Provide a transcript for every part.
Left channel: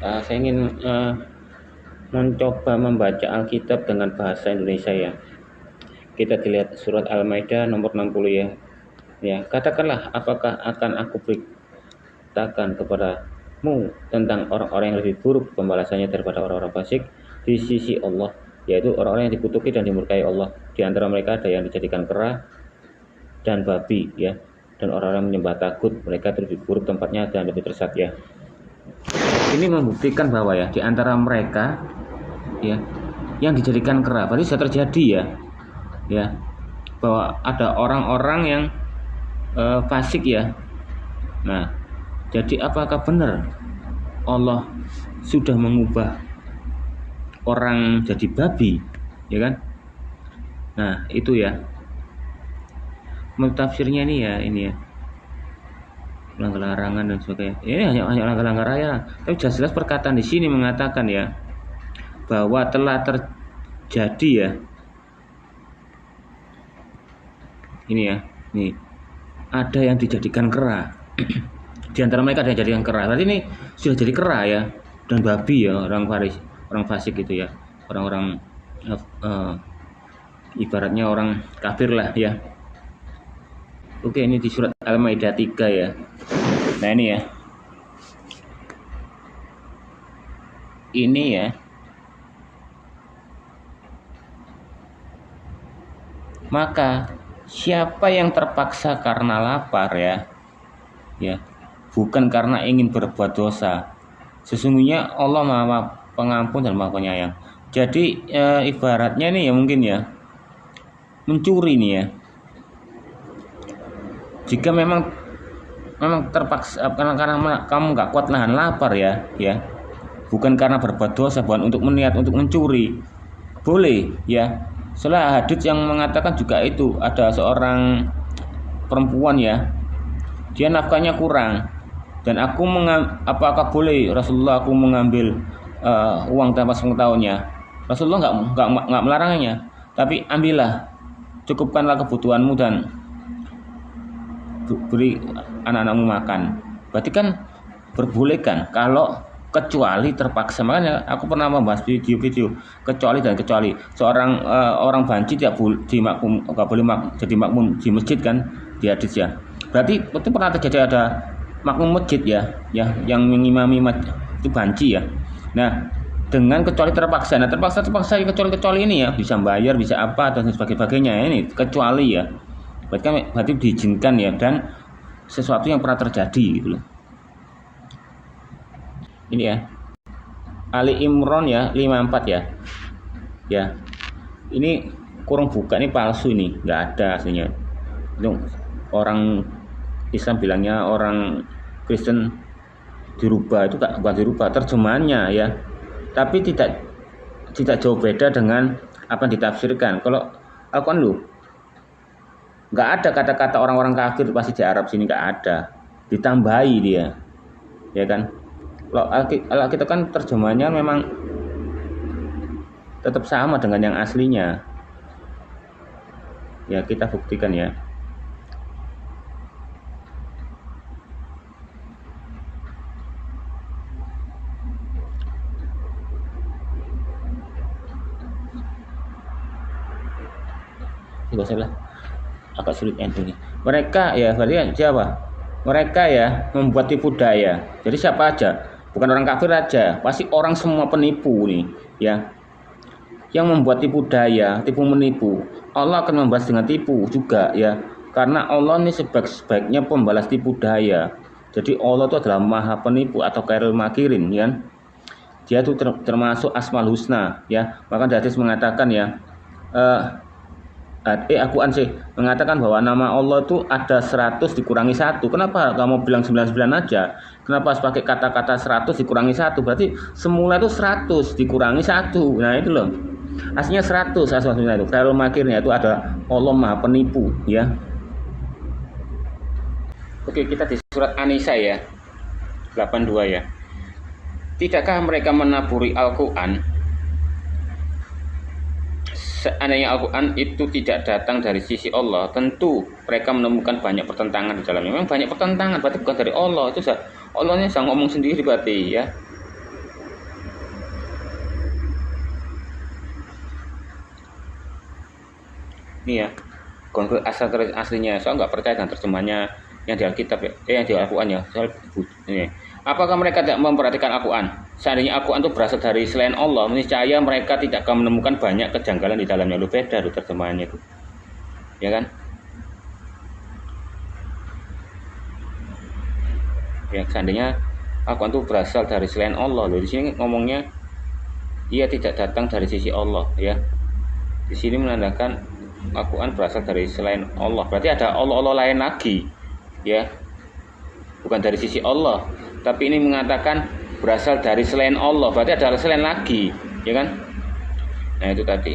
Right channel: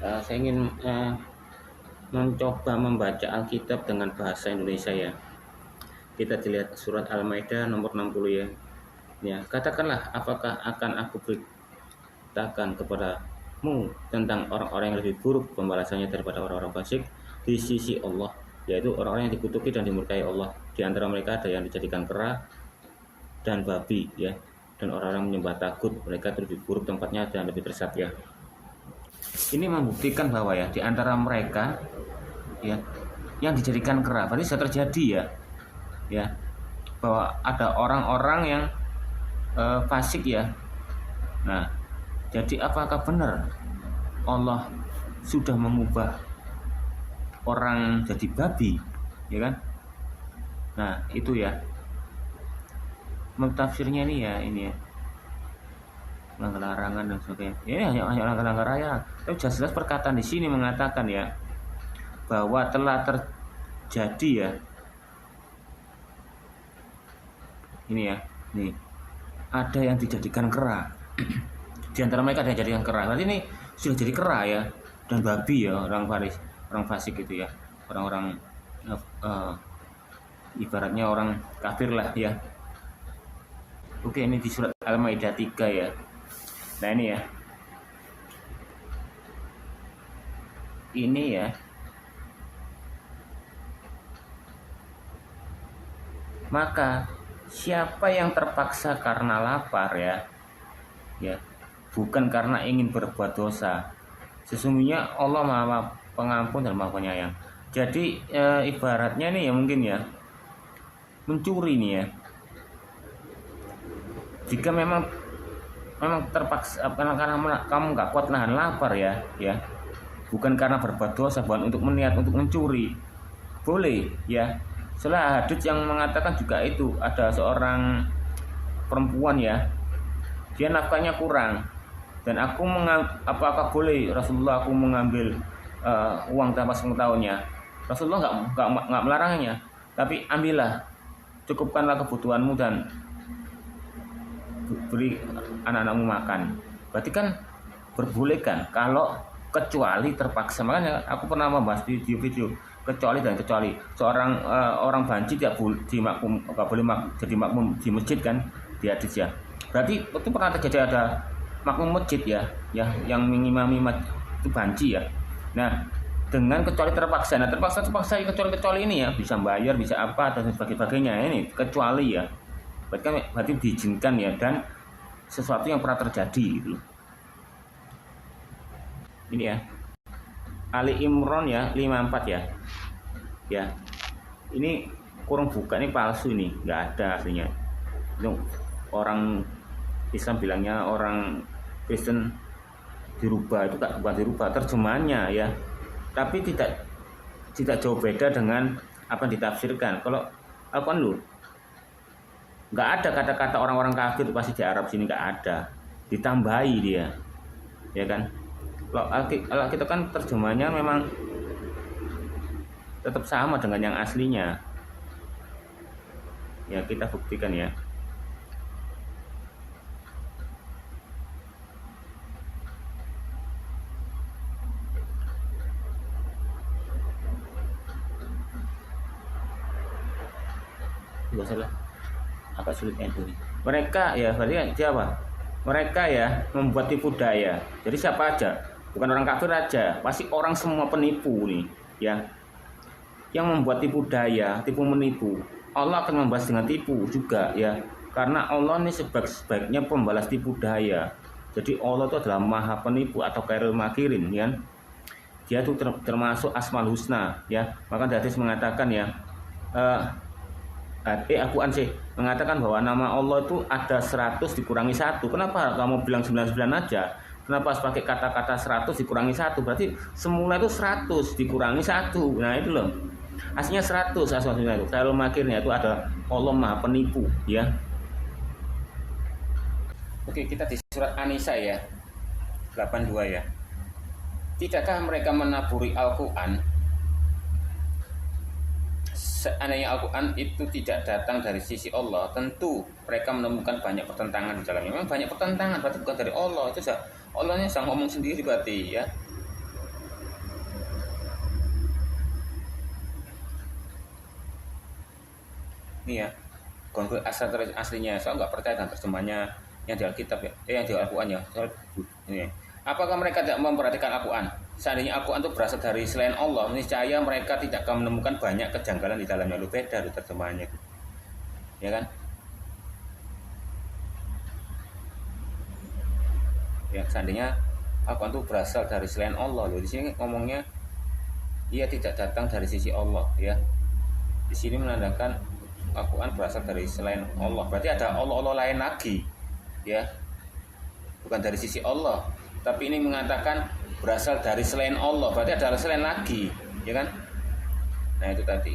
Saya ingin mencoba membaca Alkitab dengan bahasa Indonesia ya. Kita dilihat surat Al-Maidah nomor 60 ya. Ya, katakanlah apakah akan aku beritakan kepadamu tentang orang-orang yang lebih buruk pembalasannya daripada orang-orang fasik di sisi Allah, yaitu orang-orang yang dikutuki dan dimurkai Allah. Di antara mereka ada yang dijadikan kera dan babi ya, dan orang-orang menyembah tagut, mereka lebih buruk tempatnya dan lebih tersesat ya. Ini membuktikan bahwa ya di antara mereka ya yang dijadikan kera, berarti sudah terjadi ya bahwa ada orang-orang yang fasik ya. Nah, jadi apakah benar Allah sudah mengubah orang jadi babi, ya kan? Nah, itu ya. Menurut tafsirnya ini ya. Larangan dan sebagainya. Ini hanya larangan ya. Tapi jelas-jelas perkataan di sini mengatakan ya bahwa telah terjadi ya. Ini ya. Nih. Ada yang dijadikan kera. Di antara mereka ada yang dijadikan kera. Berarti ini sudah jadi kera ya, dan babi ya, orang fasik gitu ya. Orang-orang ibaratnya orang kafir lah ya. Oke, ini di surat Al-Maidah 3 ya. Nah, ini ya. Ini ya. Maka siapa yang terpaksa karena lapar ya, bukan karena ingin berbuat dosa. Sesungguhnya Allah Maha Pengampun dan Maha Penyayang. Jadi ibaratnya nih ya mungkin ya mencuri nih ya. Jika memang terpaksa karena kamu nggak kuat nahan lapar ya, bukan karena berbuat dosa, bukan untuk meniat untuk mencuri, boleh ya. Soalnya hadits yang mengatakan juga itu ada seorang perempuan ya, dia nafkahnya kurang dan apakah boleh Rasulullah aku mengambil uang tanpa sepengetahuannya? Rasulullah nggak melarangnya, tapi ambillah, cukupkanlah kebutuhanmu dan beri anak-anakmu makan. Berarti kan berbolehkan kalau kecuali terpaksa. Makanya aku pernah membahas video-video kecuali seorang orang banci tidak boleh jadi makmum di masjid kan, di hadis ya. Berarti itu pernah terjadi ada makmum masjid ya yang mengimami itu banci ya. Nah, dengan kecuali terpaksa. Nah, terpaksa kecuali ini ya bisa bayar, bisa apa dan sebagainya. Ini kecuali ya. Berarti diizinkan ya, dan sesuatu yang pernah terjadi gitu loh. Ini ya. Ali Imran ya 54 ya. Ya. Ini kurang buka, ini palsu ini, nggak ada aslinya. Itu orang Islam bilangnya, orang Kristen dirubah, itu bukan dirubah terjemahannya ya. Tapi tidak jauh beda dengan apa yang ditafsirkan. Kalau Al-Quran lu nggak ada kata-kata orang-orang kafir pasti di Arab sini, nggak ada, ditambahi dia ya kan. Kalau kita kan terjemahannya memang tetap sama dengan yang aslinya ya, kita buktikan ya. Tidak usah lah, agak sulit endingnya. Mereka ya, berarti siapa? Mereka ya membuat tipu daya. Jadi siapa aja, bukan orang kafir aja, pasti orang semua penipu nih ya, yang membuat tipu daya, tipu menipu. Allah akan membalas dengan tipu juga ya, karena Allah ini sebaik-baiknya pembalas tipu daya. Jadi Allah itu adalah maha penipu atau khairul makirin ya. Dia itu termasuk asmaul husna ya. Maka hadis mengatakan ya, Al-Quran sih mengatakan bahwa nama Allah itu ada 100 dikurangi 1. Kenapa kamu bilang 99 aja? Kenapa harus pakai kata-kata 100 dikurangi 1? Berarti semula itu 100 dikurangi 1. Nah itu loh, aslinya 100 asal-asalnya itu. Khairul makirnya itu ada Allah maha penipu ya. Oke, kita di surat An-Nisa ya 82 ya. Tidakkah mereka menaburi Al-Quran? Seandainya Al-Quran itu tidak datang dari sisi Allah, tentu mereka menemukan banyak pertentangan di dalamnya. Memang banyak pertentangan, berarti bukan dari Allah. Itu Allahnya sedang ngomong sendiri berarti ya. ini ya, aslinya. Saya nggak percaya dengan terjemahannya yang di Alkitab ya, yang di Al-Quran ya. Ini. Apakah mereka tidak memperhatikan Al-Quran? Seandainya Al-Quran itu berasal dari selain Allah, niscaya mereka tidak akan menemukan banyak kejanggalan di dalamnya. Lu beda lu terjemahannya itu, ya kan? Ya, seandainya Al-Quran itu berasal dari selain Allah, loh di sini ngomongnya ia tidak datang dari sisi Allah, ya. Di sini menandakan Al-Quran berasal dari selain Allah. Berarti ada Allah lain lagi, ya. Bukan dari sisi Allah, tapi ini mengatakan berasal dari selain Allah. Berarti ada selain lagi, ya kan? Nah itu tadi.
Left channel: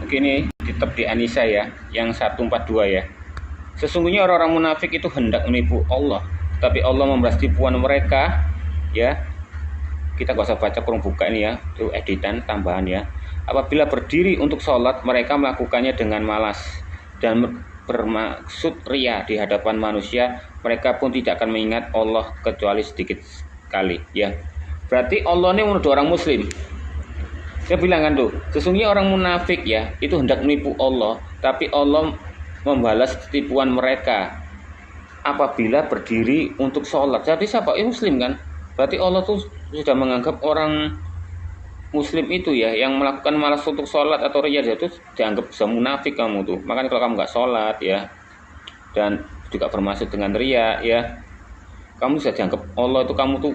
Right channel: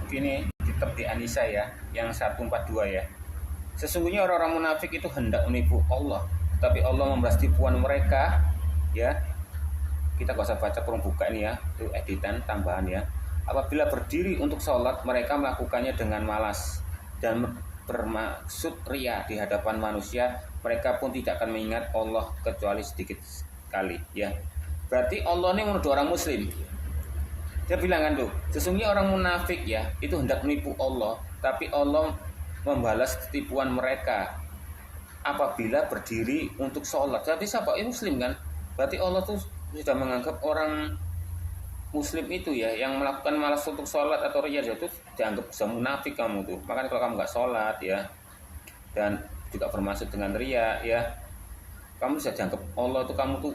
Oke, ini kitab di An-Nisa ya, yang 142 ya. Sesungguhnya orang-orang munafik itu hendak menipu Allah, tapi Allah membalas tipuan mereka, ya. Kita gak usah baca, kurang buka ini ya, itu editan tambahan ya. Apabila berdiri untuk sholat, mereka melakukannya dengan malas dan bermaksud ria di hadapan manusia. Mereka pun tidak akan mengingat Allah kecuali sedikit sekali, ya. Berarti Allah ini menuduh orang muslim. Dia bilang kan tuh, sesungguhnya orang munafik ya, itu hendak menipu Allah, tapi Allah membalas tipuan mereka apabila berdiri untuk sholat. Jadi siapa? Muslim kan? Berarti Allah tuh sudah menganggap orang Muslim itu ya, yang melakukan malas untuk sholat atau ria, itu dianggap bisa munafik kamu tuh. Makanya kalau kamu nggak sholat ya, dan juga bermaksud dengan ria ya, kamu bisa dianggap Allah itu kamu tuh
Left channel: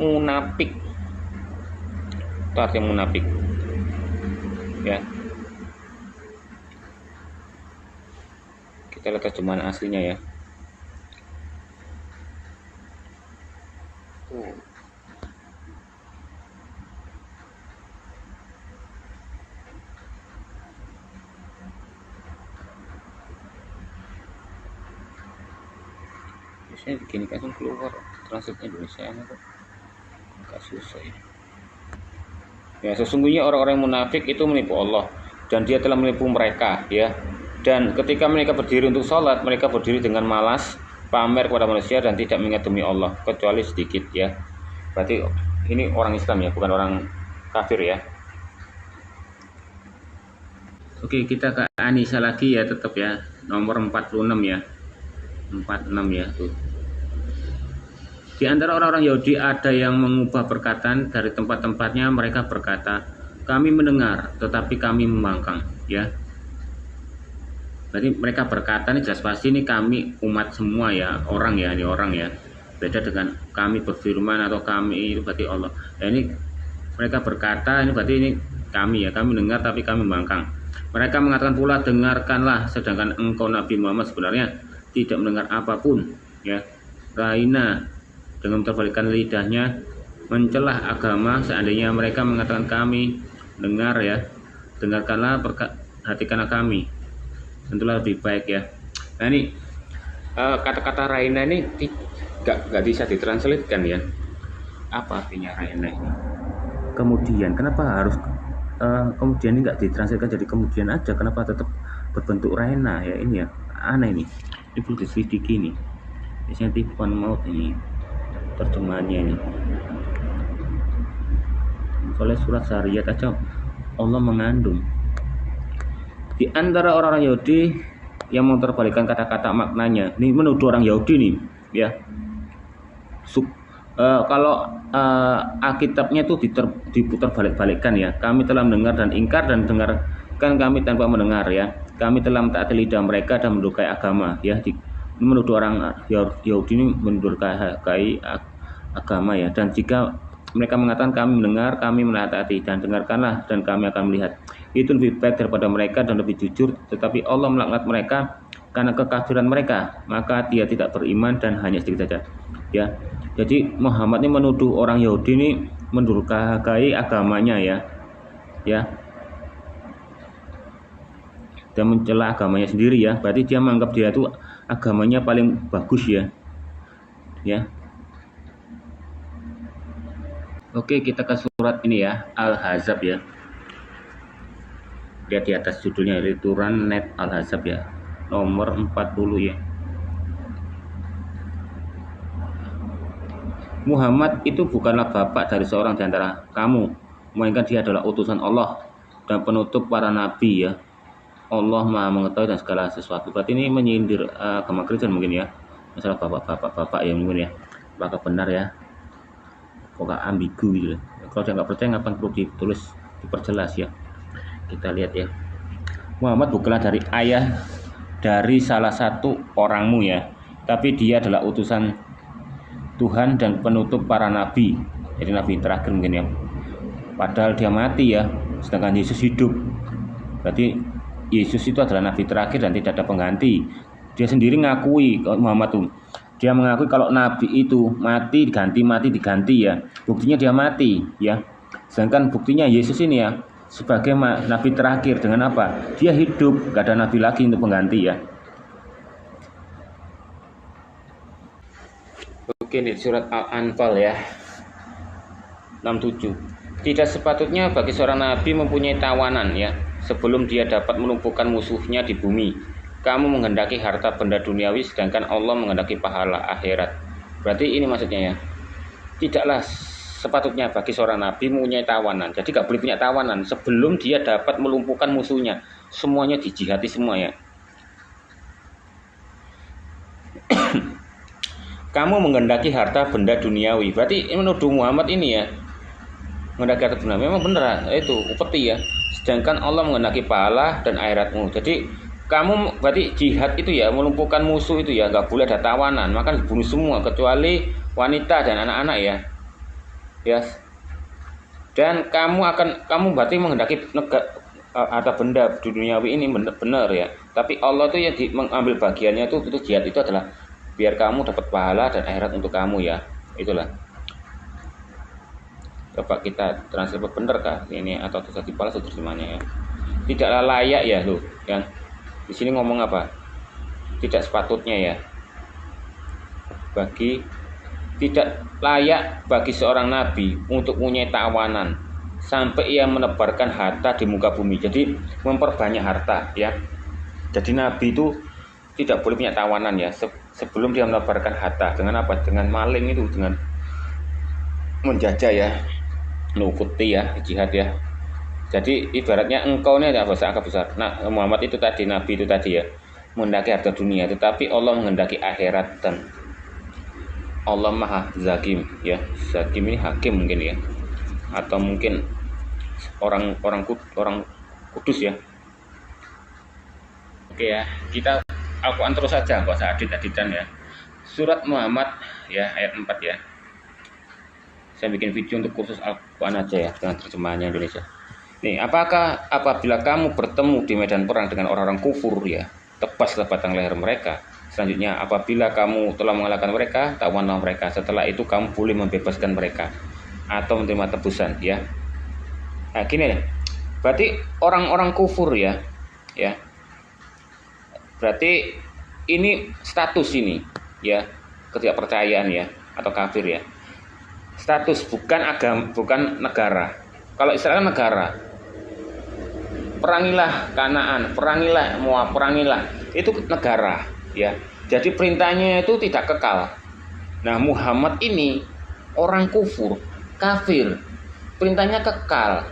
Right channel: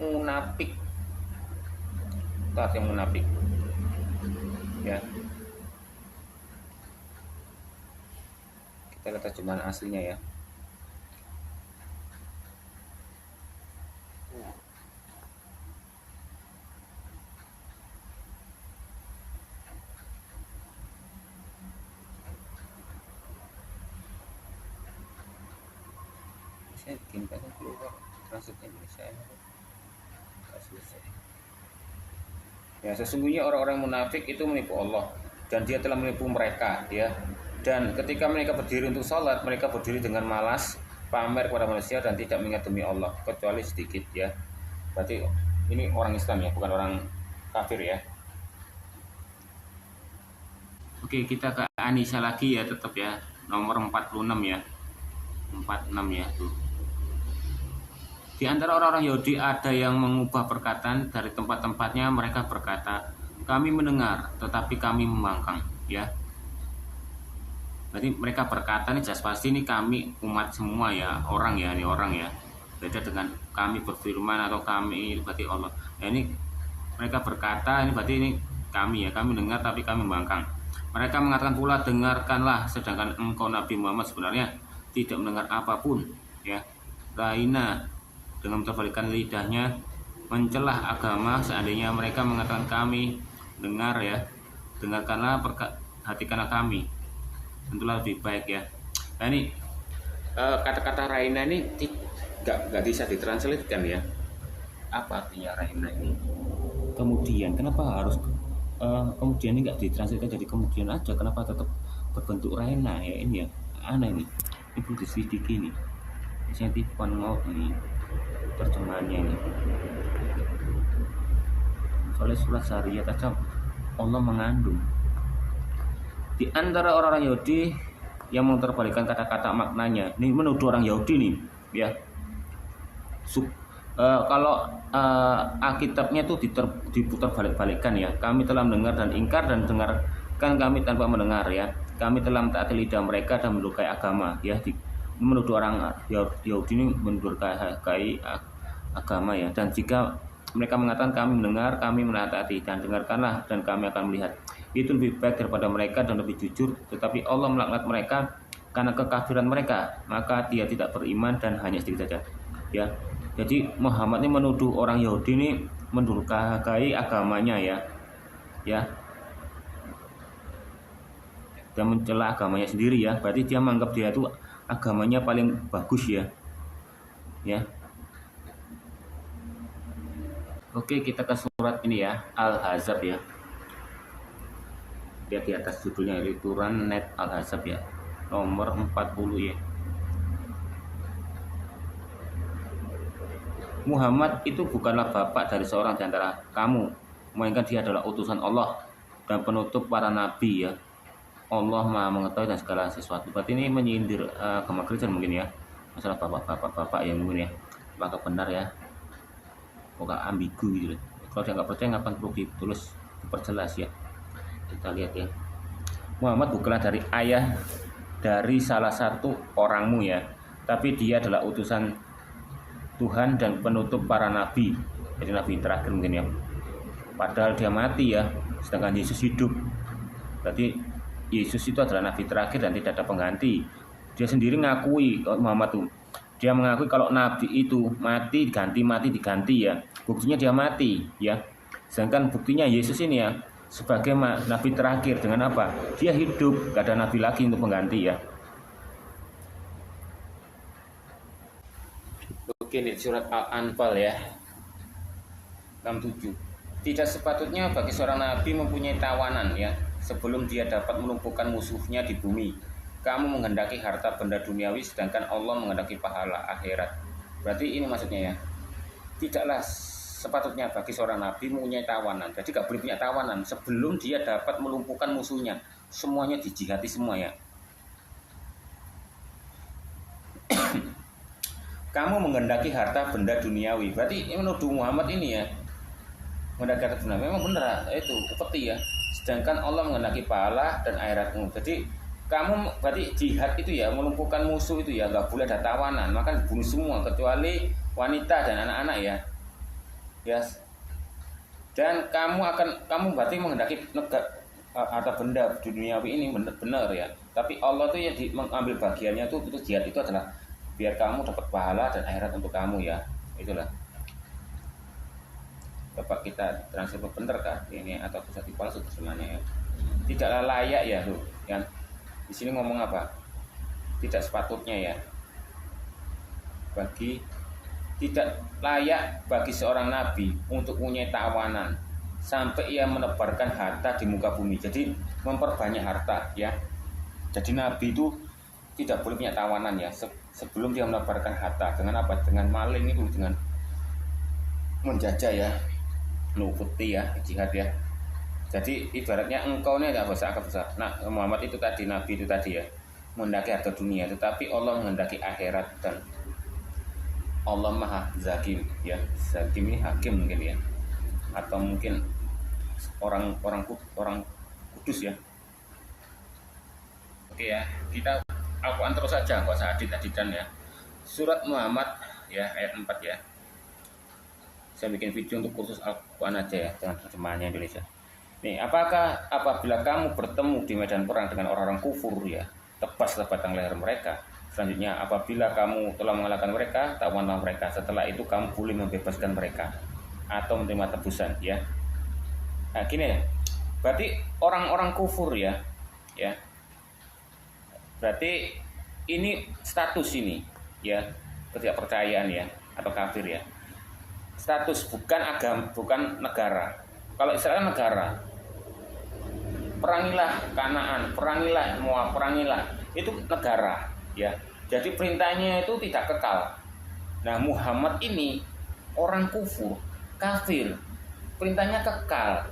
munafik. Itu artinya munafik ya. Kita lihat terjemahan aslinya ya. Biasanya begini kan keluar translate Indonesia kok agak susah ya. Ya, sesungguhnya orang-orang munafik itu menipu Allah dan dia telah menipu mereka ya. Dan ketika mereka berdiri untuk sholat, mereka berdiri dengan malas, pamer kepada manusia dan tidak mengingat demi Allah kecuali sedikit ya. Berarti ini orang Islam ya, bukan orang kafir ya. Oke, kita ke An-Nisa lagi ya, tetap ya, nomor 46 ya. 46 ya tuh. Di antara orang-orang Yahudi ada yang mengubah perkataan dari tempat-tempatnya. Mereka berkata, kami mendengar tetapi kami membangkang ya. Jadi mereka berkata ini jelas pasti ini kami umat semua ya, orang ya, ini orang ya. Beda dengan kami berfirman atau kami, itu berarti Allah. Ya, ini mereka berkata ini berarti ini kami ya, kami dengar tapi kami membangkang. Mereka mengatakan pula, dengarkanlah, sedangkan engkau Nabi Muhammad sebenarnya tidak mendengar apapun ya. Raina dengan terbalikkan lidahnya mencelah agama. Seandainya mereka mengatakan kami dengar ya, dengarkanlah, perhatikanlah kami, tentulah lebih baik ya. Nah ini kata-kata Raina ini gak bisa ditranslatekan ya. Apa artinya Raina ini? Kemudian, kenapa harus kemudian ini gak ditranslatekan jadi kemudian aja? Kenapa tetap berbentuk Raina ya? Ini ya aneh ini. Ini perlu diselidiki nih. Biasanya tipuan maut ini terjemahannya ini. Soalnya surat Syariat aja Allah mengandung. Di antara orang Yahudi yang memperbalikkan kata-kata maknanya, ini menuduh orang Yahudi nih ya. Kalau Alkitabnya itu diputar balik-balikkan ya. Kami telah mendengar dan ingkar, dan dengarkan kami tanpa mendengar ya. Kami telah mentaati lidah mereka dan mendukai agama ya. Menuduh orang Yahudi ini mendukai agama ya. Dan jika mereka mengatakan kami mendengar, kami menaati, dan dengarkanlah dan kami akan melihat, itu lebih baik daripada mereka dan lebih jujur. Tetapi Allah melaknat mereka karena kekafiran mereka, maka dia tidak beriman dan hanya sedikit saja ya. Jadi Muhammad ini menuduh orang Yahudi ini mendurhakai agamanya ya, dan mencela agamanya sendiri ya. Berarti dia menganggap dia itu agamanya paling bagus ya. Oke, kita ke surat ini ya, Al-Ahzab ya. Lihat di atas judulnya, Lituran Net Al-Ahzab ya, nomor 40 ya. Muhammad itu bukanlah bapak dari seorang di antara kamu, melainkan dia adalah utusan Allah dan penutup para nabi ya. Allah Maha mengetahui dan segala sesuatu. Berarti ini menyindir agama Kristen mungkin ya. Masalah bapak ya mungkin ya. Apakah benar ya? Kok gak ambigu gitu. Kalau dia nggak percaya ngapain perlu ditulis, diperjelas ya. Kita lihat ya. Muhammad bukanlah dari ayah dari salah satu orangmu ya, tapi dia adalah utusan Tuhan dan penutup para nabi. Jadi nabi terakhir mungkin ya. Padahal dia mati ya, sedangkan Yesus hidup. Berarti Yesus itu adalah nabi terakhir dan tidak ada pengganti. Dia sendiri ngakui Muhammad tuh. Dia mengakui kalau nabi itu mati diganti ya. Buktinya dia mati ya. Sedangkan buktinya Yesus ini ya sebagai nabi terakhir dengan apa? Dia hidup, gak ada nabi lagi untuk pengganti ya. Oke, ini surat Al-Anfal ya. 67. Tidak sepatutnya bagi seorang nabi mempunyai tawanan ya sebelum dia dapat melumpuhkan musuhnya di bumi. Kamu menghendaki harta benda duniawi sedangkan Allah menghendaki pahala akhirat. Berarti ini maksudnya ya. Tidaklah sepatutnya bagi seorang nabi mempunyai tawanan. Jadi gak boleh punya tawanan sebelum dia dapat melumpuhkan musuhnya. Semuanya dijihati semua ya. Kamu menghendaki harta benda duniawi. Berarti ini menuduh Muhammad ini ya. Menghendaki harta benda. Memang benar itu upeti ya. Sedangkan Allah menghendaki pahala dan akhiratmu. Jadi kamu berarti jihad itu ya melumpuhkan musuh itu ya nggak boleh ada tawanan, maka dibunuh semua kecuali wanita dan anak-anak ya. Ya. Dan kamu berarti menghendaki harta benda duniawi ini benar ya. Tapi Allah tuh yang mengambil bagiannya itu jihad itu adalah biar kamu dapat pahala dan akhirat untuk kamu ya. Itulah. Coba kita translate benar kah ini atau terjadi palsu terjemahannya ya. Tidaklah layak ya loh yang di sini ngomong apa? Tidak sepatutnya ya. Tidak layak bagi seorang nabi untuk punya tawanan sampai ia menebarkan harta di muka bumi. Jadi memperbanyak harta ya. Jadi nabi itu tidak boleh punya tawanan ya sebelum dia menebarkan harta. Dengan apa? Dengan maling itu, dengan menjajah ya, nukuti ya, jihad ya. Jadi ibaratnya engkau ini adalah bahasa agak besar. Nah, Muhammad itu tadi, nabi itu tadi ya, menghendaki harta dunia, tetapi Allah menghendaki akhirat dan Allah Maha Zakim ya. Zakim ini hakim mungkin ya, atau mungkin orang kudus ya. Oke ya, kita Al-Quran terus saja, bahasa aditan ya. Surat Muhammad ya ayat 4 ya. Saya bikin video untuk khusus Al-Quran aja ya dengan terjemahannya Indonesia. Nih, apakah apabila kamu bertemu di medan perang dengan orang-orang kufur ya, tebaslah batang leher mereka. Selanjutnya, apabila kamu telah mengalahkan mereka, tawanlah mereka. Setelah itu kamu boleh membebaskan mereka atau menerima tebusan ya. Nah, gini, berarti orang-orang kufur ya. Berarti ini status ini ya, ketidakpercayaan ya atau kafir ya. Status bukan agama, bukan negara. Kalau Israel negara, perangilah Kanaan, perangilah Moab, perangilah, itu negara ya. Jadi perintahnya itu tidak kekal. Nah, Muhammad ini orang kufur, kafir, perintahnya kekal.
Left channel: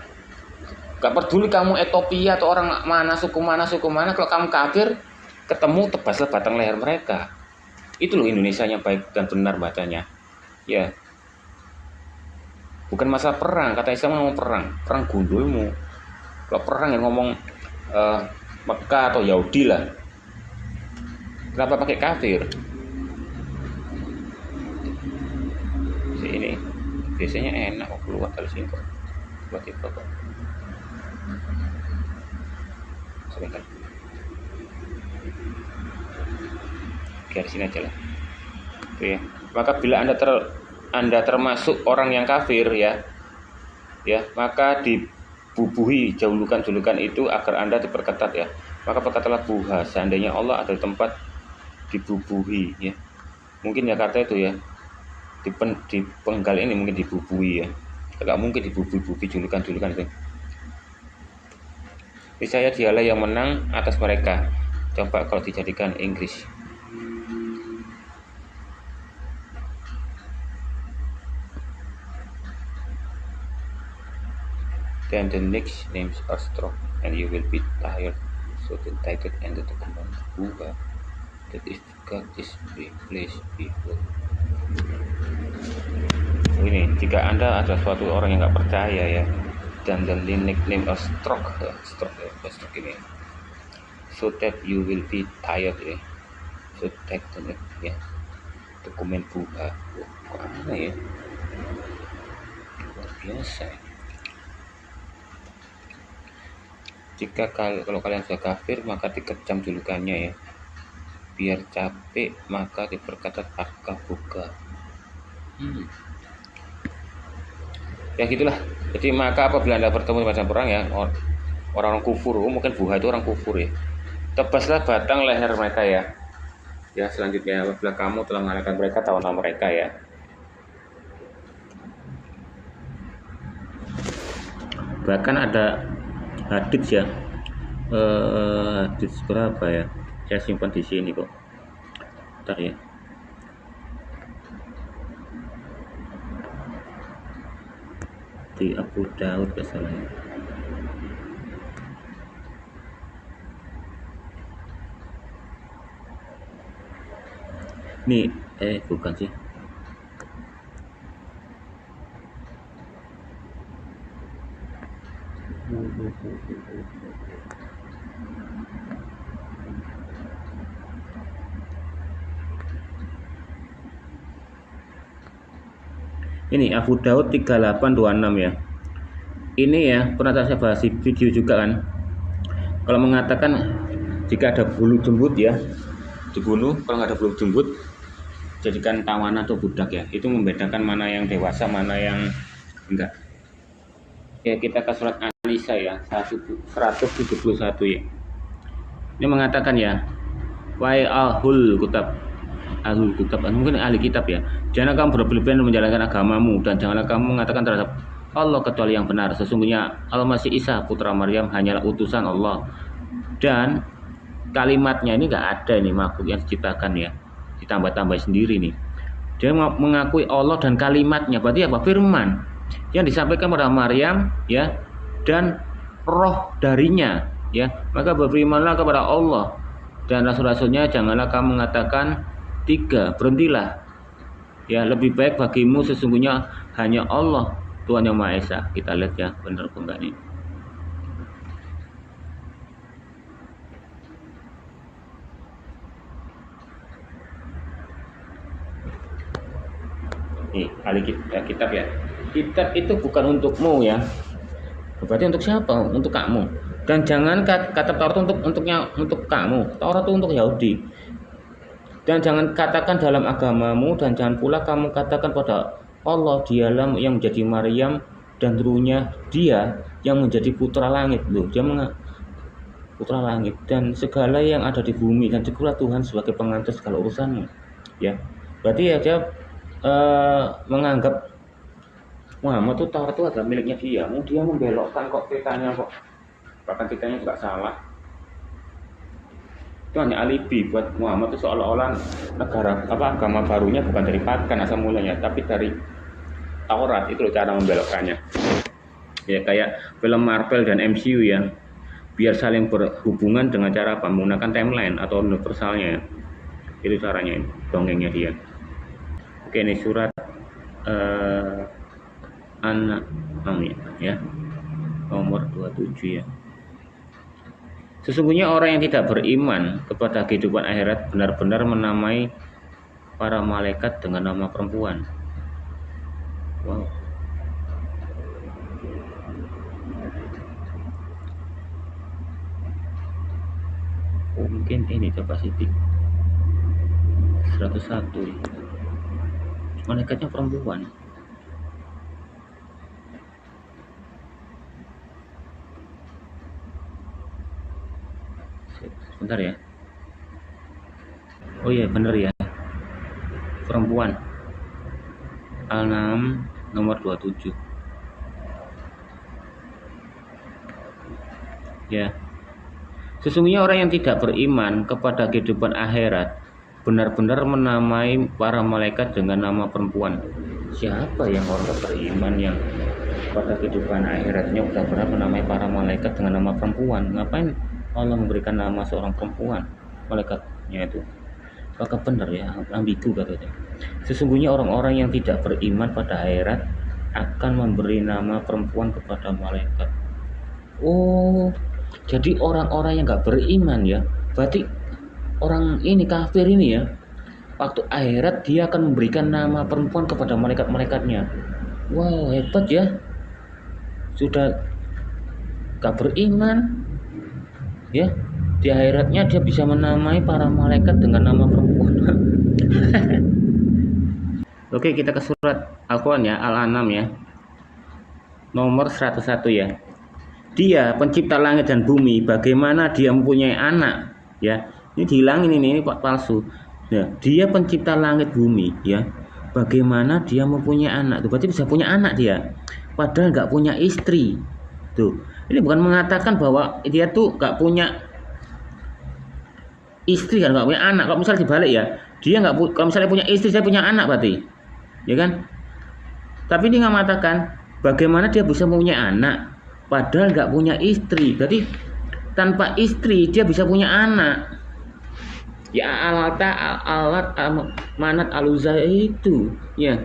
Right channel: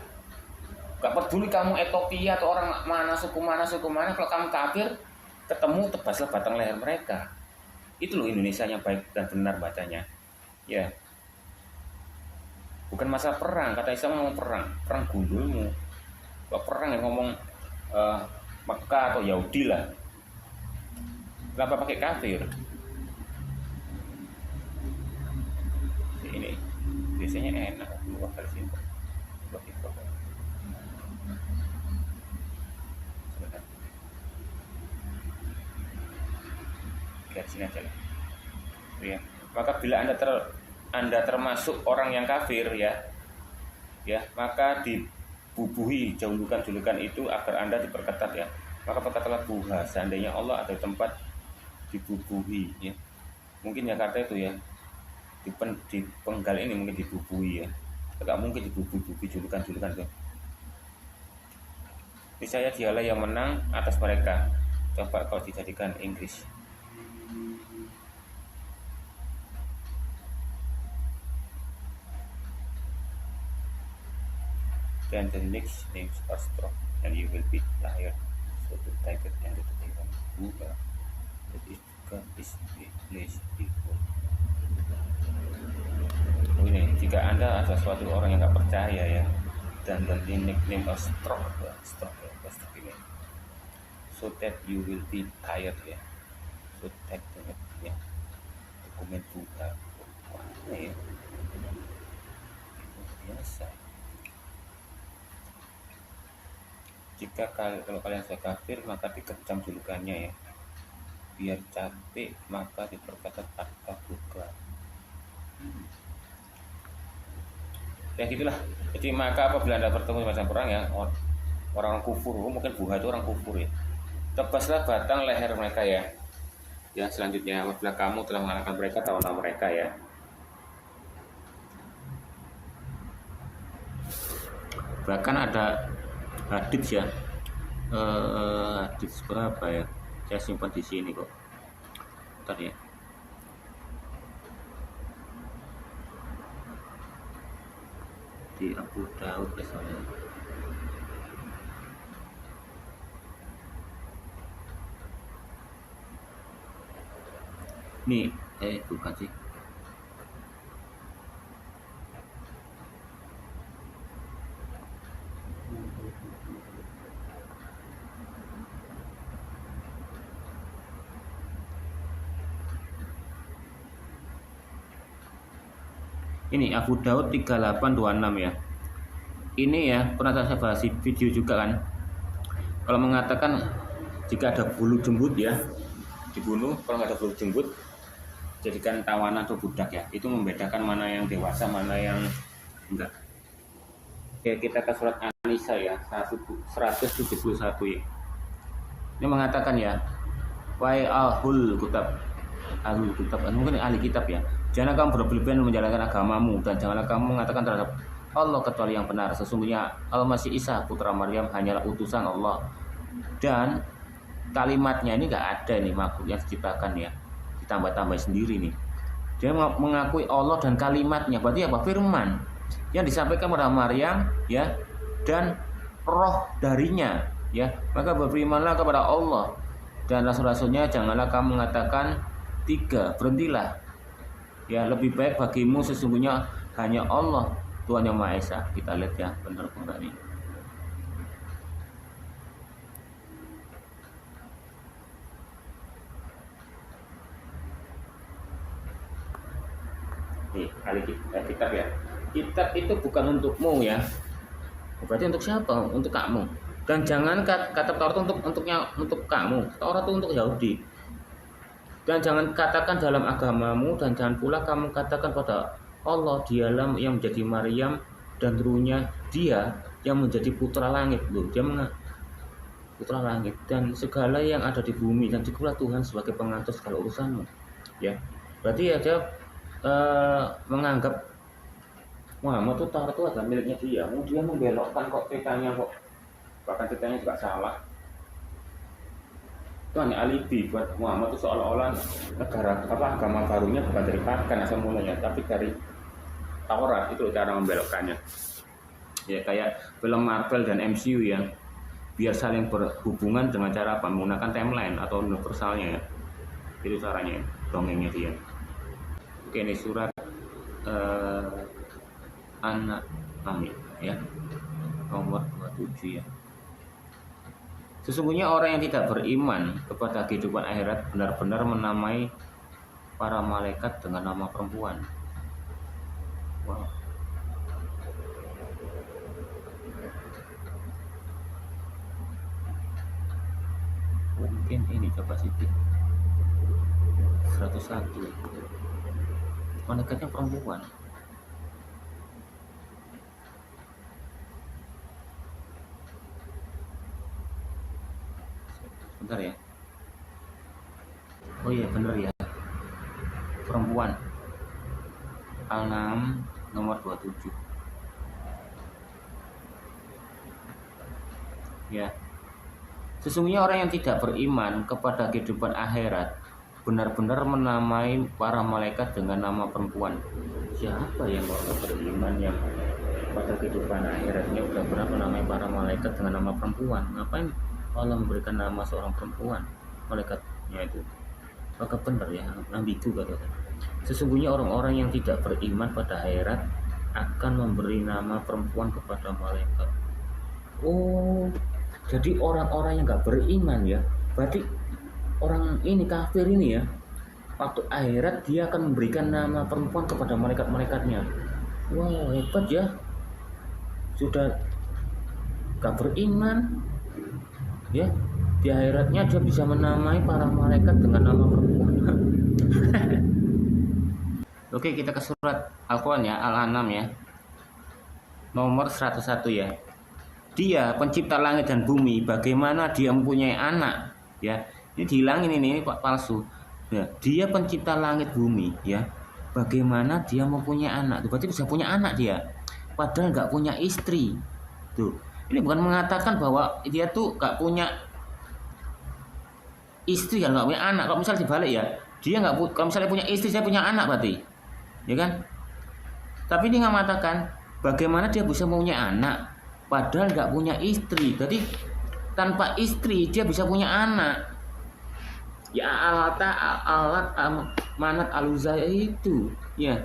Gak peduli kamu Ethiopia atau orang suku mana, kalau kamu kafir, ketemu tebaslah batang leher mereka. Itu loh Indonesianya baik dan benar bacanya ya. Bukan masalah perang, kata Islam ngomong perang gundulmu. Kalau perang yang ngomong Mekah atau Yahudi lah. Kenapa pakai kafir? Ini biasanya enak kok keluar dari sini kok. Buat itu kok. Sebentar. Oke, di sini aja lah. Oke, maka bila Anda termasuk orang yang kafir ya, maka dibubuhi julukan itu agar Anda diperketat ya. Maka berkatalah buha, seandainya Allah ada di tempat dibubuhi ya. Mungkin Jakarta itu ya, di Penggal ini mungkin dibubuhi ya. Tidak mungkin dibubuhi julukan itu. Saya dialah yang menang atas mereka. Coba kalau dijadikan Inggris. Then the next names are strong and you will be tired. So the title and the kembang buah that is God is placed before. Ini jika Anda adalah suatu orang yang nggak percaya ya, dan the nickname of stroke ini, so that you will be tired ya, so that ya, dokumen buah, kok aneh ya, luar biasa. Jika kalau kalian sudah kafir maka dikecam julukannya ya, biar capek maka diperkata tarka buka. Ya gitulah. Jadi maka apabila Anda bertemu pada perang ya, orang kufur, mungkin buha itu orang kufur ya, tebaslah batang leher mereka ya. Ya selanjutnya apabila kamu telah mengalahkan mereka, tahu nama mereka ya. Bahkan ada hadits ya, hadits berapa ya? Saya simpan di sini kok. Bentar ya. Di Abu Daud kesalnya. Nih, bukan sih. Ini Abu Daud 3826 ya. Ini ya pernah saya bahas di video juga kan. Kalau mengatakan jika ada bulu jembut ya, dibunuh. Kalau nggak ada bulu jembut, jadikan tawanan atau budak ya. Itu membedakan mana yang dewasa, mana yang enggak. Ya kita ke surat An-Nisa ya 171 ya. Ini mengatakan ya, wahai ahul kitab, mungkin ahli kitab ya, jangan kamu berlebihan menjalankan agamamu, dan janganlah kamu mengatakan terhadap Allah kecuali yang benar. Sesungguhnya Al-Masih Isa putra Maryam hanyalah utusan Allah, dan kalimatnya ini nggak ada ini makhluk yang diciptakan ya, ditambah-tambah sendiri nih. Dia mengakui Allah dan kalimatnya, berarti apa? Firman yang disampaikan pada Maryam ya, dan roh darinya ya. Maka berimanlah kepada Allah dan rasul-rasulnya, janganlah kamu mengatakan tiga, berhentilah ya, lebih baik bagimu sesungguhnya hanya Allah Tuhan yang Maha Esa. Kita lihat ya benar enggak nih. Nih, ahli kitab ya. Kitab itu bukan untukmu ya. Berarti untuk siapa? Untuk kamu. Dan jangan kata Taurat untuk kamu. Taurat itu untuk Yahudi. Dan jangan katakan dalam agamamu, dan jangan pula kamu katakan pada Allah, dialah yang menjadi Maryam dan ruhnya, dia yang menjadi putra langit. Loh, dia putra langit dan segala yang ada di bumi, dan jadilah Tuhan sebagai pengatur segala urusanmu. Ya. Berarti ya dia menganggap Muhammad itu Taurat itu adalah miliknya dia. Dia membelokkan kok petanya kok. Bahkan petanya juga salah. Itu hanya alibi buat Muhammad itu seolah-olah agama barunya bukan dari pagan asal mulanya, tapi dari Taurat. Itu loh cara membelokkannya. Ya kayak film Marvel dan MCU ya. Biar saling berhubungan dengan cara apa? Menggunakan timeline atau universalnya ya. Itu caranya, dongengnya dia. Oke, ini surat An-Na'am ya, nomor 27 ya. Sesungguhnya orang yang tidak beriman kepada kehidupan akhirat benar-benar menamai para malaikat dengan nama perempuan. Wow. Mungkin ini coba Siti 101 ya. Malaikatnya perempuan. Sebentar ya. Oh iya bener ya, perempuan. Al-An'am nomor 27 ya. Sesungguhnya orang yang tidak beriman kepada kehidupan akhirat benar-benar menamai para malaikat dengan nama perempuan. Siapa yang orang tidak beriman yang pada kehidupan akhiratnya udah pernah menamai para malaikat dengan nama perempuan? Ngapain Allah memberikan nama seorang perempuan malaikatnya itu? Apakah benar ya? Ambigu katanya. Sesungguhnya orang-orang yang tidak beriman pada akhirat akan memberi nama perempuan kepada malaikat. Oh, jadi orang-orang yang nggak beriman ya, berarti orang ini kafir ini ya, waktu akhirat dia akan memberikan nama perempuan kepada malaikat-malaikatnya. Wow, hebat ya. Sudah gak beriman ya, di akhiratnya dia bisa menamai para malaikat dengan nama perempuan. Oke, kita ke surat Al-Quran ya, Al-An'am ya, nomor 101 ya. Dia pencipta langit dan bumi, bagaimana dia mempunyai anak ya. Ini dihilangin ini Pak, palsu ya. Dia pencipta langit bumi ya, bagaimana dia mempunyai anak tuh, berarti bisa punya anak dia padahal nggak punya istri tuh. Ini bukan mengatakan bahwa dia tuh nggak punya istri kan, nggak punya anak. Kalau misalnya dibalik ya, dia nggak, kalau misalnya punya istri, saya punya anak berarti, ya kan? Tapi ini nggak mengatakan bagaimana dia bisa mempunyai anak padahal nggak punya istri. Berarti tanpa istri dia bisa punya anak. Ya alat manat aluzah itu ya.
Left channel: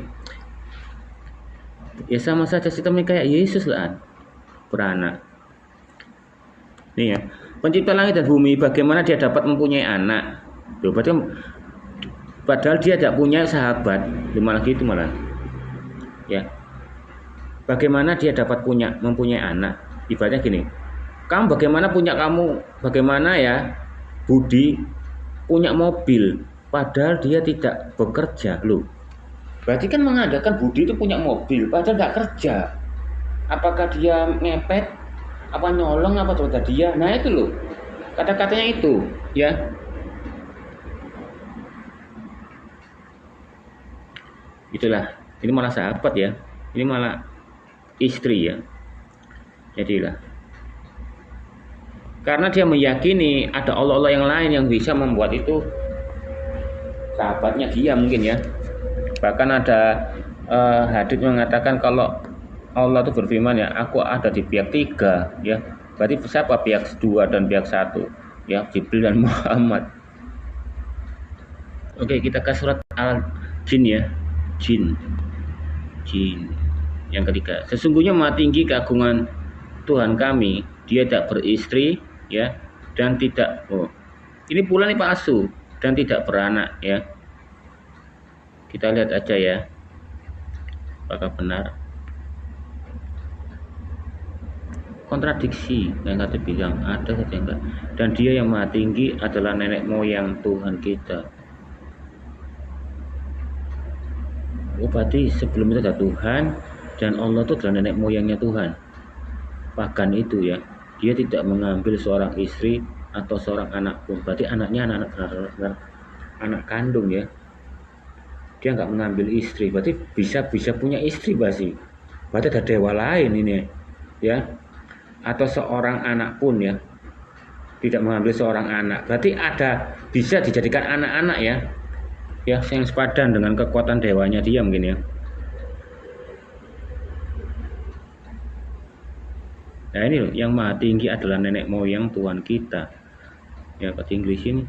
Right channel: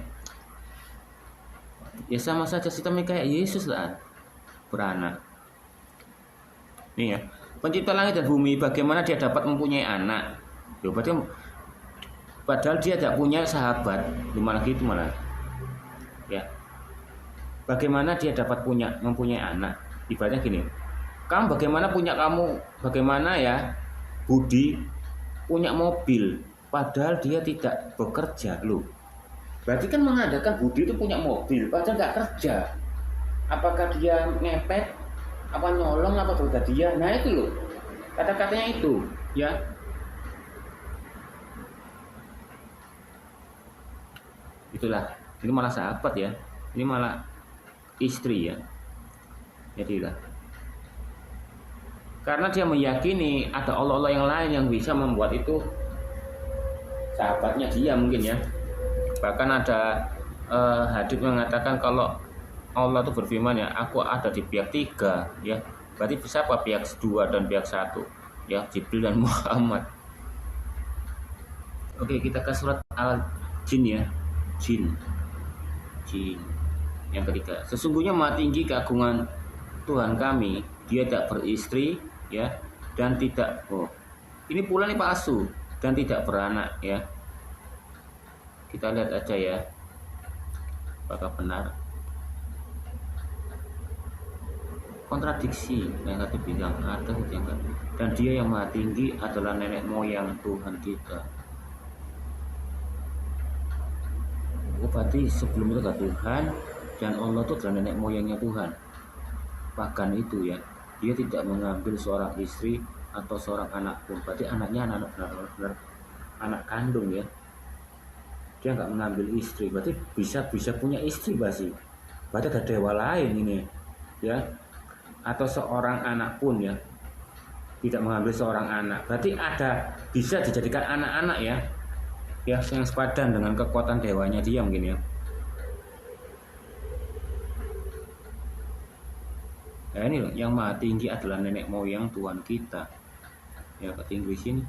Ya sama saja sistemnya kayak Yesus lah, beranak. Nih ya, pencipta langit dan bumi, bagaimana dia dapat mempunyai anak? Tuh, berarti padahal dia tidak punya sahabat, malah gitu malah. Ya, bagaimana dia dapat mempunyai anak? Ibaratnya gini, bagaimana ya Budi punya mobil, padahal dia tidak bekerja loh. Berarti kan mengadakan Budi itu punya mobil, padahal nggak kerja. Apakah dia ngepet, apa nyolong, apa terus dia? Nah itu loh, kata-katanya itu, ya. Itulah, ini malah sahabat ya, ini malah istri ya. Jadilah, karena dia meyakini ada Allah-Allah yang lain yang bisa membuat itu sahabatnya dia mungkin ya. Bahkan ada hadits mengatakan kalau Allah itu berfirman ya, aku ada di pihak 3 ya. Berarti siapa pihak 2 dan pihak 1 ya, Jibril dan Muhammad. Oke, kita ke surat Al-Jin ya. Jin yang ketiga. Sesungguhnya maha tinggi keagungan Tuhan kami, dia tidak beristri ya, dan tidak ini pula nih palsu, dan tidak beranak ya. Kita lihat aja ya, apakah benar. Kontradiksi, yang kata bilang ada saja enggak. Dan dia yang maha tinggi adalah nenek moyang Tuhan kita. Oh, berarti sebelum itu ada Tuhan, dan Allah itu adalah nenek moyangnya Tuhan. Bahkan itu ya, dia tidak mengambil seorang istri atau seorang anak pun. Berarti anaknya anak benar-benar anak kandung ya. Dia nggak mengambil istri, berarti bisa punya istri berarti ada dewa lain ini ya. Atau seorang anak pun ya, tidak mengambil seorang anak, berarti ada bisa dijadikan anak-anak ya, yang sepadan dengan kekuatan dewanya dia mungkin ya. Nah ini loh, yang maha tinggi adalah nenek moyang Tuhan kita ya, kata Inggris ini.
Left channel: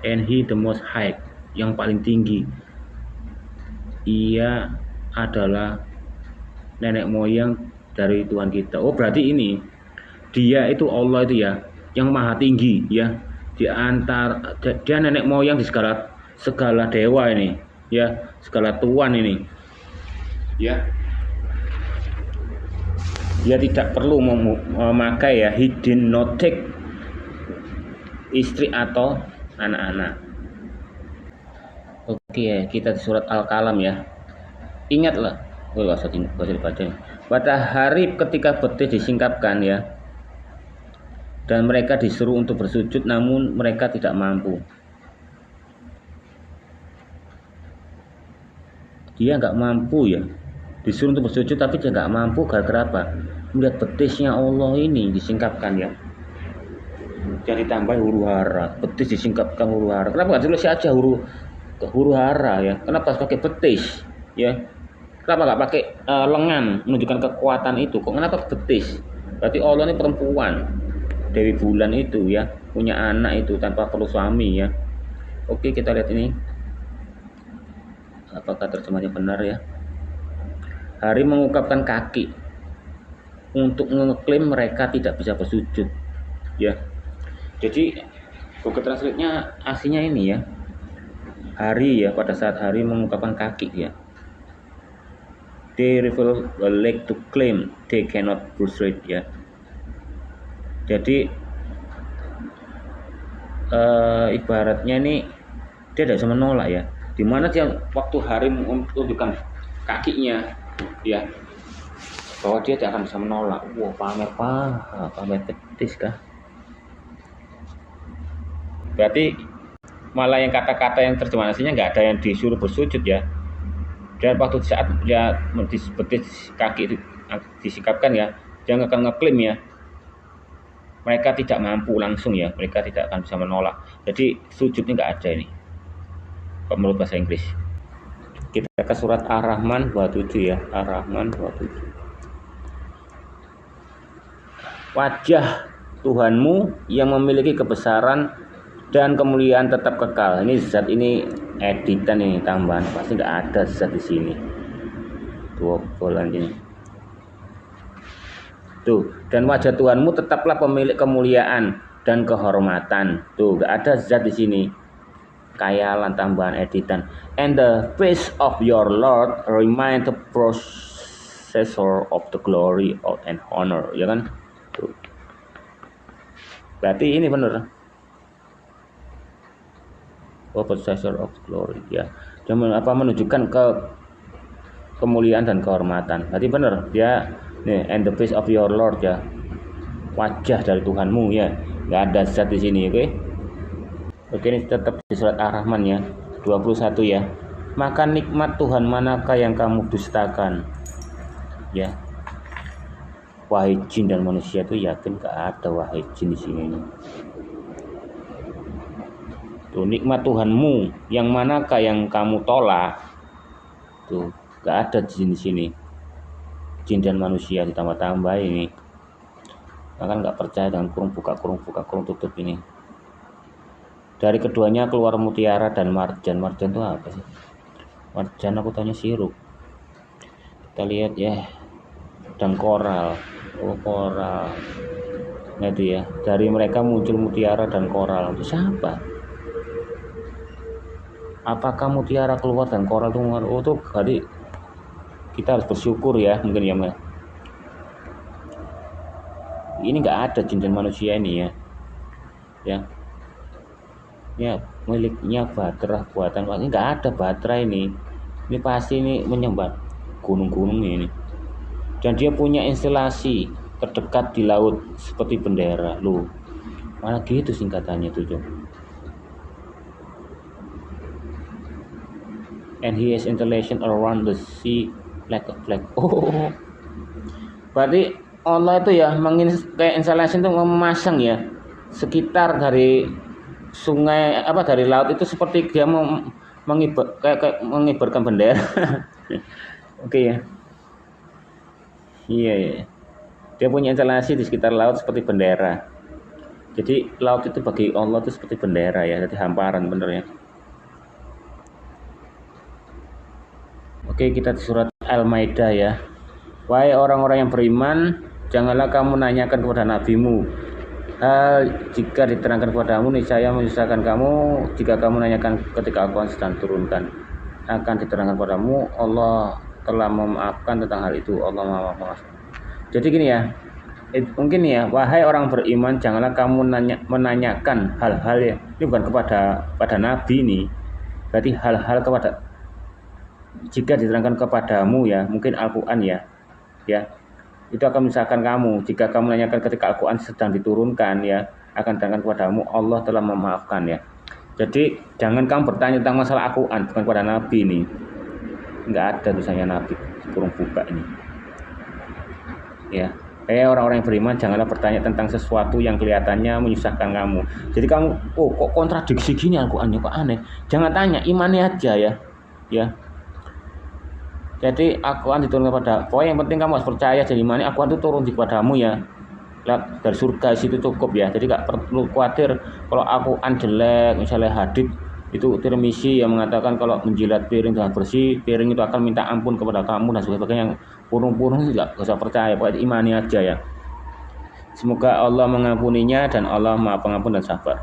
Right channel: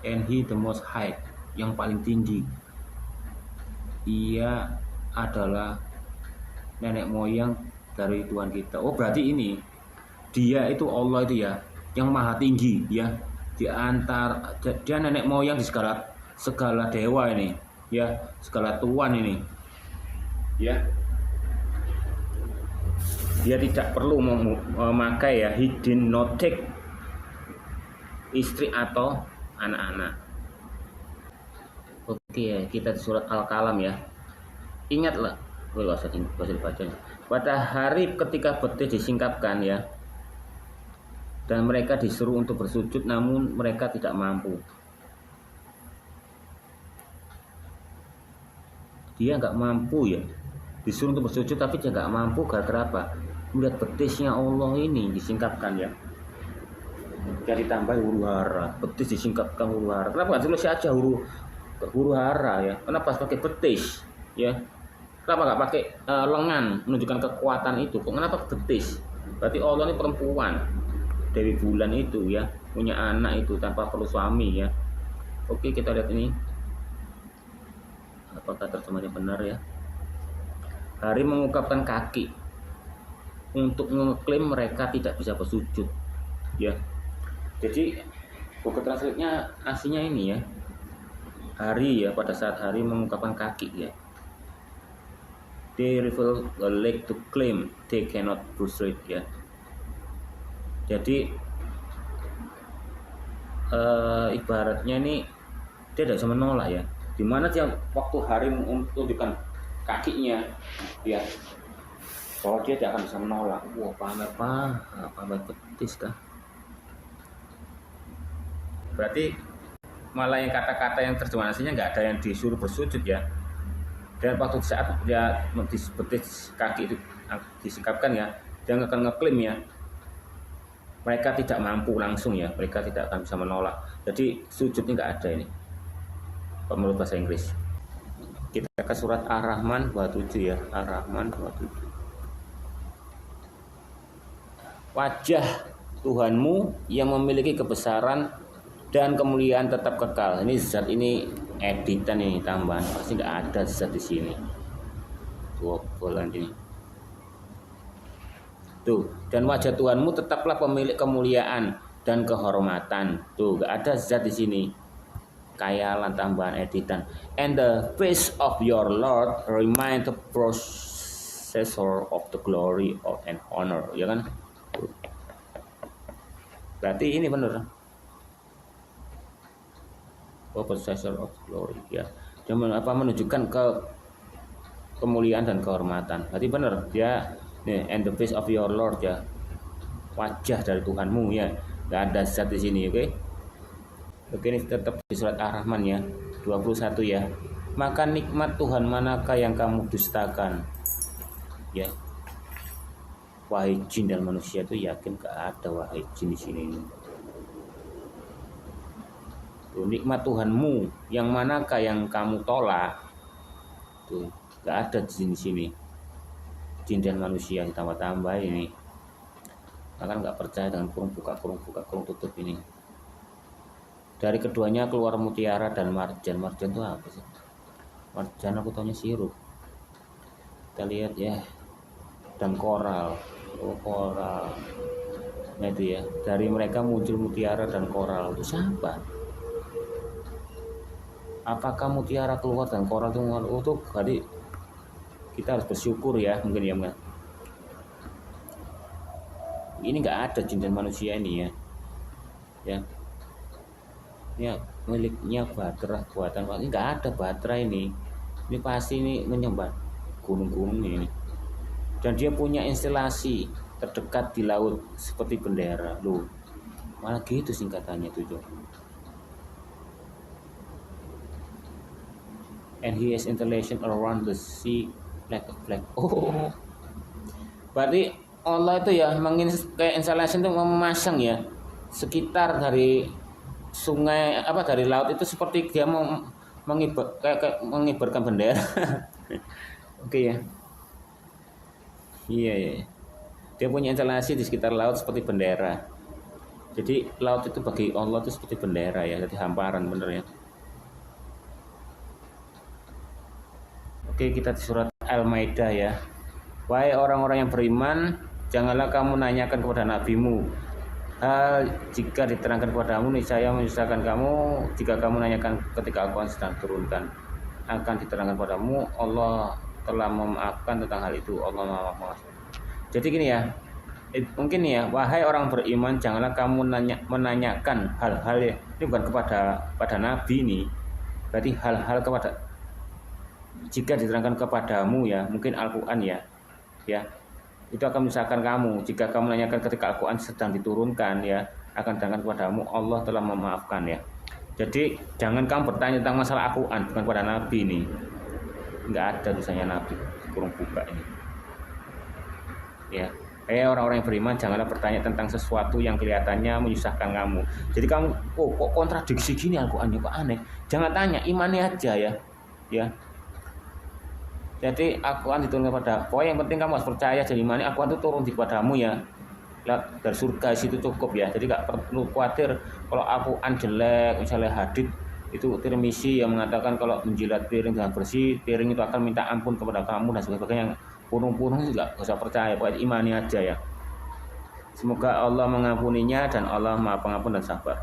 And he the most high, yang paling tinggi, ia adalah nenek moyang dari Tuhan kita. Oh berarti ini dia itu Allah itu ya, yang maha tinggi ya, di antara dia nenek moyang di segala dewa ini ya, segala tuan ini ya. Dia tidak perlu memakai ya, he did not take istri atau anak-anak. Oke ya, kita di surat Al-Qalam ya. Ingatlah, bahasa dibaca. Pada hari ketika betis disingkapkan ya, dan mereka disuruh untuk bersujud, namun mereka tidak mampu. Dia nggak mampu ya, disuruh untuk bersujud tapi dia nggak mampu. Gara-gara apa? Melihat betisnya Allah ini disingkapkan ya. Jadi tambah huru hara, betis disingkapkan huru hara. Kenapa nggak tulis aja huru hara ya? Kenapa harus pakai betis ya? Kenapa nggak pakai lengan menunjukkan kekuatan itu? Kok kenapa betis? Berarti Allah ini perempuan, Dewi Bulan itu ya, punya anak itu tanpa perlu suami ya. Oke, kita lihat ini. Apakah terjemahnya benar ya? Hari mengungkapkan kaki untuk mengklaim mereka tidak bisa bersujud ya. Jadi Google Translate-nya aslinya ini ya. Hari ya, pada saat hari mengungkapkan kaki ya. They reveal a leg to claim they cannot prostrate ya. Jadi ibaratnya ini dia tidak bisa menolak ya. Dimana dia waktu hari menunjukkan kakinya ya, bahwa dia tidak akan bisa menolak. Wah, pamer betis kah? Berarti malah yang kata-kata yang terjemahan aslinya nggak ada yang disuruh bersujud ya. Dan waktu saat dia betis kaki itu disikapkan ya, dia akan ngeklaim ya, mereka tidak mampu langsung ya, mereka tidak akan bisa menolak. Jadi sujudnya nggak ada ini menurut bahasa Inggris. Kita ke surat Ar-Rahman 27 ya, Ar-Rahman 27. Wajah Tuhanmu yang memiliki kebesaran dan kemuliaan tetap kekal. Ini zat ini editan ini, tambahan, pasti nggak ada zat di sini. Tuh bolan ini. Tuh, dan wajah Tuhanmu tetaplah pemilik kemuliaan dan kehormatan. Tuh, nggak ada zat di sini. Kayalan, tambahan, editan. And the face of your Lord remain the possessor of the glory and honor, ya kan? Tuh. Berarti ini benar. Possessor of glory ya. Dia menunjukkan ke kemuliaan dan kehormatan. Berarti benar dia nih, and the face of your Lord ya. Wajah dari Tuhanmu ya. Enggak ada zat di sini, oke? Oke, ini tetap di surat Ar-Rahman ya, 21 ya. Maka nikmat Tuhan manakah yang kamu dustakan? Ya. Wahai jin dan manusia tuh yakin enggak ada wahai jin di sini. Tuh, nikmat Tuhanmu yang manakah yang kamu tolak? Tuh, gak ada jin di sini. Jin dan manusia ditambah-tambah ini. Kan gak percaya dengan kurung buka tutup ini. Dari keduanya keluar mutiara dan marjan. Marjan itu apa sih? Marjan aku tanya sirup. Kita lihat ya. Dan koral. Oh, koral. Nah itu ya. Dari mereka muncul mutiara dan koral. Untuk siapa? Apakah mutiara keluar dan koral itu keluar? Oh tuh, jadi kita harus bersyukur ya, mungkin ya mas. Ini nggak ada jin dan manusia ini ya. Ya miliknya Batrah buatan, ini nggak ada Batrah ini. Ini pasti ini menyembah gunung-gunung ini. Dan dia punya instalasi terdekat di laut seperti bendera, loh. Mana gitu singkatannya tuh. And he has installation around the sea like a flag. Oh, berarti Allah itu ya kayak installation itu memasang ya sekitar dari sungai dari laut itu seperti dia kayak mengibarkan bendera. Oke ya. Iya. Dia punya instalasi di sekitar laut seperti bendera. Jadi laut itu bagi Allah itu seperti bendera ya, jadi hamparan bener ya. Oke, kita di surat Al-Maidah ya. Wahai orang-orang yang beriman, janganlah kamu nanyakan kepada nabimu hal jika diterangkan kepadamu, niscaya menyusahkan kamu jika kamu nanyakan ketika Al-Quran sedang turunkan. Akan diterangkan kepadamu, Allah telah memaafkan tentang hal itu. Allah Maha Pengasih. Jadi gini ya, mungkin ya, wahai orang beriman, janganlah kamu menanyakan hal-hal ya. Ini bukan pada nabi nih. Berarti hal-hal kepada jika diterangkan kepadamu ya, mungkin Al-Quran ya, itu akan misalkan kamu jika kamu menanyakan ketika Al-Quran sedang diturunkan ya, akan diterangkan kepadamu Allah telah memaafkan ya. Jadi jangan kamu bertanya tentang masalah Al-Quran, bukan pada Nabi ini, nggak ada tulisannya Nabi kurung buka ini ya. Orang-orang yang beriman janganlah bertanya tentang sesuatu yang kelihatannya menyusahkan kamu. Jadi kamu kok kontradiksi gini Al-Quran kok aneh, jangan tanya, imani aja ya. Jadi Al-Quran diturunkan kepada, pokoknya yang penting kamu harus percaya. Jadi mana Al-Quran itu turun di kepadamu ya. dari surga situ cukup ya. Jadi nggak perlu khawatir kalau aku jelek, misalnya hadits itu Tirmizi yang mengatakan kalau menjilat piring dengan bersih, piring itu akan minta ampun kepada kamu dan sebagainya. Yang purung-purung itu nggak usah percaya, pokoknya imani aja ya. Semoga Allah mengampuninya dan Allah Maha Pengampun dan Sabar.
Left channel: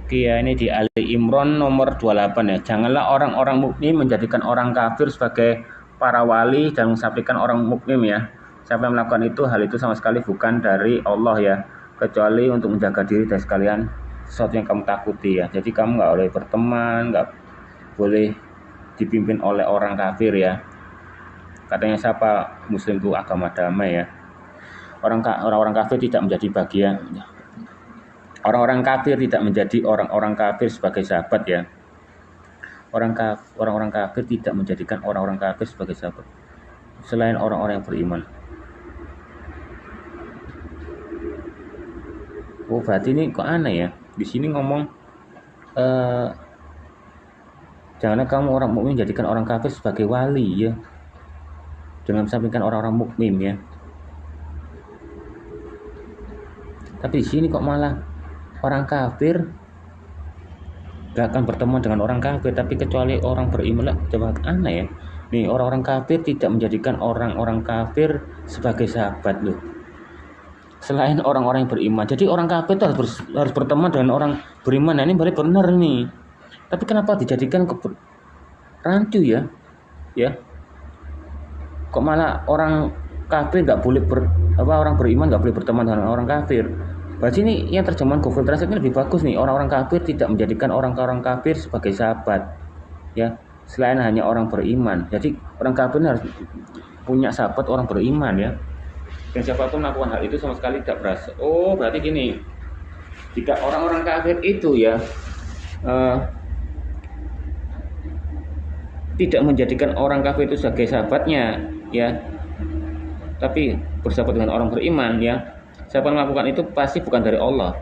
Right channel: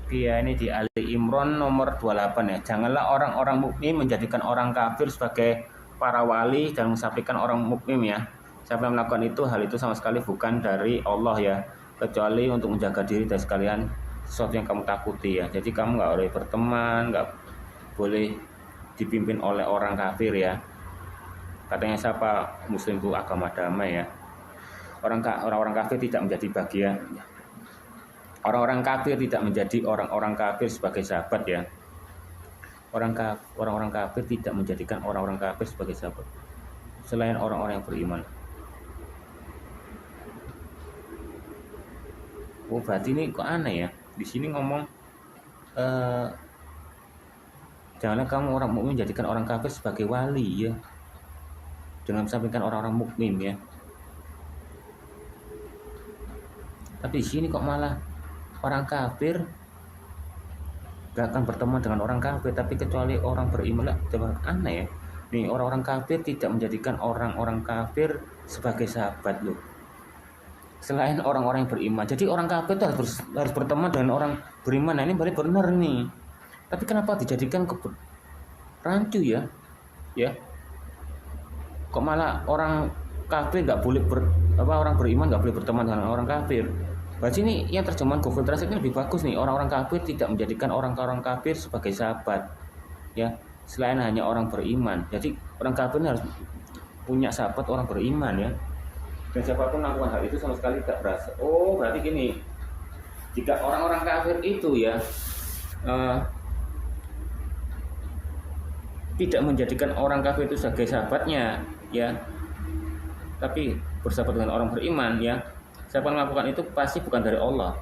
Oke ya, ini di Ali Imran nomor 28 ya. Janganlah orang-orang mukmin menjadikan orang kafir sebagai para wali dan mensampaikan orang mukmin ya. Siapa yang melakukan itu, hal itu sama sekali bukan dari Allah ya, kecuali untuk menjaga diri dari sekalian sesuatu yang kamu takuti ya. Jadi kamu nggak boleh berteman, nggak boleh dipimpin oleh orang kafir ya. Katanya siapa Muslim itu agama damai ya. Orang-orang kafir tidak menjadi bagian. Orang-orang kafir tidak menjadi orang-orang kafir sebagai sahabat ya. Orang-orang kafir tidak menjadikan orang-orang kafir sebagai sahabat selain orang-orang yang beriman. Oh berarti ini kok aneh ya. Di sini ngomong janganlah kamu orang mukmin jadikan orang kafir sebagai wali ya. Dengan mensampingkan orang-orang mukmin ya. Tapi di sini kok malah orang kafir gak akan berteman dengan orang kafir, tapi kecuali orang beriman lah. Coba aneh ya. Nih orang-orang kafir tidak menjadikan orang-orang kafir sebagai sahabat loh. Selain orang-orang yang beriman. Jadi orang kafir itu harus berteman dengan orang beriman. Nah ini berarti benar nih. Tapi kenapa dijadikan rancu ya? Ya. Kok malah orang kafir nggak boleh orang beriman nggak boleh berteman dengan orang kafir? Berarti ini yang terjemahan Google Translate ini lebih bagus nih. Orang-orang kafir tidak menjadikan orang-orang kafir sebagai sahabat ya, selain hanya orang beriman. Jadi orang kafir ini harus punya sahabat orang beriman ya. Dan siapa pun melakukan hal itu sama sekali tidak berasa. Oh berarti gini, jika orang-orang kafir itu ya tidak menjadikan orang kafir itu sebagai sahabatnya ya, tapi bersahabat dengan orang beriman ya, siapa yang melakukan itu pasti bukan dari Allah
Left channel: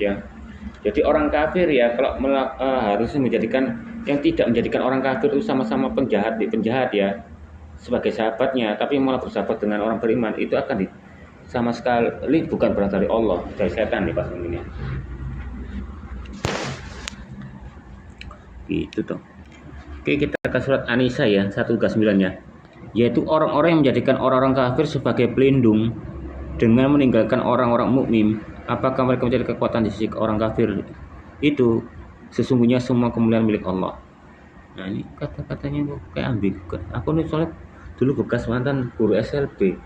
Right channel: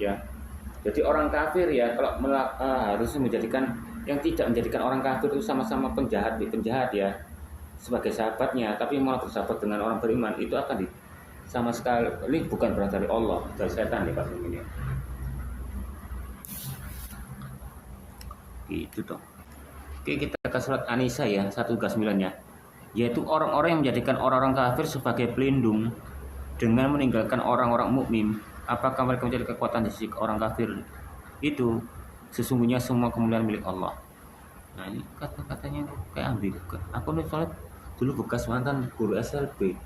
ya. Jadi orang kafir ya kalau harus menjadikan yang tidak menjadikan orang kafir itu sama-sama penjahat ya sebagai sahabatnya, tapi malah bersahabat dengan orang beriman, itu akan sama sekali bukan berasal dari Allah, dari setan nih pasti ini gitu dong. Oke, kita ke surat An-Nisa ya 139 ya, yaitu orang-orang yang menjadikan orang-orang kafir sebagai pelindung dengan meninggalkan orang-orang mukmin. Apakah mereka mencari kekuatan di sisi orang kafir? Itu sesungguhnya semua kemuliaan milik Allah. Nah ini kata-katanya kok kayak ambigu. Aku nih soalnya dulu bekas mantan guru SLB.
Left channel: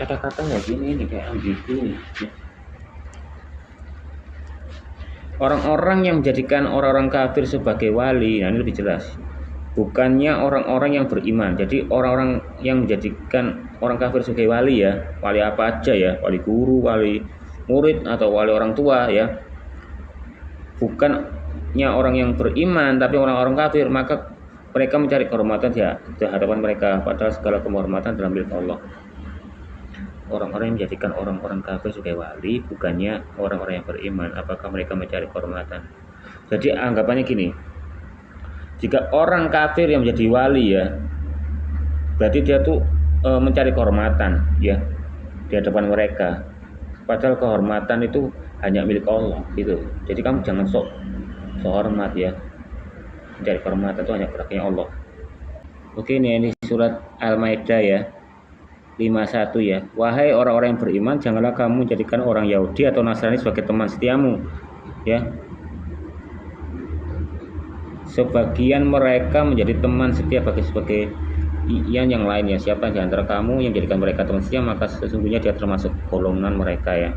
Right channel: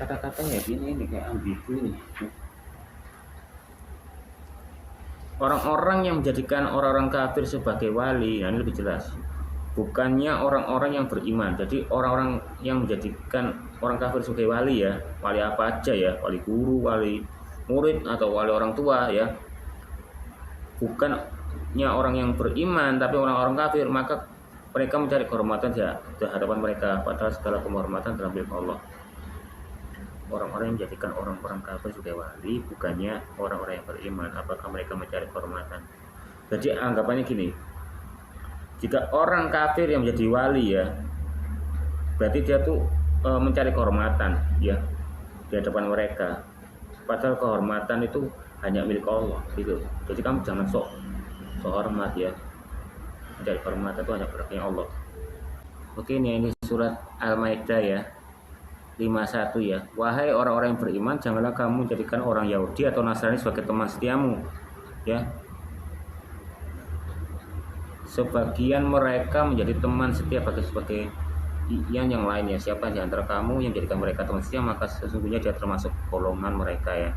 Kata-kata ya gini ini kayak ambigu. Orang-orang yang menjadikan orang-orang kafir sebagai wali, nah ini lebih jelas. Bukannya orang-orang yang beriman. Jadi orang-orang yang menjadikan orang kafir sebagai wali ya, wali apa aja ya, wali guru, wali murid atau wali orang tua ya. Bukannya orang yang beriman tapi orang-orang kafir, maka mereka mencari kehormatan di hadapan mereka, padahal segala kehormatan dalam milik Allah. Orang-orang yang menjadikan orang-orang kafir sebagai wali bukannya orang-orang yang beriman, apakah mereka mencari kehormatan? Jadi anggapannya gini, jika orang kafir yang menjadi wali ya, berarti dia tuh mencari kehormatan ya di hadapan mereka, padahal kehormatan itu hanya milik Allah gitu. Jadi kamu jangan sok hormat ya, mencari kehormatan itu hanya berhaknya Allah. Oke, ini surat Al-Maidah ya 51 ya. Wahai orang-orang yang beriman, janganlah kamu menjadikan orang Yahudi atau Nasrani sebagai teman setiamu ya. Sebagian mereka menjadi teman setia sebagai yang lain ya. Siapa di antara kamu yang jadikan mereka teman setia, maka sesungguhnya dia termasuk golongan mereka ya.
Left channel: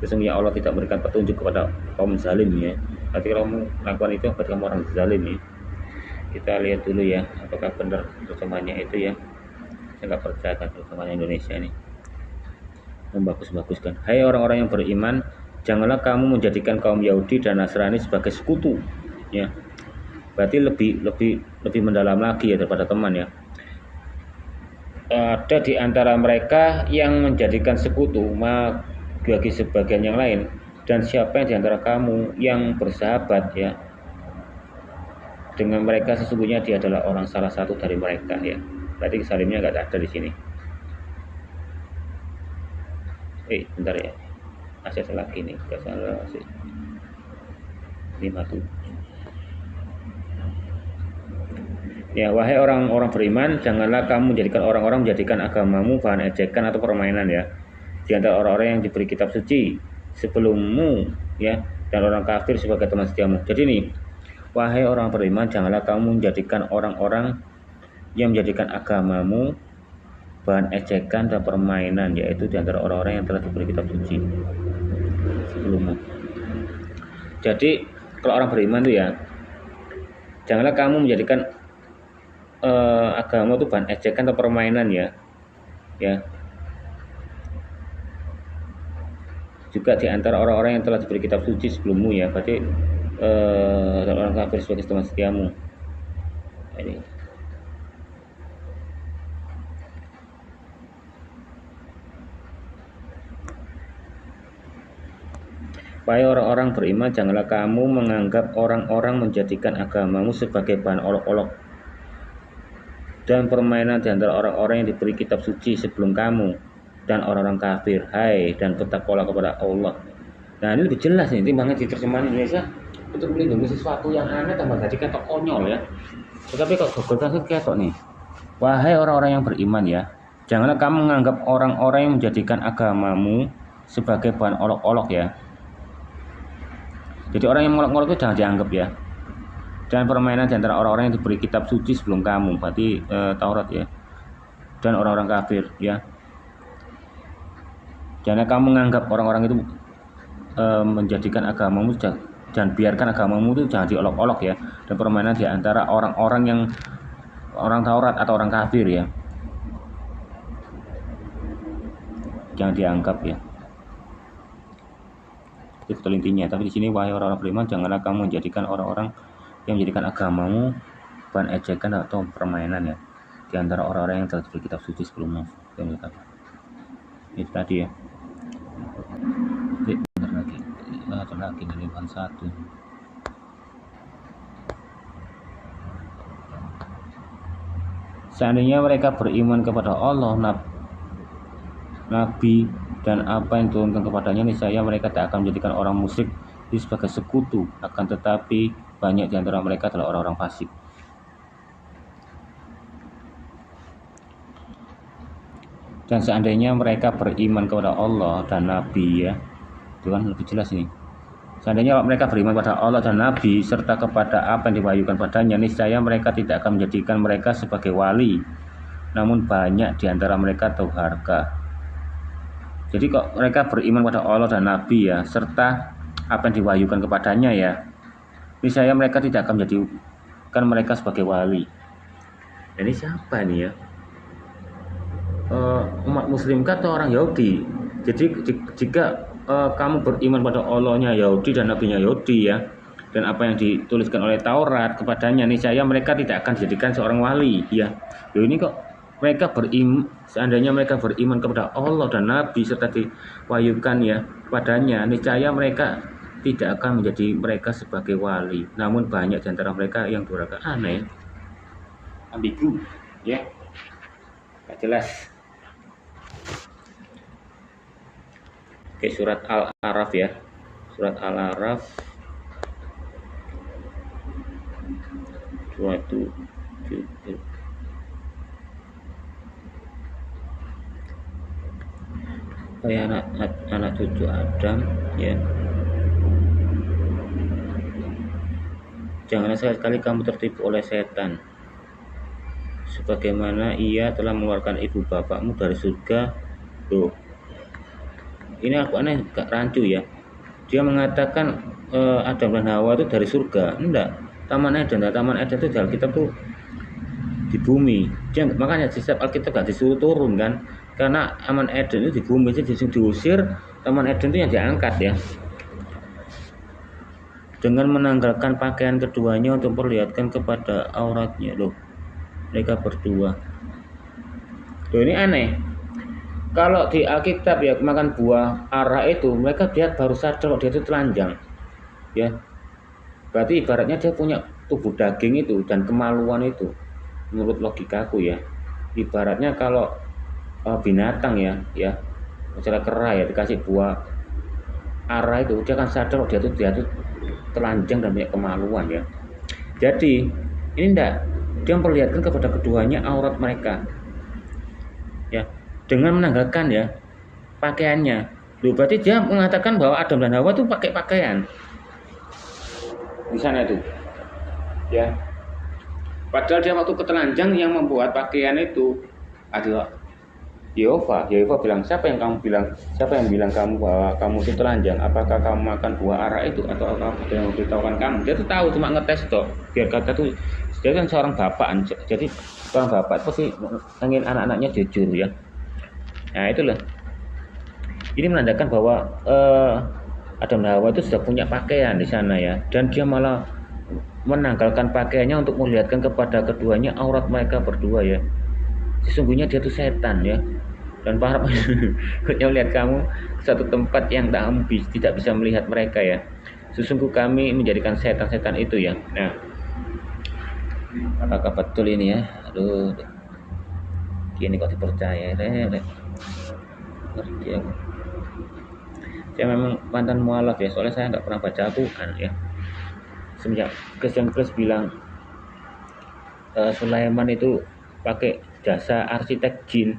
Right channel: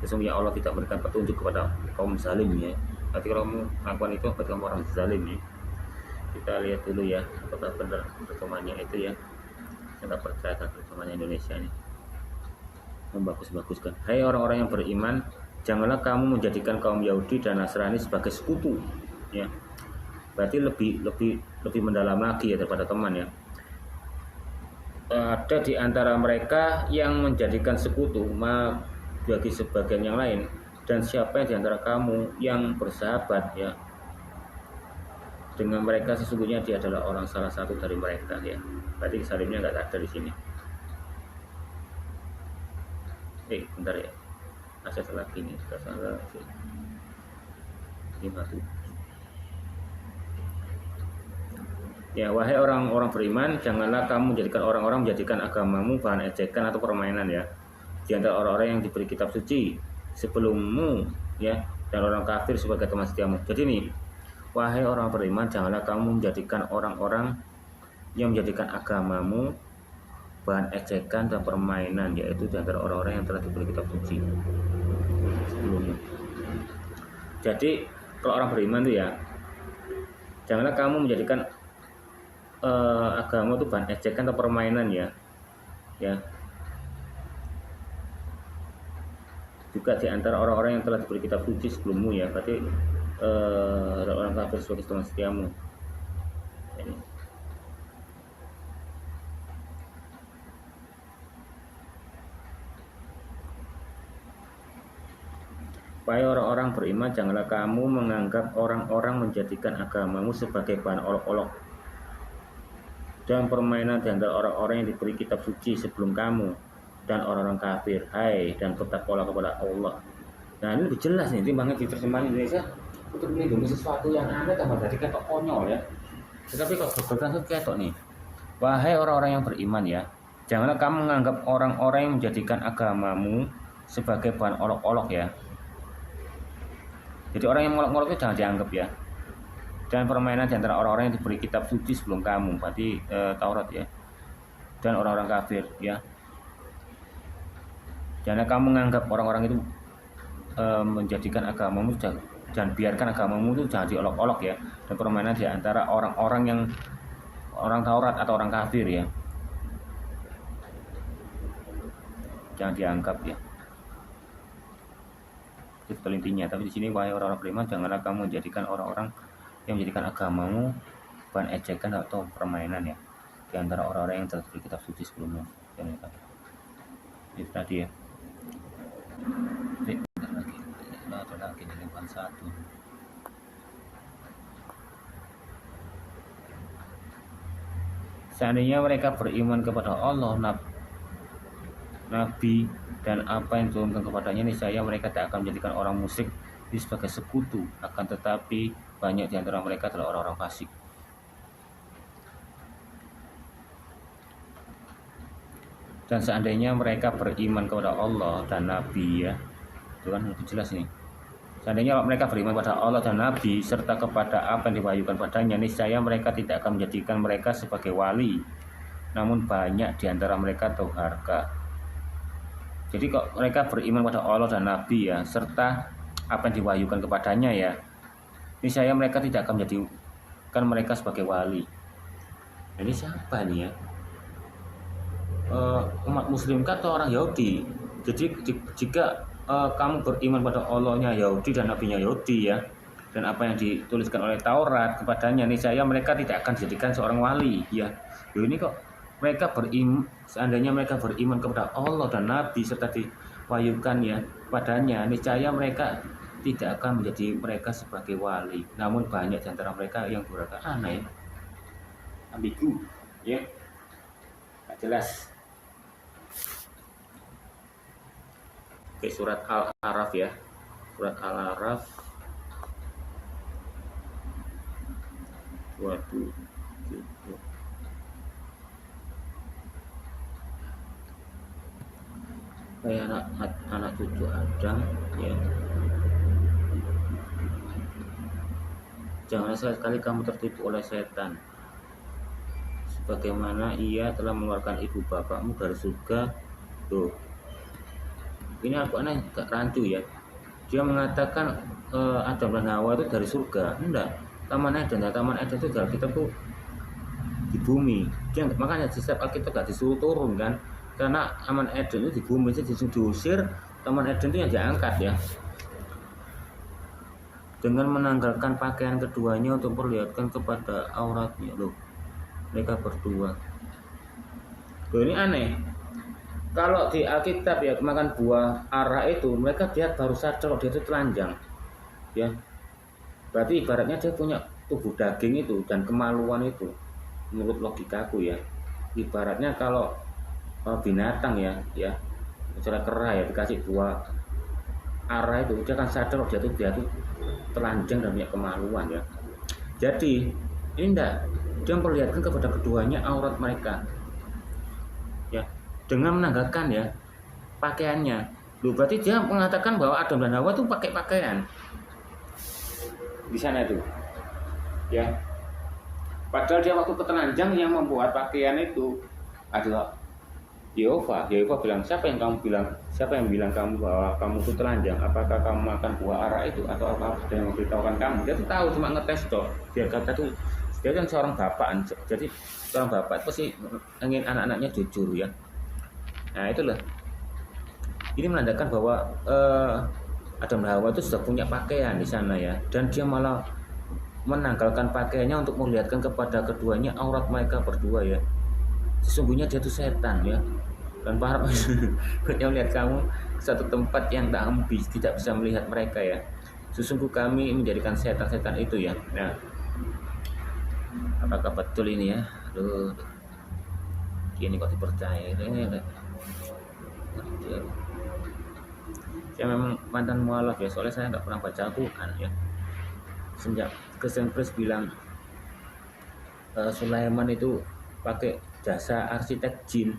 Sesungguhnya Allah tidak memberikan petunjuk kepada kaum zalim ya. Nanti kalau kamu melakukan itu berarti kamu orang zalim ya. Kita lihat dulu ya apakah benar terjemahannya itu ya. Saya nggak percaya terjemahan Indonesia ini membagus-baguskan. Hai orang-orang yang beriman, janganlah kamu menjadikan kaum Yahudi dan Nasrani sebagai sekutu ya. Berarti lebih mendalam lagi ya daripada teman ya. Ada di antara mereka yang menjadikan sekutu bagi sebagian yang lain, dan siapa yang di antara kamu yang bersahabat ya dengan mereka, sesungguhnya dia adalah orang salah satu dari mereka ya. Berarti salimnya nggak ada di sini. Bentar ya, masih ada lagi nih, nggak salah sih. 57. Ya, wahai orang-orang beriman, janganlah kamu menjadikan orang-orang menjadikan agamamu bahan ejekan atau permainan ya. Di antara orang-orang yang diberi kitab suci sebelummu ya, dan orang kafir sebagai teman setiamu. Jadi nih, wahai orang beriman, janganlah kamu menjadikan orang-orang yang menjadikan agamamu bahan ejekan dan permainan, yaitu di antara orang-orang yang telah diberi kitab suci sebelummu. Jadi kalau orang beriman tuh ya, janganlah kamu menjadikan agama itu bahan ejekan atau permainan ya. Juga di antara orang-orang yang telah diberi kitab suci sebelummu ya, berarti orang kafir sebagai teman setiamu. Ini. Wahai orang-orang beriman, janganlah kamu menganggap orang-orang menjadikan agamamu sebagai bahan olok-olok dan permainan di antara orang-orang yang diberi kitab suci sebelum kamu dan orang-orang kafir. Hai, dan bertakwalah kepada Allah. Nah, ini lebih jelas nih, timbangnya di terjemahan Indonesia untuk melindungi sesuatu yang aneh tambah jadi ketok konyol ya. Tetapi kok Google kan ketok nih. Wahai orang-orang yang beriman ya, janganlah kamu menganggap orang-orang yang menjadikan agamamu sebagai bahan olok-olok ya. Jadi orang yang ngolok-ngolok itu jangan dianggap ya. Dan permainan di antara orang-orang yang diberi kitab suci sebelum kamu, berarti Taurat ya, dan orang-orang kafir ya. Jangan kamu menganggap orang-orang itu menjadikan agamamu dan biarkan agamamu itu jangan diolok-olok ya. Dan permainan di antara orang-orang yang orang Taurat atau orang kafir ya, jangan dianggap ya. Itu betul intinya. Tapi di sini wahai orang-orang beriman, janganlah kamu menjadikan orang-orang yang menjadikan agamamu bahan ejekan atau permainan ya, di antara orang-orang yang telah diberi kitab suci sebelumnya. Itu tadi ya. Bentar lagi, ada lagi dari bahan 1. Seandainya mereka beriman kepada Allah, Nabi dan apa yang diturunkan kepadanya, niscaya mereka tak akan menjadikan orang musyrik sebagai sekutu. Akan tetapi banyak di antara mereka adalah orang-orang fasik. Dan seandainya mereka beriman kepada Allah dan Nabi ya, itu kan lebih jelas ini. Seandainya mereka beriman kepada Allah dan Nabi serta kepada apa yang diwahyukan padanya, niscaya mereka tidak akan menjadikan mereka sebagai wali. Namun banyak di antara mereka durhaka. Jadi kok mereka beriman pada Allah dan Nabi ya, serta apa yang diwahyukan kepadanya ya, niscaya mereka tidak akan menjadikan mereka sebagai wali. Ini siapa nih ya? Umat Muslim atau orang Yahudi? Jadi jika kamu beriman pada Allahnya Yahudi dan Nabinya Yahudi ya, dan apa yang dituliskan oleh Taurat kepadanya, niscaya mereka tidak akan dijadikan seorang wali ya. Loh, ini kok mereka beriman, seandainya mereka beriman kepada Allah dan Nabi serta diwahyukan ya kepadanya, niscaya mereka tidak akan menjadi mereka sebagai wali. Namun banyak di antara mereka yang durhaka. Aneh, ambigu ya, gak jelas. Oke, surat Al-A'raf ya, surat Al-A'raf 27. Kayak anak cucu Adam ya. Janganlah sekali-kali kamu tertipu oleh setan, sebagaimana ia telah mengeluarkan ibu bapakmu dari surga. Tuh, ini Al-Quran gak rancu ya. Dia mengatakan Adam dan Hawa itu dari surga. Enggak, Taman Eden itu di Alkitab tuh di bumi. Dia makanya di setiap Alkitab gak disuruh turun kan, karena Taman Eden itu di bumi, jadi diusir. Taman Eden itu yang diangkat ya, dengan menanggalkan pakaian keduanya untuk memperlihatkan kepada auratnya. Loh, mereka berdua. Loh, ini aneh. Kalau di Alkitab ya, makan buah ara itu mereka lihat baru sadar kalau dia itu telanjang ya. Berarti ibaratnya dia punya tubuh daging itu dan kemaluan itu, menurut logikaku ya. Ibaratnya kalau binatang ya misalnya kera ya dikasih buah ara itu, dia akan sadar dia tuh telanjang dan punya kemaluan ya. Jadi ini enggak, dia memperlihatkan kepada keduanya aurat mereka ya, dengan menanggalkan ya pakaiannya. Loh, berarti dia mengatakan bahwa Adam dan Hawa itu pakai pakaian di sana itu ya. Padahal dia waktu ketelanjang yang membuat pakaian itu adalah Yehova. Yehova bilang, siapa yang bilang kamu bahwa kamu itu telanjang? Apakah kamu makan buah ara itu atau apa yang memberitahukan kamu? Dia tuh tahu, cuma ngetes toh. Biar kata tuh, dia kan seorang bapak. Jadi seorang bapak itu pasti ingin anak-anaknya jujur ya. Nah itulah. Ini menandakan bahwa Adam dan Hawa itu sudah punya pakaian di sana ya, dan dia malah menanggalkan pakaiannya untuk melihatkan kepada keduanya aurat mereka berdua ya. Sesungguhnya dia itu setan ya, dan para pendengar melihat kamu ke satu tempat yang tidak bisa melihat mereka ya. Sesungguhnya kami menjadikan setan-setan itu ya. Nah, apakah betul ini ya? Aduh, ini kok dipercaya? Ngerti aku. Saya memang mantan mualaf ya, soalnya saya nggak pernah baca Al-Quran ya. Semenjak Christian Chris bilang Sulaiman itu pakai jasa arsitek jin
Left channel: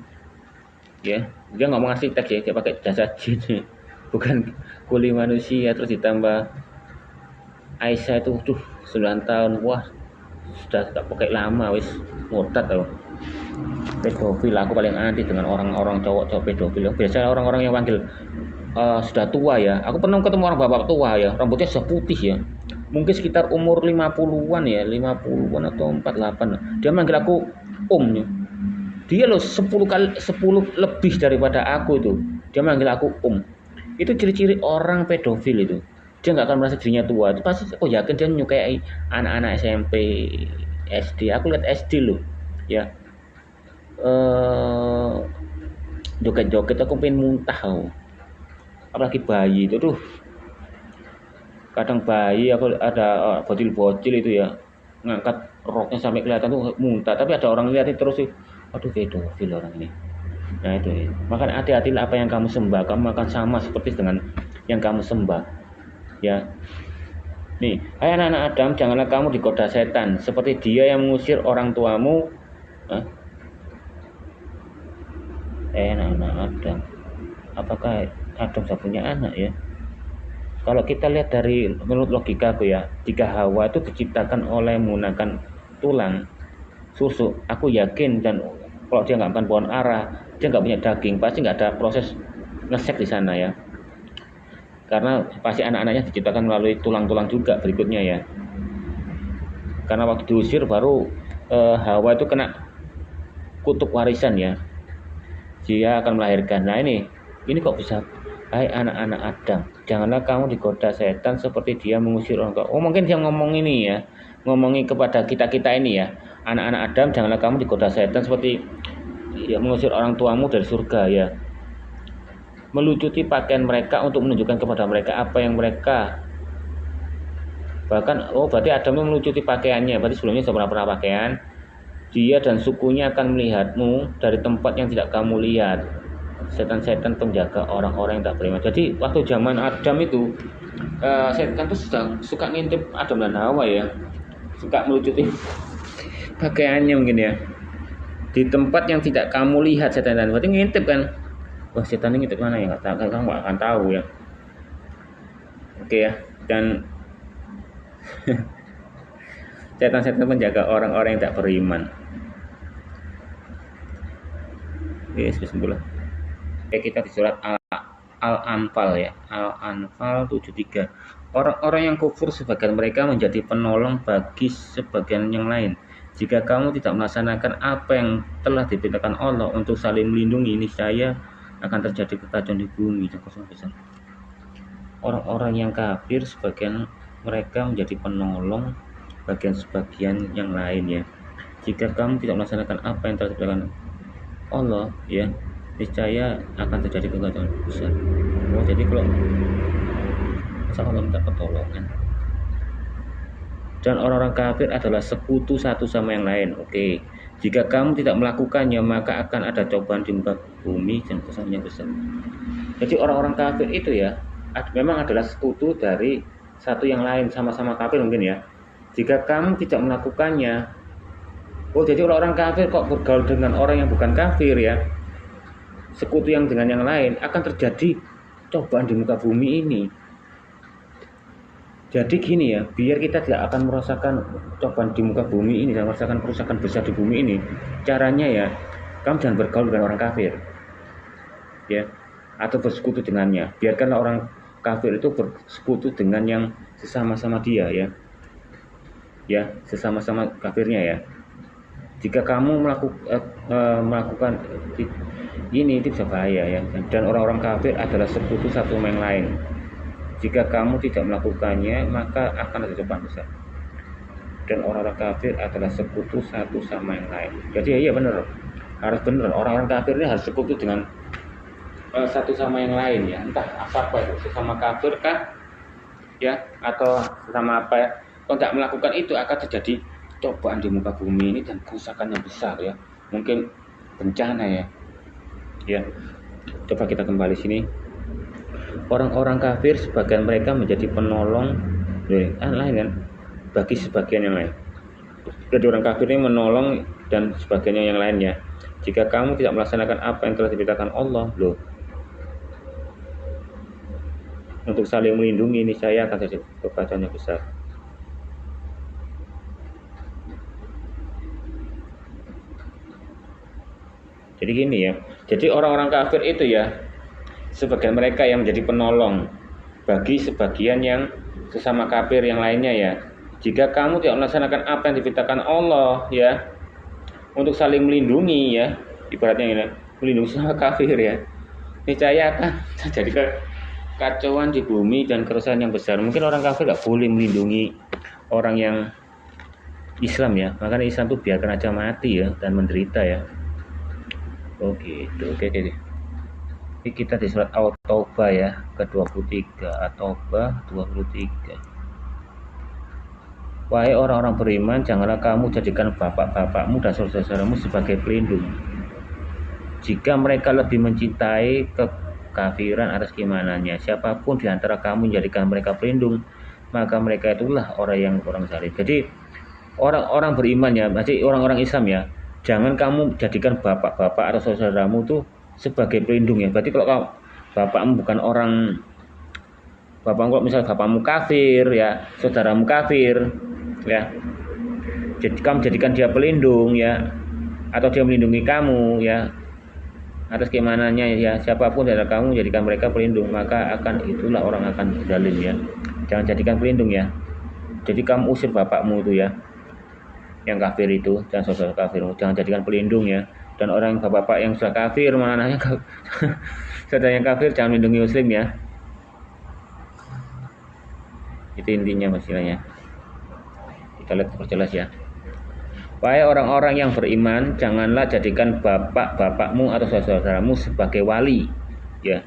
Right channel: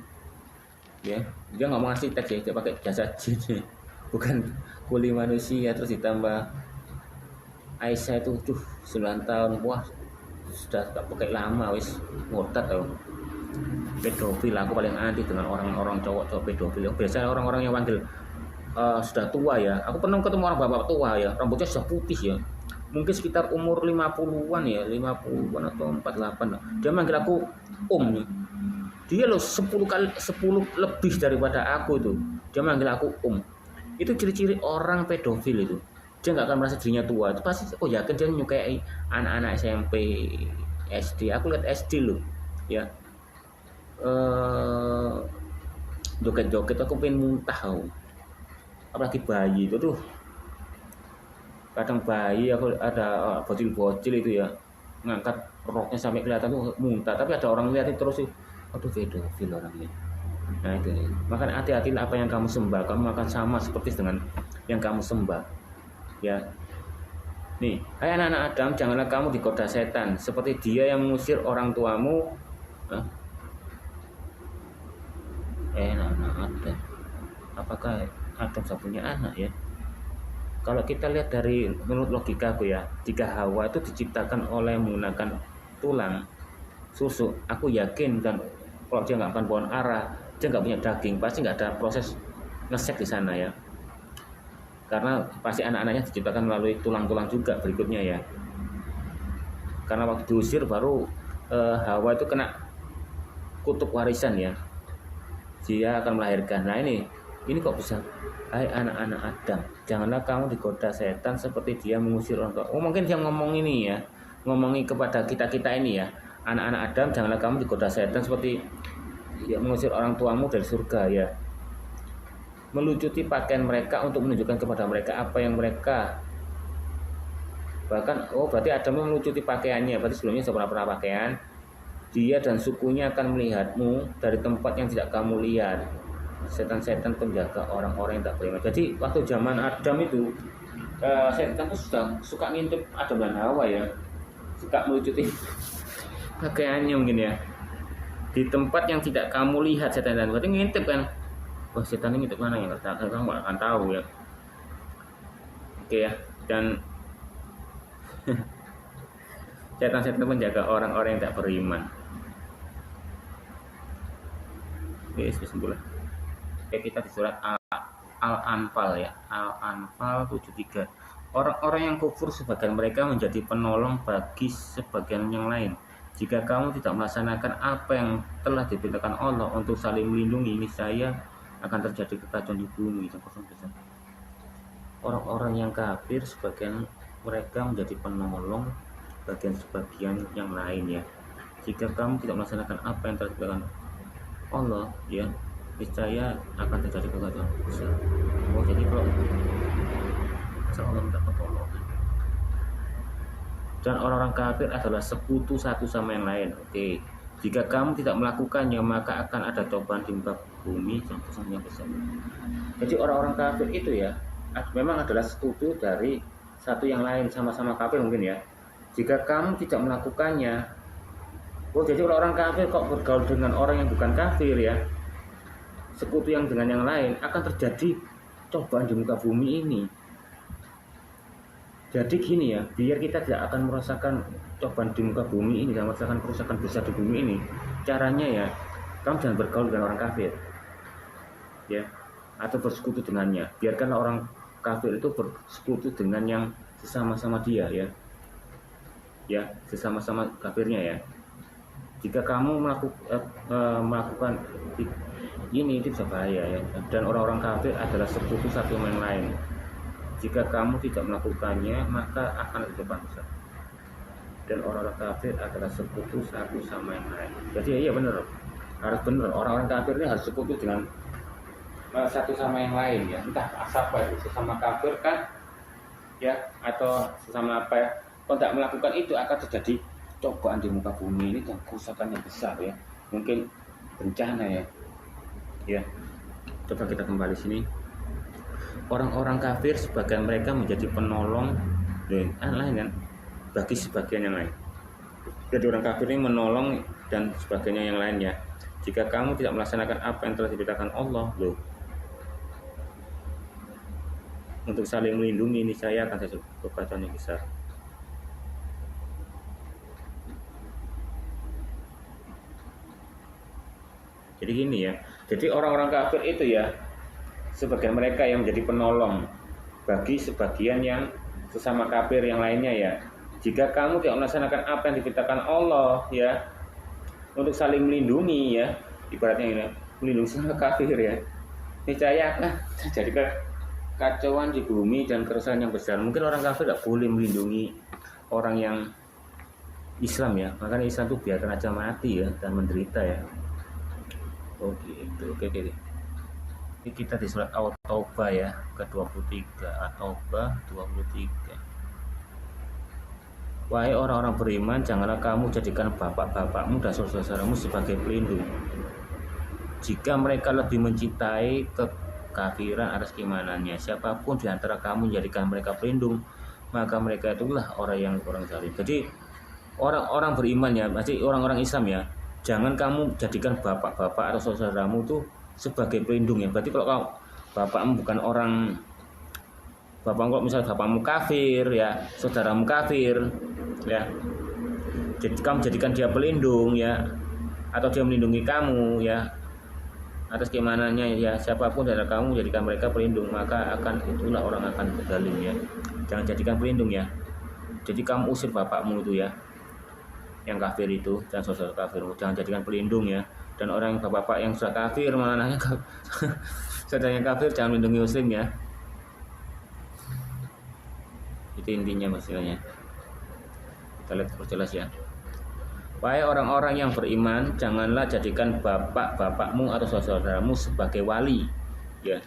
ya, dia ngomong arsitek ya, dia pakai jasa jin bukan kuli manusia. Terus ditambah Aisyah itu 9 tahun, wah sudah tak pakai lama wis murtad loh. Pedofil, aku paling anti dengan orang-orang cowok pedofil. Biasanya orang-orang yang panggil sudah tua ya, aku pernah ketemu orang bapak tua ya, rambutnya sudah putih ya, mungkin sekitar umur 50-an ya, 50-an atau 48. Dia manggil aku ya. Dia loh 10 lebih daripada aku itu. Dia manggil aku Itu ciri-ciri orang pedofil itu. Dia nggak akan merasa dirinya tua. Itu pasti yakin dia menyukai anak-anak SMP, SD. Aku lihat SD loh. Ya. Joget-joget aku pengen muntah aku. Apalagi bayi itu tuh. Kadang bayi aku ada bocil-bocil itu ya. Ngangkat roknya sampai kelihatan tuh muntah, tapi ada orang lihatin terus sih. Aduh, pedofil orang ini. Nah itu ya. Maka hati-hatilah apa yang kamu sembah, kamu akan sama seperti dengan yang kamu sembah ya. Nih, hai anak-anak Adam, janganlah kamu digoda setan seperti dia yang mengusir orang tuamu. Anak-anak Adam, apakah Adam sudah punya anak ya? Kalau kita lihat dari menurut logika aku ya, jika Hawa itu diciptakan oleh menggunakan tulang susu, aku yakin, dan kalau dia nggak makan pohon ara, dia nggak punya daging, pasti nggak ada proses ngesek di sana ya. Karena pasti anak-anaknya diciptakan melalui tulang-tulang juga berikutnya ya. Karena waktu diusir baru Hawa itu kena kutuk warisan ya. Dia akan melahirkan. Nah ini kok bisa? Hai anak-anak Adam, janganlah kamu digoda setan seperti dia mengusir orang tua. Oh mungkin dia ngomong ini ya, ngomongin kepada kita ini ya. Anak-anak Adam, janganlah kamu digoda setan seperti ya, mengusir orang tuamu dari surga ya. Melucuti pakaian mereka untuk menunjukkan kepada mereka apa yang mereka. Bahkan berarti Adam melucuti pakaiannya, berarti sebelumnya sudah pernah pakaian. Dia dan sukunya akan melihatmu dari tempat yang tidak kamu lihat. Setan-setan penjaga orang-orang yang tak beriman. Jadi waktu zaman Adam itu setan itu suka ngintip Adam dan Hawa ya, suka melucuti pakaiannya mungkin ya, di tempat yang tidak kamu lihat. Setan berarti ngintip kan. Wah, setan ini ngintip mana ya, kamu nggak akan tahu ya. Oke ya. Dan setan-setan penjaga orang-orang yang tak beriman. Bismillah. Kita di surat Al-Anfal ya, Al-Anfal 73. Orang-orang yang kufur sebagian mereka menjadi penolong bagi sebagian yang lain. Jika kamu tidak melaksanakan apa yang telah diperintahkan Allah untuk saling melindungi, niscaya akan terjadi kekacauan di bumi. Orang-orang yang kafir sebagian mereka menjadi penolong bagian sebagian yang lain ya. Jika kamu tidak melaksanakan apa yang telah diperintahkan Allah ya, niscaya akan terjadi kekacauan besar. Jadi kalau masa Allah minta pertolongan, dan orang-orang kafir adalah sekutu satu sama yang lain. Oke, Jika kamu tidak melakukannya, maka akan ada cobaan di muka bumi dan kesusahannya besar. Jadi orang-orang kafir itu ya memang adalah sekutu dari satu yang lain, sama-sama kafir mungkin ya. Jika kamu tidak melakukannya, jadi orang-orang kafir kok bergaul dengan orang yang bukan kafir ya, sekutu yang dengan yang lain, akan terjadi cobaan di muka bumi ini. Jadi gini ya, biar kita tidak akan merasakan cobaan di muka bumi ini dan merasakan kerusakan besar di bumi ini, caranya ya, kamu jangan bergaul dengan orang kafir ya, atau bersekutu dengannya. Biarkanlah orang kafir itu bersekutu dengan yang sesama-sama dia ya, sesama-sama kafirnya ya. Jika kamu melakukan ini, itu bisa bahaya ya. Dan orang-orang kafir adalah sekutu satu sama yang lain. Jika kamu tidak melakukannya, maka akan ada cobaan besar. Dan orang-orang kafir adalah sekutu satu sama yang lain. Jadi ya benar, harus benar. Orang-orang kafir ini harus sekutu dengan satu sama yang lain ya. Entah apa itu, sesama kafir kah ya, atau sesama apa ya. Kalau tidak melakukan itu akan terjadi cobaan di muka bumi ini dan kerusakan yang besar ya. Mungkin bencana ya. Ya, coba kita kembali sini. Orang-orang kafir sebagian mereka menjadi penolong lain kan, bagi sebagian yang lain. Jadi orang kafir ini menolong dan sebagainya yang lainnya. Jika kamu tidak melaksanakan apa yang telah diberitakan Allah, untuk saling melindungi ini saya akan terjadi kekacauan yang besar. Jadi gini ya, jadi orang-orang kafir itu ya, sebagian mereka yang menjadi penolong bagi sebagian yang sesama kafir yang lainnya ya. Jika kamu tidak melaksanakan apa yang diberitakan Allah ya, untuk saling melindungi ya, ibaratnya ini melindungi sama kafir ya, niscaya akan terjadi kekacauan di bumi dan kerusakan yang besar. Mungkin orang kafir tidak boleh melindungi orang yang Islam ya, makanya Islam itu biarkan aja mati ya dan menderita ya. Oke. Ini kita di surat At-Taubah ya, ke-23, At-Taubah 23. Wahai orang-orang beriman, janganlah kamu jadikan bapak-bapakmu dan saudara-saudaramu sebagai pelindung. Jika mereka lebih mencintai kekafiran atas keimanannya, siapapun di antara kamu menjadikan mereka pelindung, maka mereka itulah orang zalim. Jadi orang-orang beriman ya, masih orang-orang Islam ya, jangan kamu jadikan bapak-bapak atau saudaramu tuh sebagai pelindung ya. Berarti kalau bapakmu bukan orang, kalau misalnya bapakmu kafir ya, saudaramu kafir ya, jadi kamu jadikan dia pelindung ya, atau dia melindungi kamu ya atas keimanannya ya, siapapun dari kamu jadikan mereka pelindung, maka itulah orang akan zalim ya. Jangan jadikan pelindung ya. Jadi kamu usir bapakmu itu ya, yang kafir itu, dan saudara kafir, jangan jadikan pelindung ya. Dan orang bapak-bapak yang sudah kafir, mana anaknya saudara yang kafir, jangan melindungi muslim ya. Itu intinya masalahnya. Kita lihat perjelas ya. Wahai orang-orang yang beriman, janganlah jadikan bapak-bapakmu atau saudaramu sebagai wali ya.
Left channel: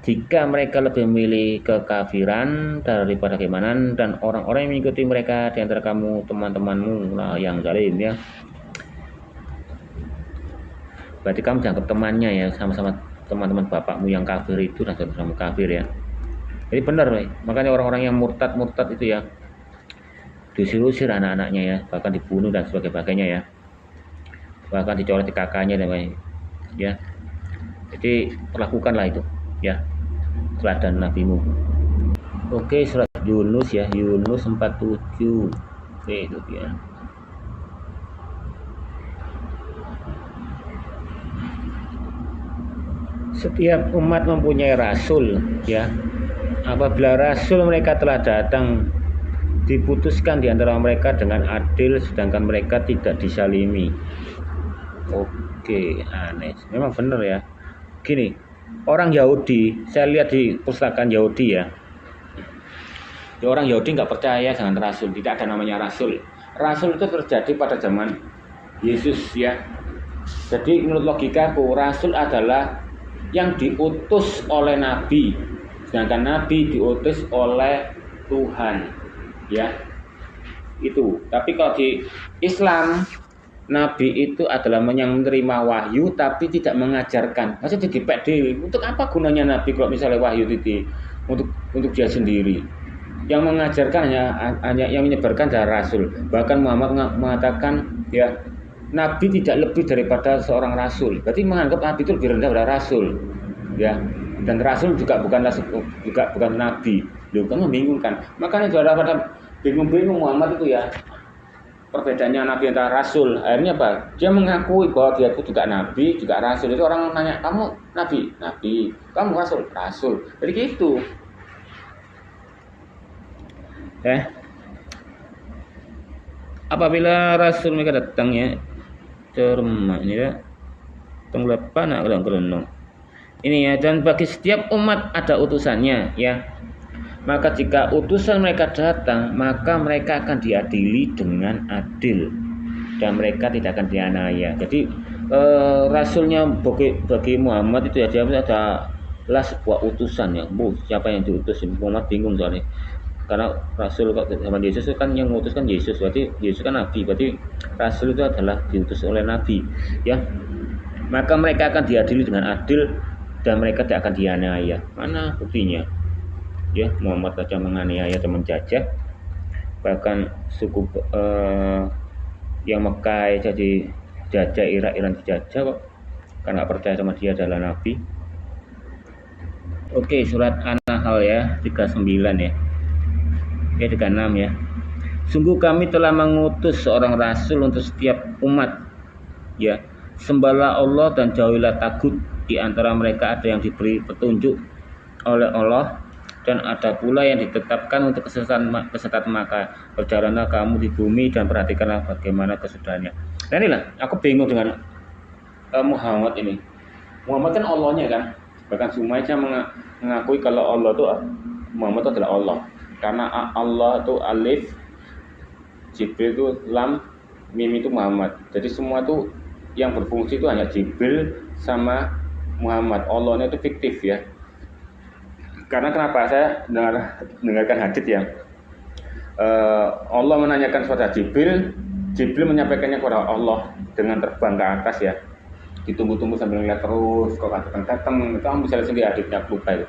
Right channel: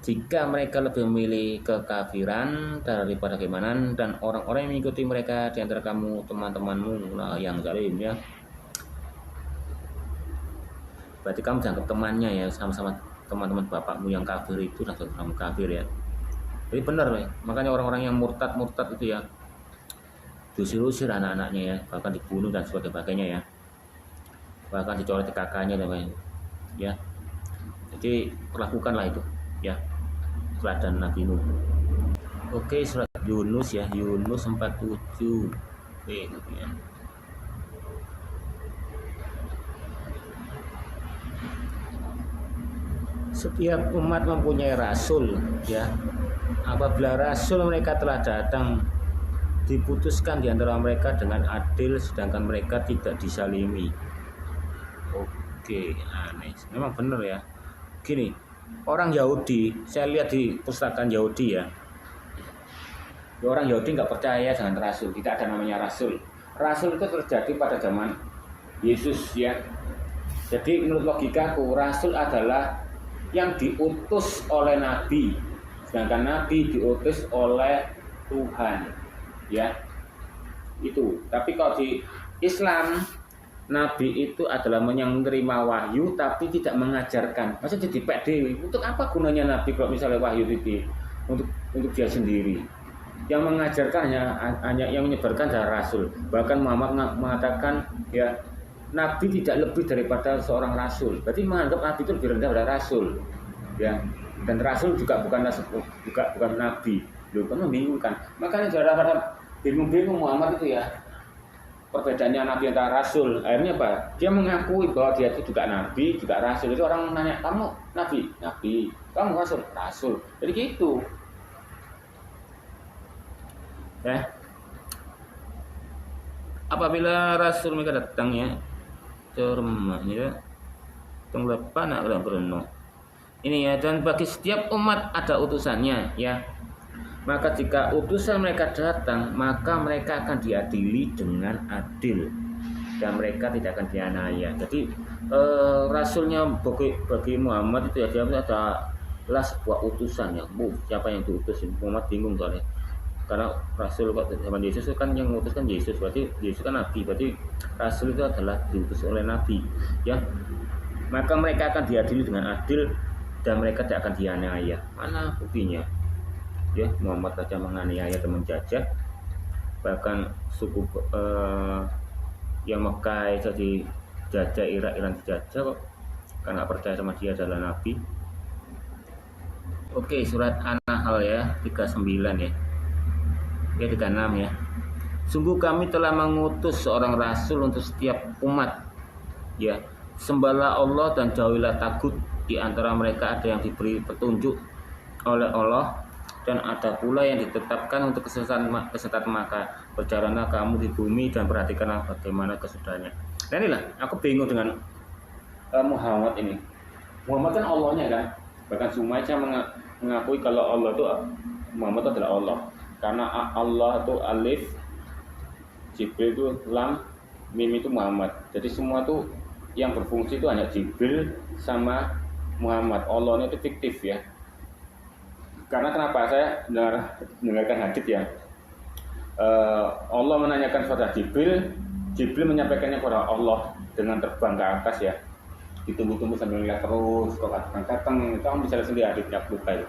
Jika mereka lebih memilih kekafiran daripada keimanan, dan orang-orang yang mengikuti mereka di antara kamu teman-temanmu yang zalim ya. Berarti kamu dianggap temannya ya, sama-sama teman-teman bapakmu yang kafir itu dan saudaramu kafir ya. Jadi benar, makanya orang-orang yang murtad itu ya diusir-usir anak-anaknya ya, bahkan dibunuh dan sebagainya ya, bahkan dicoret di kakaknya dan lain ya. Jadi perlakukanlah itu ya teladan nabimu. Oke, surat Yunus ya, Yunus 47. Oke, itu ya. Setiap umat mempunyai rasul ya. Apabila rasul mereka telah datang, diputuskan di antara mereka dengan adil, sedangkan mereka tidak disalimi. Oke, aneh. Memang benar ya. Gini, orang Yahudi, saya lihat di pustakaan Yahudi ya. Orang Yahudi nggak percaya dengan rasul, tidak ada namanya rasul. Rasul itu terjadi pada zaman Yesus ya. Jadi menurut logikaku, rasul adalah yang diutus oleh nabi, sedangkan nabi diutus oleh Tuhan ya. itu. Tapi kalau di Islam, nabi itu adalah yang menerima wahyu tapi tidak mengajarkan. Maksudnya jadi pek dewi. Untuk apa gunanya nabi kalau misalnya wahyu itu untuk dia sendiri? Yang mengajarkan hanya yang menyebarkan adalah rasul. Bahkan Muhammad mengatakan ya, nabi tidak lebih daripada seorang rasul. Berarti menganggap nabi itu lebih rendah daripada rasul. Ya. Dan rasul juga bukan nabi. Loh, kan membingungkan. Makanya sudah pada bingung-bingung Muhammad itu ya. Perbedaannya nabi antara rasul. Akhirnya apa? Dia mengakui bahwa dia itu juga nabi, juga rasul. Itu orang nanya, "Kamu nabi?" "Nabi." "Kamu rasul?" "Rasul." Jadi gitu. Apabila rasul mereka datang ya, cermat ini ya. Tenglepan nak kereng-kereng. Ini ya, dan bagi setiap umat ada utusannya ya. Maka jika utusan mereka datang, maka mereka akan diadili dengan adil dan mereka tidak akan dianiaya. Jadi rasulnya bagi Muhammad itu ya, dia adalah sebuah utusan ya. Siapa yang diutus? Muhammad bingung soalnya. Karena rasul zaman Yesus kan yang mengutus kan Yesus, berarti Yesus kan nabi, berarti rasul itu adalah diutus oleh nabi ya. Maka mereka akan diadili dengan adil dan mereka tidak akan dianiaya. Mana buktinya? Ya, Muhammad saja menganiaya dan menjajah. Bahkan suku yang Mekah jadi jajah, Iran dijajah kok. Karena percaya sama dia adalah nabi. Oke, surat An-Nahl ya, 39 ya. Ya, 36 ya. Sungguh kami telah mengutus seorang rasul untuk setiap umat. Ya, sembahlah Allah dan jauhilah tagut. Di antara mereka ada yang diberi petunjuk oleh Allah dan ada pula yang ditetapkan untuk kesesatan, maka berjalanlah kamu di bumi dan perhatikanlah bagaimana kesudahannya. Nah inilah, aku bingung dengan Muhammad ini. Muhammad kan Allahnya kan, bahkan Sumaisya mengakui kalau Allah itu Muhammad itu adalah Allah. Karena Allah itu alif, Jibril itu lam, mim itu Muhammad. Jadi semua itu yang berfungsi itu hanya Jibril sama Muhammad. Allahnya itu fiktif ya. Karena kenapa saya dengarkan hadits ya, Allah menanyakan kepada Jibril, Jibril menyampaikannya kepada Allah dengan terbang ke atas ya, ditunggu-tunggu sambil melihat terus kok datang. Itu kamu bisa lihat sendiri haditsnya, lupa itu.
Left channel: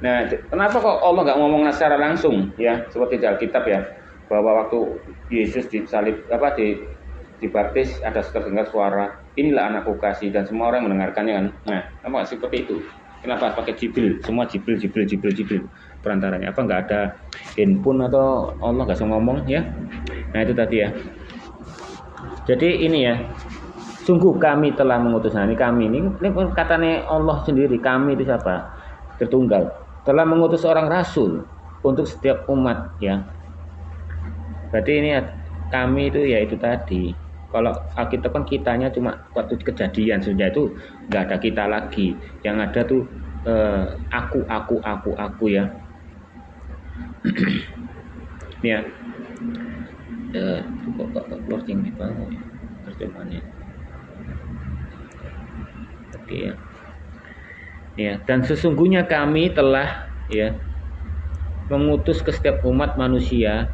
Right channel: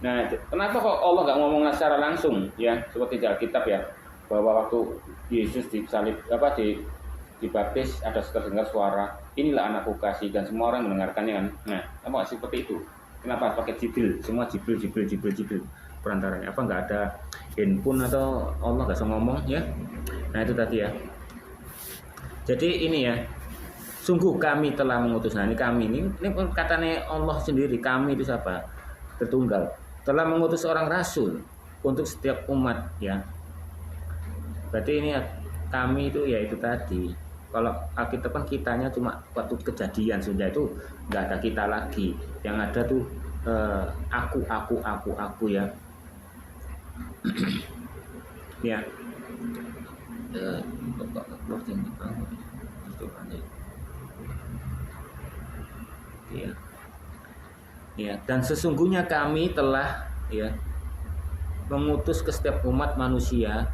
Nah, kenapa kok Allah nggak ngomong secara langsung ya, seperti di Alkitab ya, bahwa waktu Yesus disalib dibaptis ada terdengar suara, "Inilah anakku kasih," dan semua orang mendengarkannya kan. Nah, apa seperti itu? Kenapa pakai Jibril? Semua Jibril perantaranya. Apa nggak ada handphone atau Allah nggak usah ngomong ya? Nah itu tadi ya. Jadi ini ya, sungguh kami telah mengutus. Nah ini kami ini katanya Allah sendiri. Kami itu siapa? Tertunggal. Telah mengutus seorang rasul untuk setiap umat ya. Berarti ini ya, kami itu ya itu tadi. Kalau Alkitab kan kitanya cuma waktu kejadian, sudah itu nggak ada kita lagi. Yang ada tuh aku ya. Ya. Keluar yang di bawah ya terjemahannya. Oke ya. Ya, dan sesungguhnya kami telah ya mengutus ke setiap umat manusia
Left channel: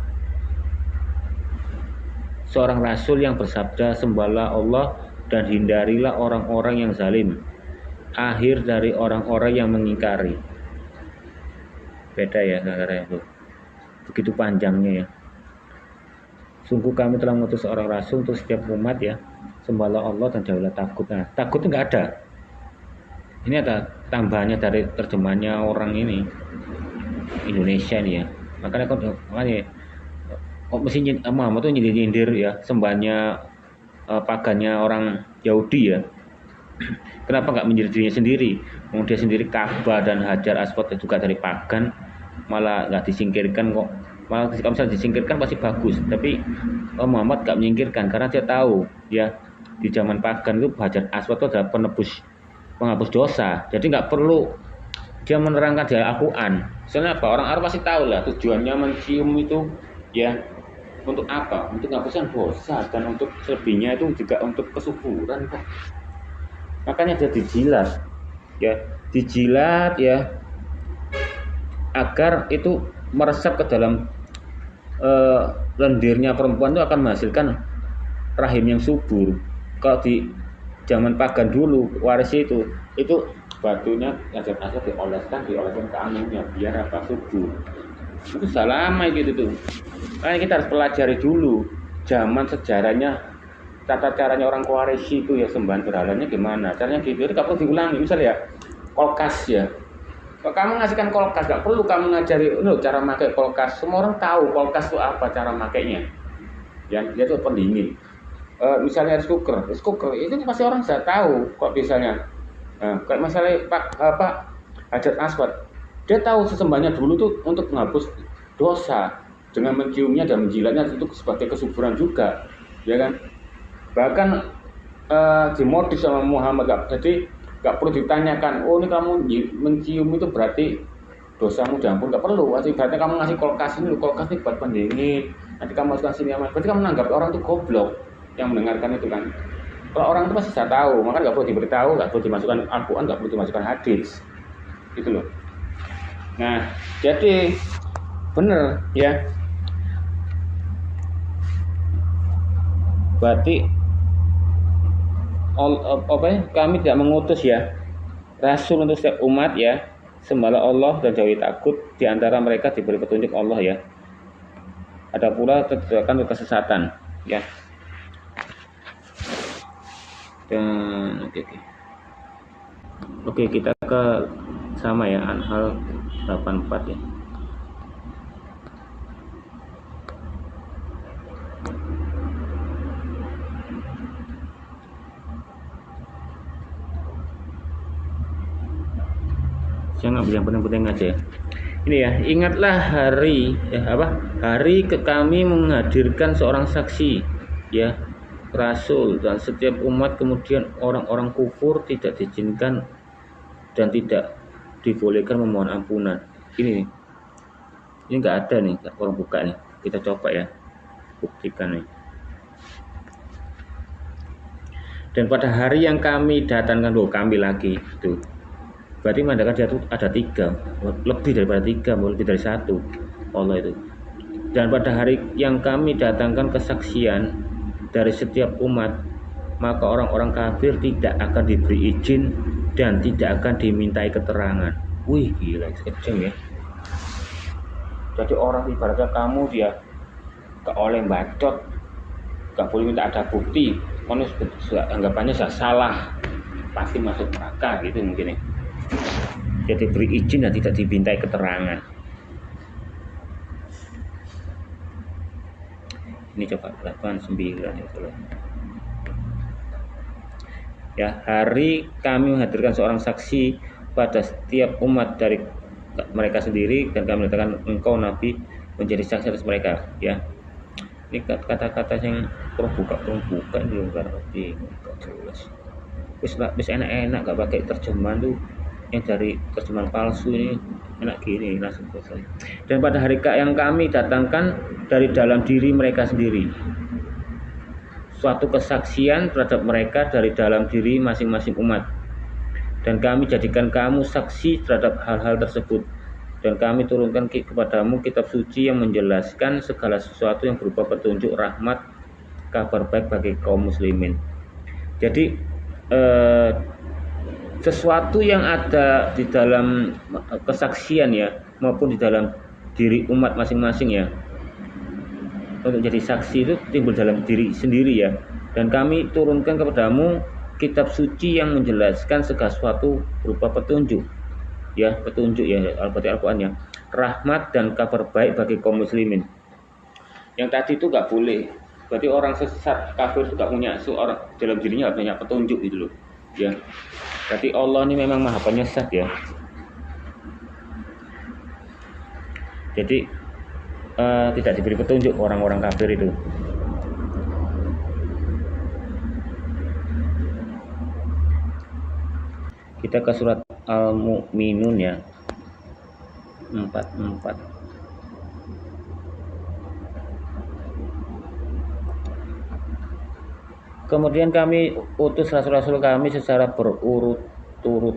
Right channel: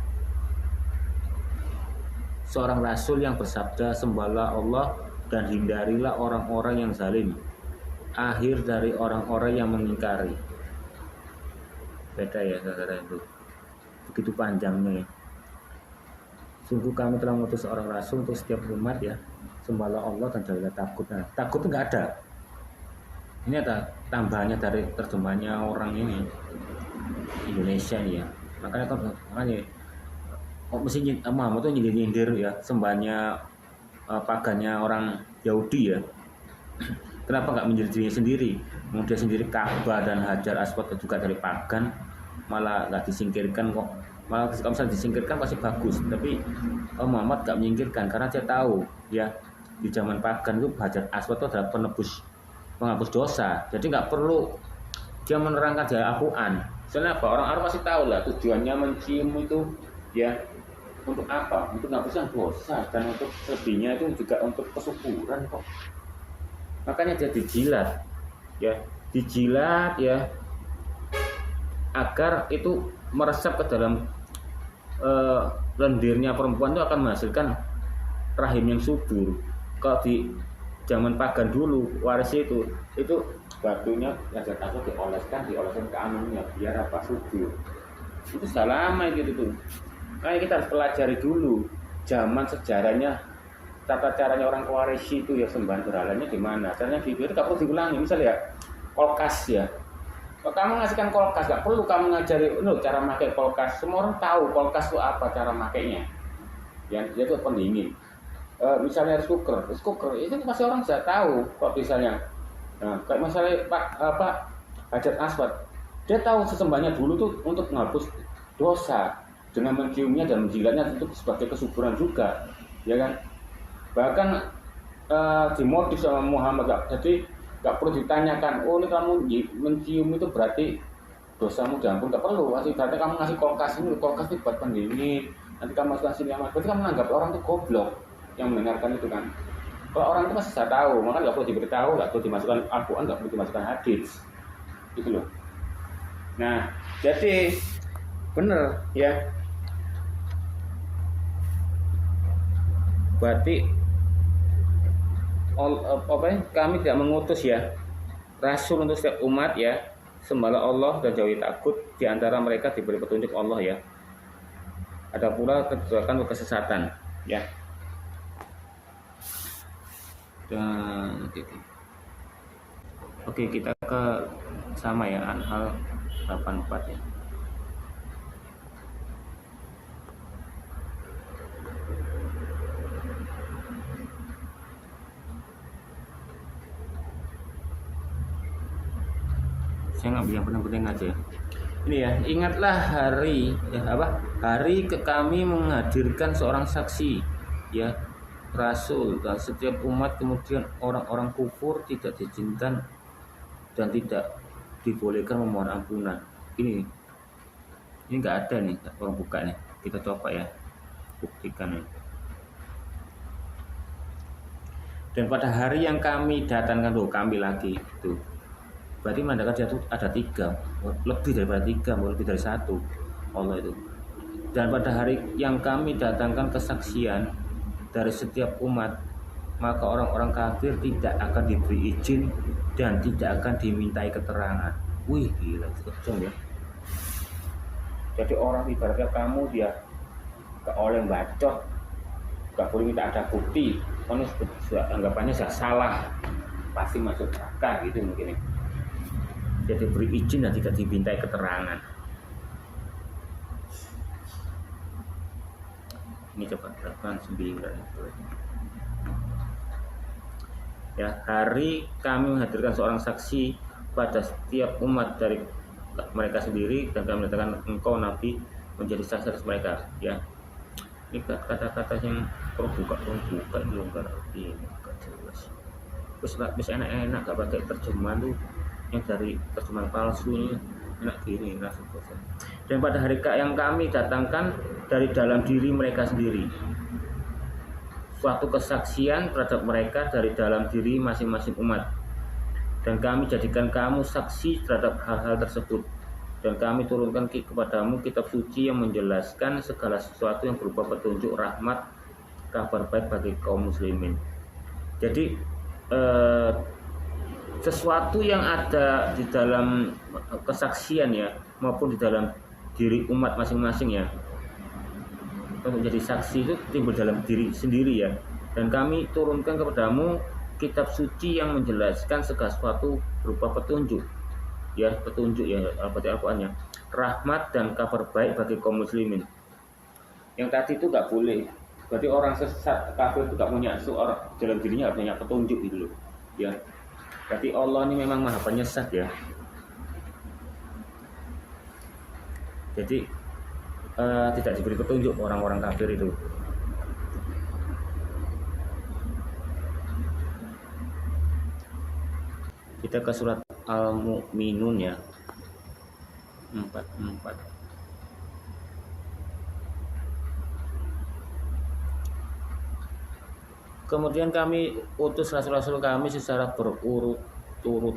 seorang rasul yang bersabda, "Sembahlah Allah dan hindarilah orang-orang yang zalim." Akhir dari orang-orang yang mengingkari. Beda ya saudara itu. Begitu panjangnya ya. Sungguh kami telah mengutus seorang rasul untuk setiap umat ya. Sembahlah Allah dan jauhilah tagut. Nah, takut itu nggak ada. Ini ada tambahannya dari terjemahnya orang ini Indonesia nih ya. Makanya kok mesti Muhammad tuh nyindir ya sembahnya pagannya orang Yahudi ya. Kenapa nggak menyindir dirinya sendiri? Dia sendiri Ka'bah dan Hajar Aswad juga dari pagan, malah nggak disingkirkan kok. Malah kalau misalnya disingkirkan pasti bagus, tapi Muhammad nggak menyingkirkan karena dia tahu ya di zaman pagan itu Hajar Aswad itu adalah penghapus dosa. Jadi nggak perlu dia menerangkan di Al-Quran. Soalnya apa? Orang Arab pasti tahu lah tujuannya mencium itu ya untuk apa? Untuk menghapuskan dosa dan untuk selebihnya itu juga untuk kesuburan kok. Makanya dia dijilat ya agar itu meresap ke dalam lendirnya perempuan itu akan menghasilkan rahim yang subur. Kalau di zaman pagan dulu waris itu batunya hajar-hajar dioleskan ke anginnya biar apa subur. Itu sudah lama gitu tuh. Makanya kita harus pelajari dulu zaman sejarahnya, tata caranya orang Quraisy itu ya sembahan berhalanya gimana. Caranya gitu itu gak perlu diulangi. Misalnya ya kulkas ya. Kalau kamu ngasihkan kulkas gak perlu kamu ngajari cara pakai kulkas. Semua orang tahu kulkas itu apa cara makainya. Ya itu pendingin. Misalnya rice cooker itu pasti orang sudah tahu kok misalnya kayak misalnya Pak Hajar Aswad, dia tahu sesembahnya dulu tuh untuk menghapus dosa dengan menciumnya dan menjilatnya itu sebagai kesuburan juga, ya kan? Bahkan dimodif sama Muhammad, jadi nggak perlu ditanyakan, oh ini kamu mencium itu berarti dosamu diampun, nggak perlu. Berarti kamu ngasih kulkas ini buat pendingin, nanti kamu kasih ini, berarti kamu menganggap orang itu goblok yang mendengarkan itu kan. Kalau orang itu pasti sudah tahu, maka nggak perlu diberitahu, nggak perlu dimasukkan Al-Quran, nggak perlu dimasukkan hadis, gitu loh. Nah, jadi benar ya. Berarti kami tidak mengutus ya Rasul untuk setiap umat ya. Sembahlah Allah dan jauhi takut, di antara mereka diberi petunjuk Allah ya. Ada pula terjadikan kesesatan ya. Dan oke, kita ke sama ya, Anhal 84 ya. Saya ngambil yang penting-penting aja. Ini ya, ingatlah hari kami menghadirkan seorang saksi ya, Rasul, dan setiap umat kemudian orang-orang kufur tidak diizinkan dan tidak dibolehkan memohon ampunan. Ini nggak ada nih, orang buka nih. Kita coba ya, buktikan nih. Dan pada hari yang kami datangkan, kami lagi itu. Berarti mandakan dia itu ada 3, lebih daripada 3, lebih dari 1 Allah itu. Dan pada hari yang kami datangkan kesaksian dari setiap umat, maka orang-orang kafir tidak akan diberi izin dan tidak akan dimintai keterangan. Wih, gila, kejam ya. Jadi orang ibaratnya kamu dia gak oleh bacot, gak boleh minta ada bukti, karena anggapannya sudah salah, pasti masuk neraka gitu mungkin ya. Jadi beri izin dan tidak dimintai keterangan. Ini coba 89 ya. Ya, hari kami menghadirkan seorang saksi pada setiap umat dari mereka sendiri, dan kami mengatakan engkau Nabi menjadi saksi atas mereka ya. Ini kata-kata yang buka belum ngerti, nggak jelas. Wis enak-enak gak pakai terjemahan tuh, yang dari terjemahan palsu ini enak gini langsung selesai. Dan pada hari yang kami datangkan dari dalam diri mereka sendiri suatu kesaksian terhadap mereka dari dalam diri masing-masing umat, dan kami jadikan kamu saksi terhadap hal-hal tersebut, dan kami turunkan kepadamu kitab suci yang menjelaskan segala sesuatu yang berupa petunjuk, rahmat, kabar baik bagi kaum muslimin. Jadi sesuatu yang ada di dalam kesaksian ya, maupun di dalam diri umat masing-masing ya, untuk jadi saksi itu timbul dalam diri sendiri ya. Dan kami turunkan kepadamu kitab suci yang menjelaskan segala sesuatu berupa petunjuk ya, Al-Quran ya, rahmat dan kabar baik bagi kaum muslimin. Yang tadi itu nggak boleh, berarti orang sesat kafir itu nggak punya seorang dalam dirinya, nggak punya petunjuk gitu loh ya. Berarti Allah ini memang maha penyesat ya. Jadi tidak diberi petunjuk orang-orang kafir itu. Kita ke surat Al-Mu'minun ya, 44. Kemudian kami utus rasul-rasul kami secara berurut-urut.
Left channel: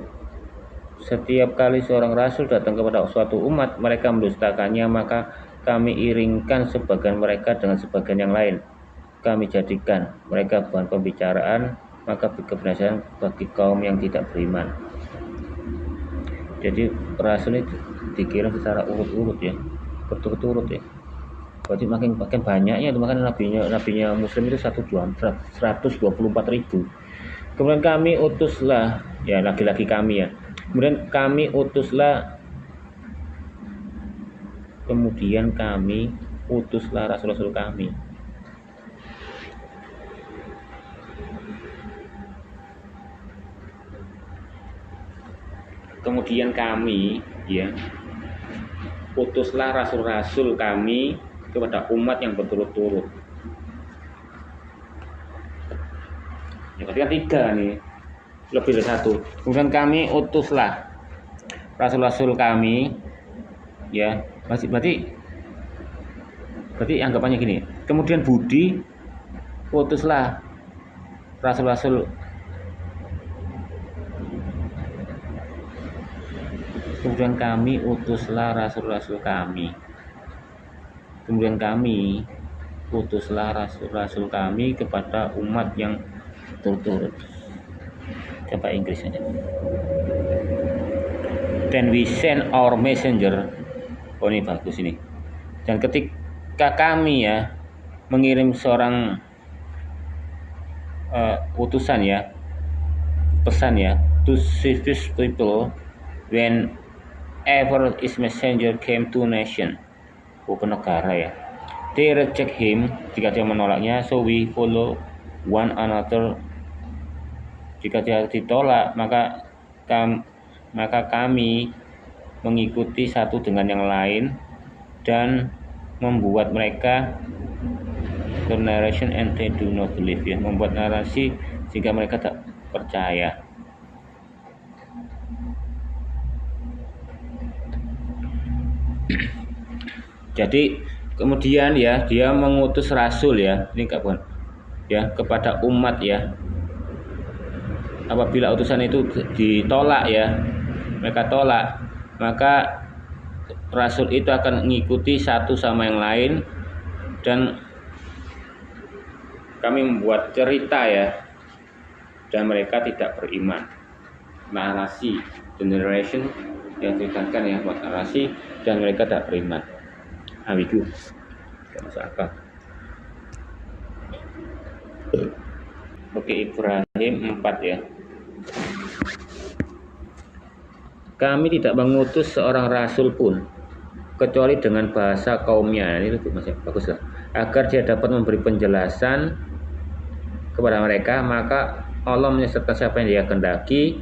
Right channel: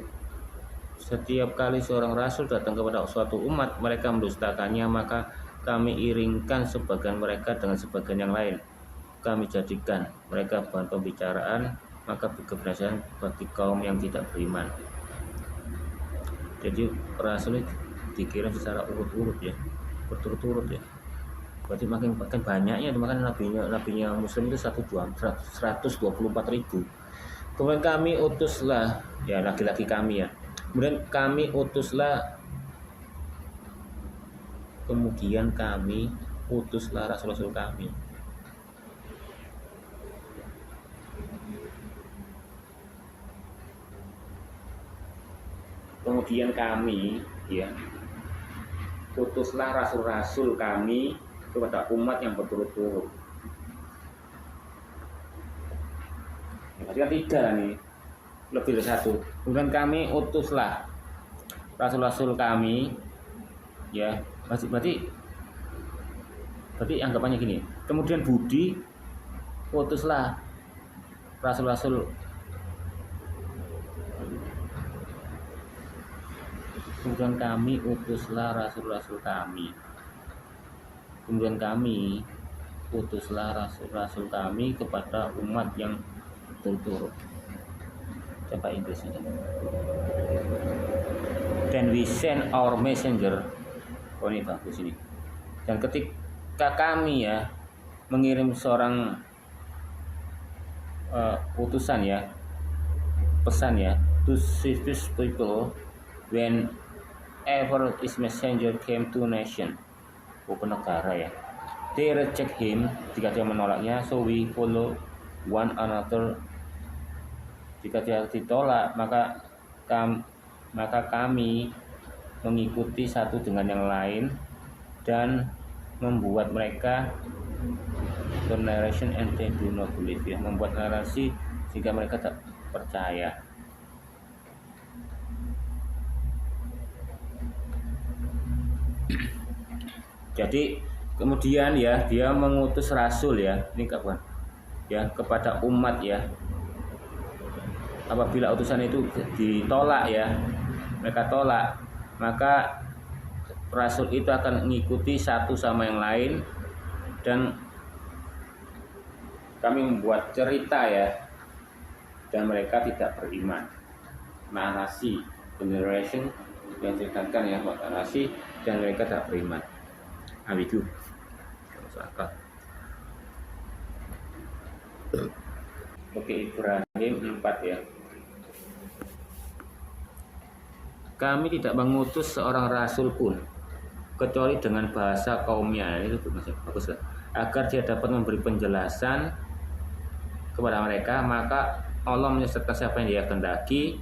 Setiap kali seorang rasul datang kepada suatu umat, mereka mendustakannya, maka kami iringkan sebagian mereka dengan sebagian yang lain. Kami jadikan mereka bahan pembicaraan, maka kebinasaan bagi kaum yang tidak beriman. Jadi rasul ini dikirim secara urut-urut ya, berturut-turut ya. Berarti makin banyaknya itu, makanya nabinya muslim itu 124.000. Kemudian kami utuslah, ya lagi-lagi kami ya. Kemudian kami utuslah rasul-rasul kami. Kemudian kami ya utuslah rasul-rasul kami kepada umat yang berturut-turut. Ya berarti kan 3 nih, lebih dari 1. Kemudian kami utuslah rasul-rasul kami ya, berarti anggapannya gini. Kemudian Budi utuslah rasul-rasul, kemudian kami utuslah rasul-rasul kami. Kemudian kami utuslah rasul-rasul kami kepada umat yang berturut-turut. Coba Inggrisnya. Then we send our messenger. Oh ini bagus ini. Dan ketika kami ya mengirim seorang utusan ya, pesan ya, to save people whenever his messenger came to nation, ke negara ya, they reject him, jika dia menolaknya, so we follow one another, jika dia ditolak maka kami mengikuti satu dengan yang lain dan membuat mereka the narration and they do not believe ya, membuat narasi sehingga mereka tak percaya. Jadi kemudian ya dia mengutus rasul ya, ini kapan ya, kepada umat ya. Apabila utusan itu ditolak ya, mereka tolak, maka rasul itu akan mengikuti satu sama yang lain dan kami membuat cerita ya, dan mereka tidak beriman. Narasi, generation yang ceritakan ya, buat narasi dan mereka tidak beriman. Ambigu, gak masuk akal. Oke, Ibrahim 4 ya. Kami tidak mengutus seorang rasul pun kecuali dengan bahasa kaumnya. Ini masih bagus lah. Agar dia dapat memberi penjelasan kepada mereka, maka Allah menyesatkan siapa yang dia kehendaki.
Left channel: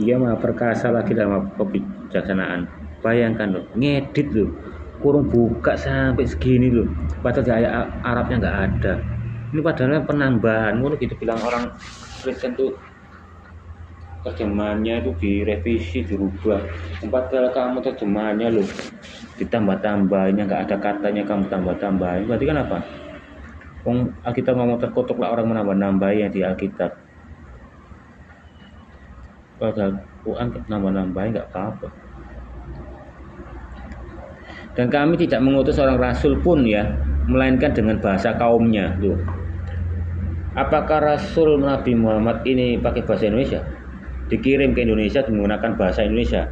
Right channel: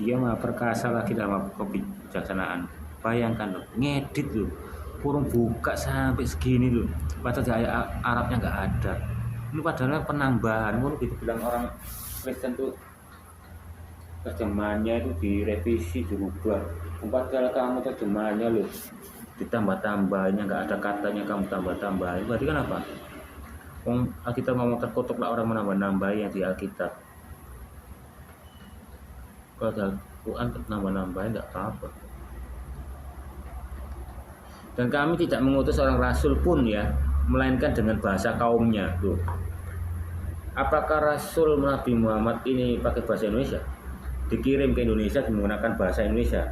Dia maha perkasa lagi dalam kebijaksanaan. Bayangkan loh, ngedit loh, kurung buka sampai segini loh, padahal di ayat Arabnya nggak ada. Ini padahal penambahan, gitu bilang orang Kristen tuh, terjemahannya itu direvisi, dirubah. Padahal kamu terjemahannya loh ditambah-tambahinnya, nggak ada katanya kamu tambah-tambahin. Berarti kan apa? Alkitab ngomong terkutuk lah orang menambah-nambahin yang di Alkitab. Padahal Quran nambah-nambahin nggak apa-apa. Dan kami tidak mengutus seorang rasul pun ya, melainkan dengan bahasa kaumnya. Tuh. Apakah Rasul Nabi Muhammad ini pakai bahasa Indonesia? Dikirim ke Indonesia menggunakan bahasa Indonesia?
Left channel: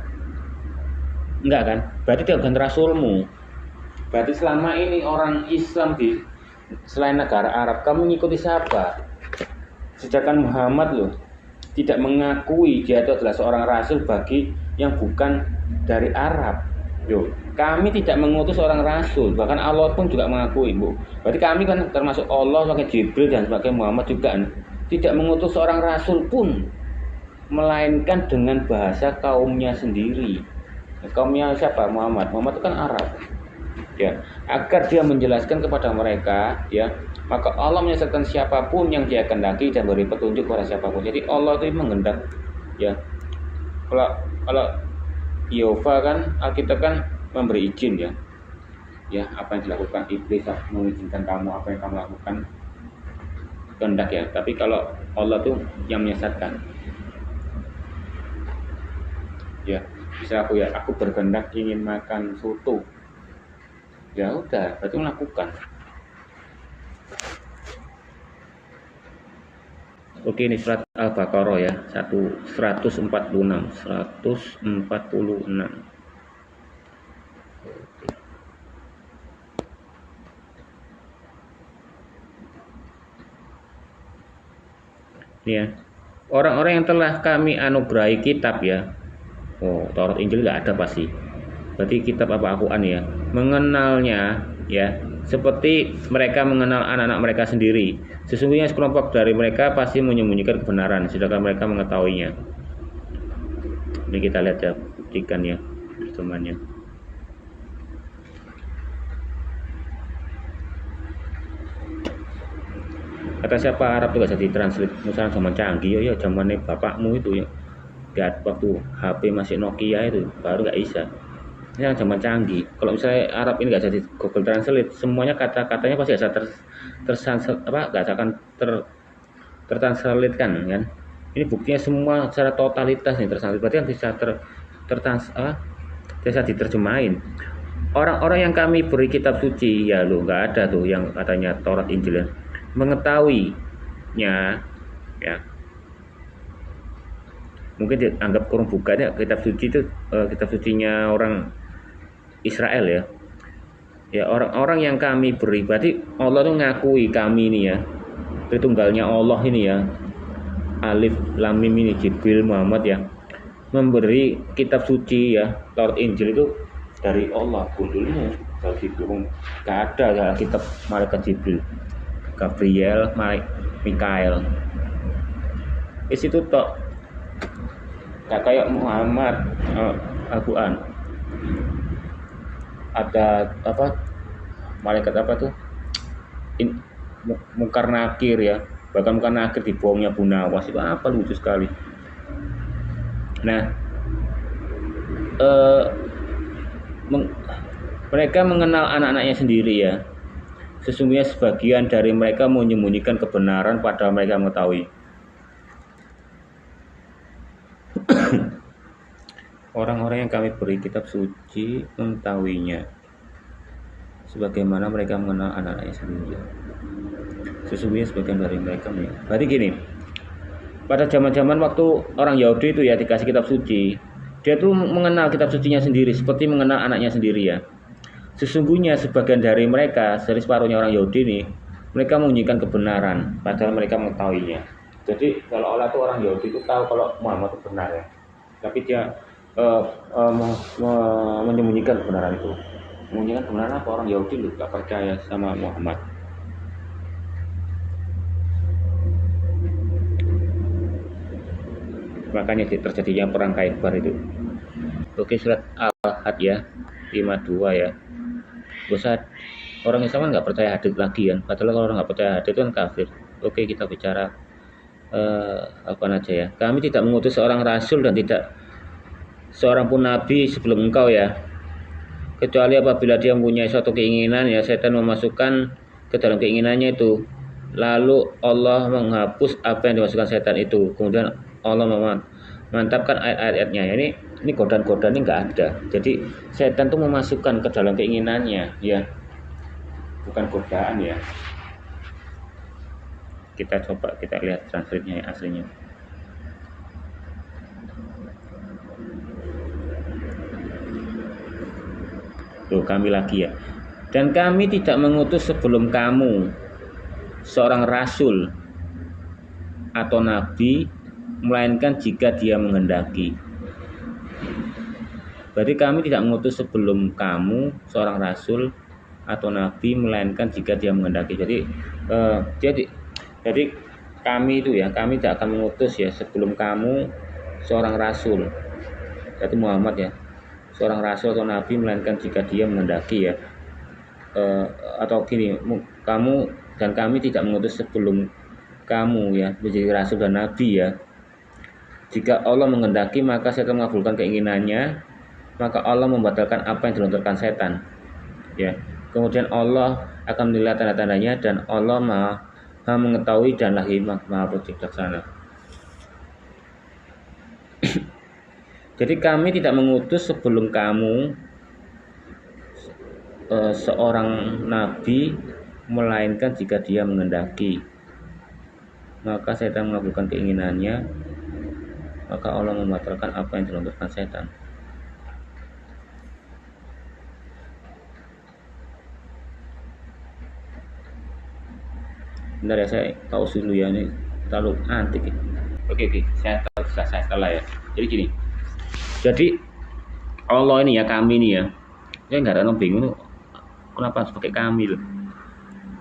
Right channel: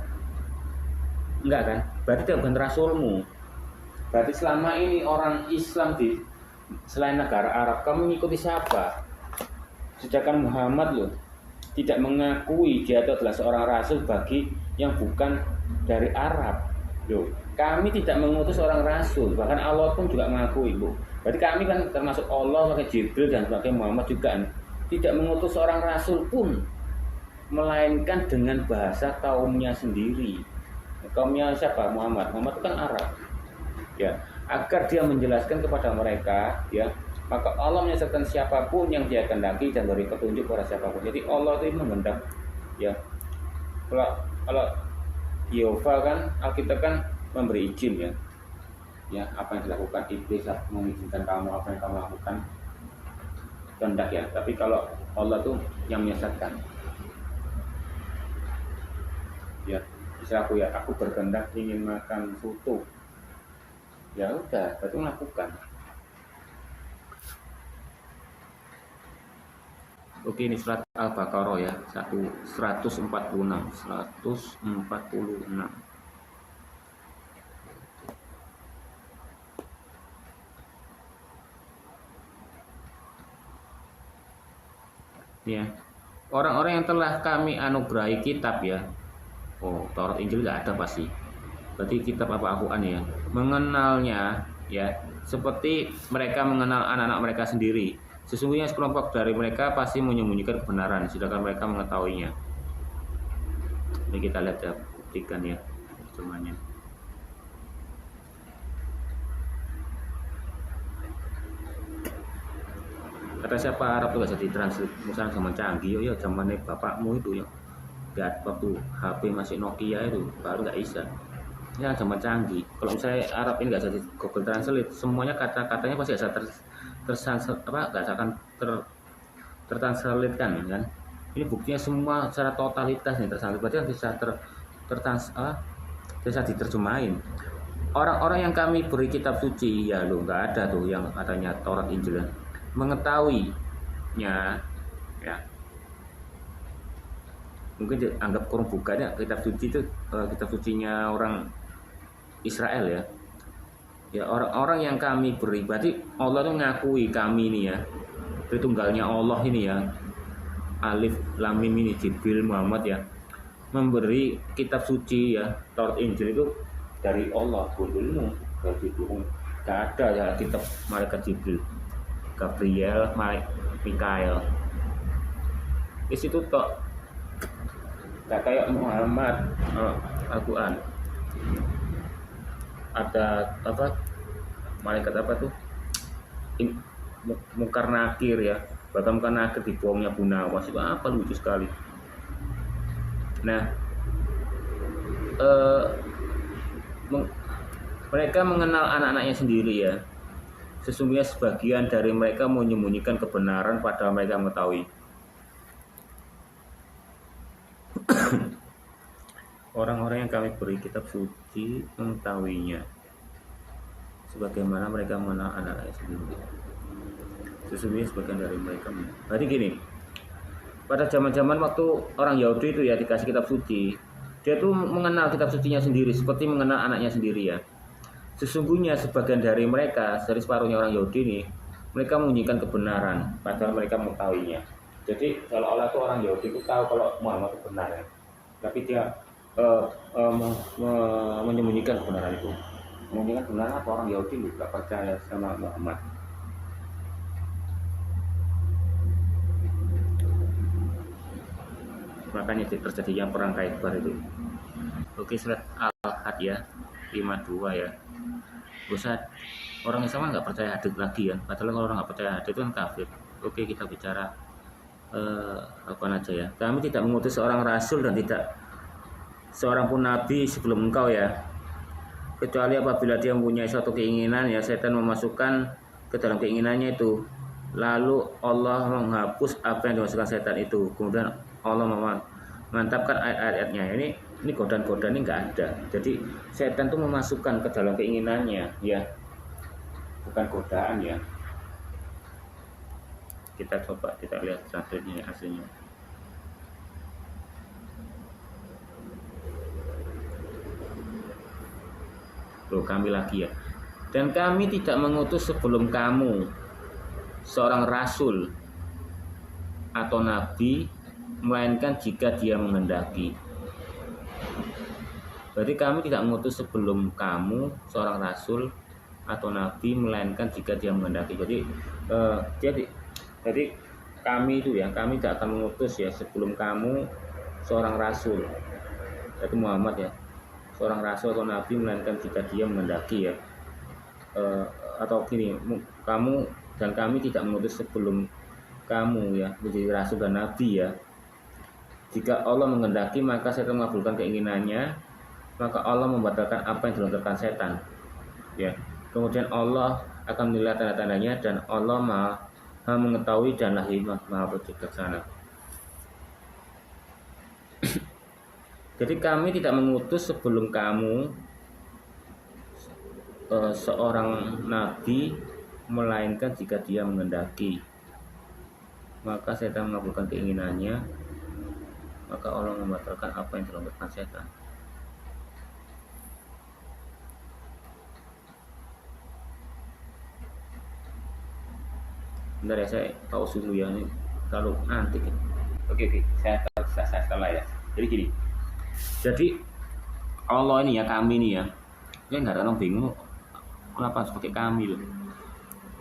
Enggak kan? Berarti dia bukan rasulmu. Berarti selama ini orang Islam di selain negara Arab, kamu mengikuti siapa? Sedangkan Muhammad loh tidak mengakui dia itu adalah seorang rasul bagi yang bukan dari Arab. Loh, kami tidak mengutus seorang rasul, bahkan Allah pun juga mengakui, Bu. Berarti kami kan termasuk Allah sebagai Jibril dan sebagai Muhammad juga kan, tidak mengutus seorang rasul pun, melainkan dengan bahasa kaumnya sendiri. Kaumnya siapa? Muhammad. Muhammad itu kan Arab. Ya, agar dia menjelaskan kepada mereka, ya, maka Allah menyesatkan siapapun yang dia kehendaki dan beri petunjuk kepada siapapun. Jadi Allah itu menghendak, ya. Kalau Yehova kan Alkitab kan memberi izin ya. Ya, apa yang dilakukan iblis mengizinkan kamu, apa yang kamu lakukan kehendak ya. Tapi kalau Allah tuh yang menyesatkan. Ya. Bisa aku berkehendak ingin makan soto, ya udah berarti melakukan. Oke, ini surat Al-Baqarah ya, 146. Ya, orang-orang yang telah kami anugerahi kitab ya. Oh, Taurat Injil nggak ada pasti. Berarti kitab apa Al-Quran ya. Mengenalnya ya, seperti mereka mengenal anak-anak mereka sendiri. Sesungguhnya sekelompok dari mereka pasti menyembunyikan kebenaran, sedangkan mereka mengetahuinya. Ini kita lihat ya, buktikan ya temannya. Kata siapa Arab tuh gak jadi translate. Misalnya zaman canggih ya zamannya bapakmu itu ya. Lihat waktu HP masih Nokia itu baru nggak bisa. Ini yang zaman canggih. Kalau misalnya Arab ini nggak jadi Google Translate, semuanya kata-katanya pasti bisa nggak akan tertranslate kan. Ini buktinya semua secara totalitas nih tertranslate. Berarti kan bisa diterjemahin. Orang-orang yang kami beri kitab suci ya lo nggak ada tuh yang katanya Taurat Injil mengetahuinya ya. Mungkin dianggap kurung bukannya kitab suci itu kitab sucinya orang Israel ya. Ya orang-orang yang kami beri, berarti Allah tuh ngakui kami ini ya, Tritunggalnya Allah ini ya, Alif Lam Mim ini Jibril Muhammad ya, memberi kitab suci ya, Taurat Injil itu dari Allah. Gundulmu dari Jibril, gak ada ya kitab malaikat Jibril, Gabriel, Mikael. Di situ tok, gak kayak Muhammad Al-Quran. Ada apa malaikat apa tuh Mungkar Nakir ya, bahkan Mungkar Nakir dibohongnya Bu Nawas itu apa lucu sekali. Nah mereka mengenal anak-anaknya sendiri ya. Sesungguhnya sebagian dari mereka menyembunyikan kebenaran padahal mereka mengetahui. Orang-orang yang kami beri kitab suci mengetahuinya, sebagaimana mereka mengenal anak-anaknya sendiri. Sesungguhnya sebagian dari mereka. Berarti gini, pada zaman-zaman waktu orang Yahudi itu ya dikasih kitab suci, dia tuh mengenal kitab sucinya sendiri seperti mengenal anaknya sendiri ya. Sesungguhnya sebagian dari mereka, dari separuhnya orang Yahudi nih, mereka menyembunyikan kebenaran padahal mereka mengetahuinya. Jadi kalau Allah tuh orang Yahudi itu tahu kalau Muhammad itu benar ya, tapi dia menyembunyikan kebenaran itu. Menyembunyikan kebenaran apa? Orang Yahudi lu gak percaya sama Muhammad. Makanya terjadinya perang Khaybar itu. Oke, surat Al-Had ya 52 ya. Bosan orang Islam nggak percaya hadits lagi kan. Padahal kalau orang nggak percaya hadits itu kan kafir. Oke, kita bicara apa aja ya. Kami tidak mengutus seorang rasul dan tidak seorang pun nabi sebelum engkau ya, kecuali apabila dia mempunyai suatu keinginan ya, setan memasukkan ke dalam keinginannya itu, lalu Allah menghapus apa yang dimasukkan setan itu, kemudian Allah memantapkan ayat-ayatnya. Ini godaan-godaan ini nggak ada. Jadi setan itu memasukkan ke dalam keinginannya ya, bukan godaan ya. Kita coba kita lihat transkripnya aslinya. Tuh kami lagi ya. Dan kami tidak mengutus sebelum kamu seorang rasul atau nabi, melainkan jika dia menghendaki. Berarti kami tidak mengutus sebelum kamu seorang rasul atau nabi, melainkan jika dia menghendaki. Jadi kami itu ya, kami tidak akan mengutus ya sebelum kamu seorang rasul, yaitu Muhammad ya, seorang rasul atau nabi, melainkan jika dia menghendaki ya. Atau gini, kamu dan kami tidak mengutus sebelum kamu ya menjadi rasul dan nabi ya. Jika Allah menghendaki maka setan mengabulkan keinginannya, maka Allah membatalkan apa yang dilontarkan setan ya. Kemudian Allah akan menilai tanda-tandanya dan Allah Maha mengetahui dan Maha bijaksana. Jadi kami tidak mengutus sebelum kamu seorang nabi, melainkan jika dia menghendaki. Maka setan mengabulkan keinginannya, maka Allah membatalkan apa yang dilontarkan setan. Bentar ya, saya pause dulu ya, ini terlalu antik ya. Oke, saya setelah ya. Jadi gini, jadi Allah ini ya, kami ini ya, saya nggak ada bingung kenapa harus pakai kami loh.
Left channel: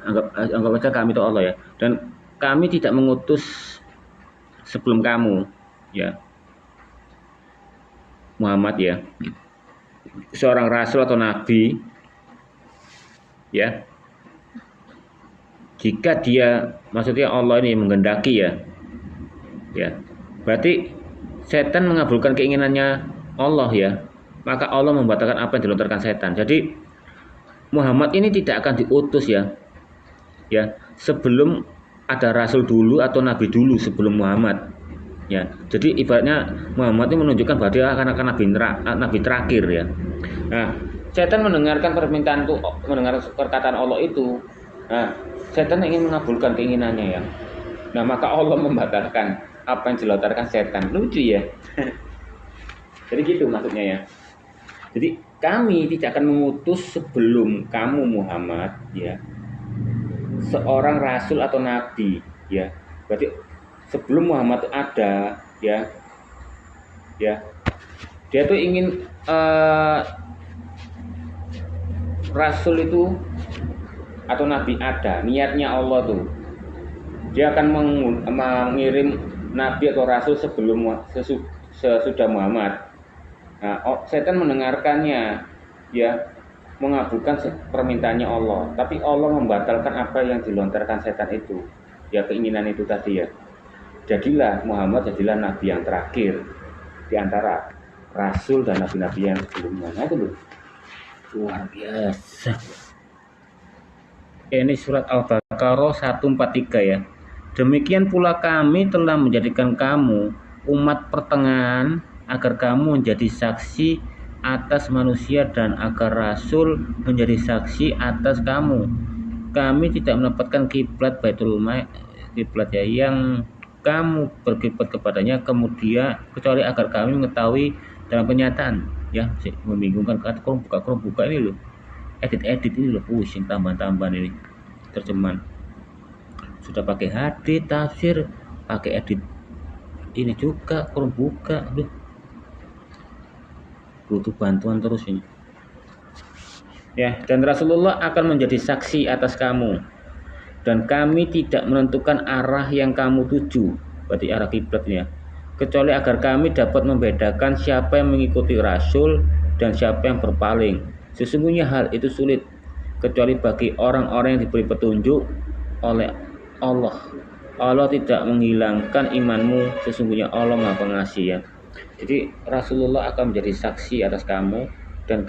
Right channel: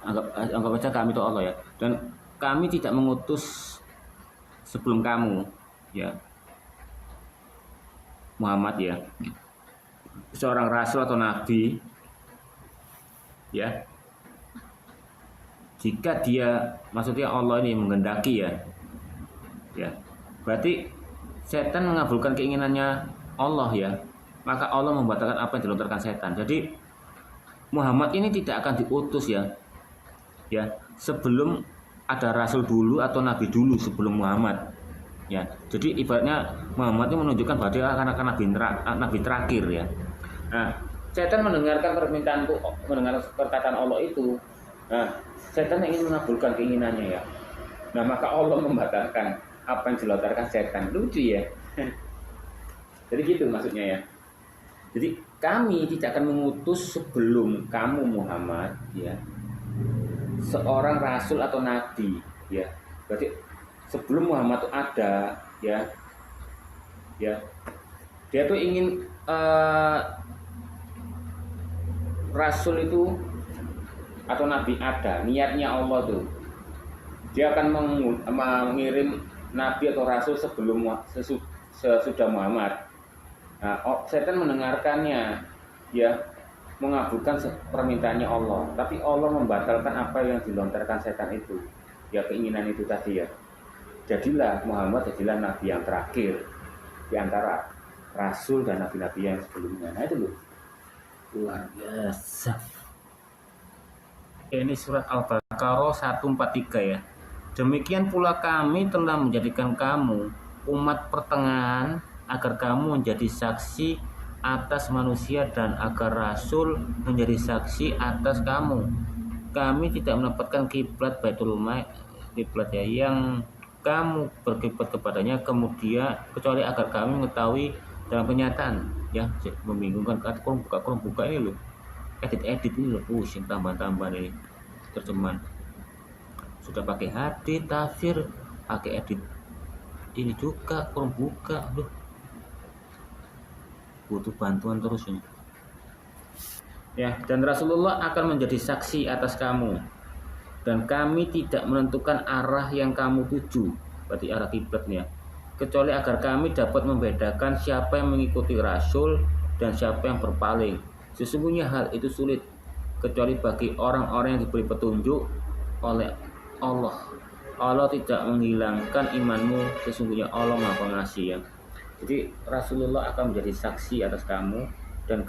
Anggap aja kami itu Allah ya. Dan kami tidak mengutus sebelum kamu ya, Muhammad ya, seorang rasul atau nabi ya, jika dia, maksudnya Allah ini menghendaki ya, berarti setan mengabulkan keinginannya Allah ya, maka Allah membatalkan apa yang dilontarkan setan. Jadi Muhammad ini tidak akan diutus ya, sebelum ada rasul dulu atau nabi dulu sebelum Muhammad ya. Jadi ibaratnya Muhammad ini menunjukkan bahwa dia akan nabi terakhir ya. Nah, setan mendengarkan permintaan itu, mendengar perkataan Allah itu. Nah, setan ingin mengabulkan keinginannya ya. Nah, maka Allah membatalkan apa yang dilontarkan setan. Lucu ya. Jadi gitu maksudnya ya. Jadi kami tidak akan mengutus sebelum kamu Muhammad ya, seorang rasul atau nabi ya. Berarti sebelum Muhammad itu ada ya, dia tuh ingin rasul itu atau nabi ada, niatnya Allah tuh dia akan mengirim nabi atau rasul sebelum sesudah Muhammad. Nah, setan mendengarkannya ya, mengabulkan permintaannya Allah, tapi Allah membatalkan apa yang dilontarkan setan itu ya, keinginan itu tadi ya. Jadilah Muhammad, jadilah nabi yang terakhir di antara rasul dan nabi-nabi yang sebelumnya. Nah, itu loh, luar biasa. Ini surat Al-Baqarah 143 ya. Demikian pula kami telah menjadikan kamu umat pertengahan agar kamu menjadi saksi atas manusia dan agar rasul menjadi saksi atas kamu. Kami tidak menempatkan kiblat Baitul kiblat ya, yang kamu berkiblat kepadanya kemudian kecuali agar kami mengetahui dalam kenyataan ya. Membingungkan, kata kurung buka ini loh, edit ini loh, pusing tambahan ini terjemahan. Sudah pakai hadits tafsir, pakai edit ini juga kurung buka, aduh, butuh bantuan terus ini ya. Dan Rasulullah akan menjadi saksi atas kamu, dan kami tidak menentukan arah yang kamu tuju, berarti arah kiblatnya, kecuali agar kami dapat membedakan siapa yang mengikuti Rasul dan siapa yang berpaling. Sesungguhnya hal itu sulit kecuali bagi orang-orang yang diberi petunjuk oleh Allah. Allah tidak menghilangkan imanmu, sesungguhnya Allah Maha Pengasih ya. Jadi Rasulullah akan menjadi saksi atas kamu, dan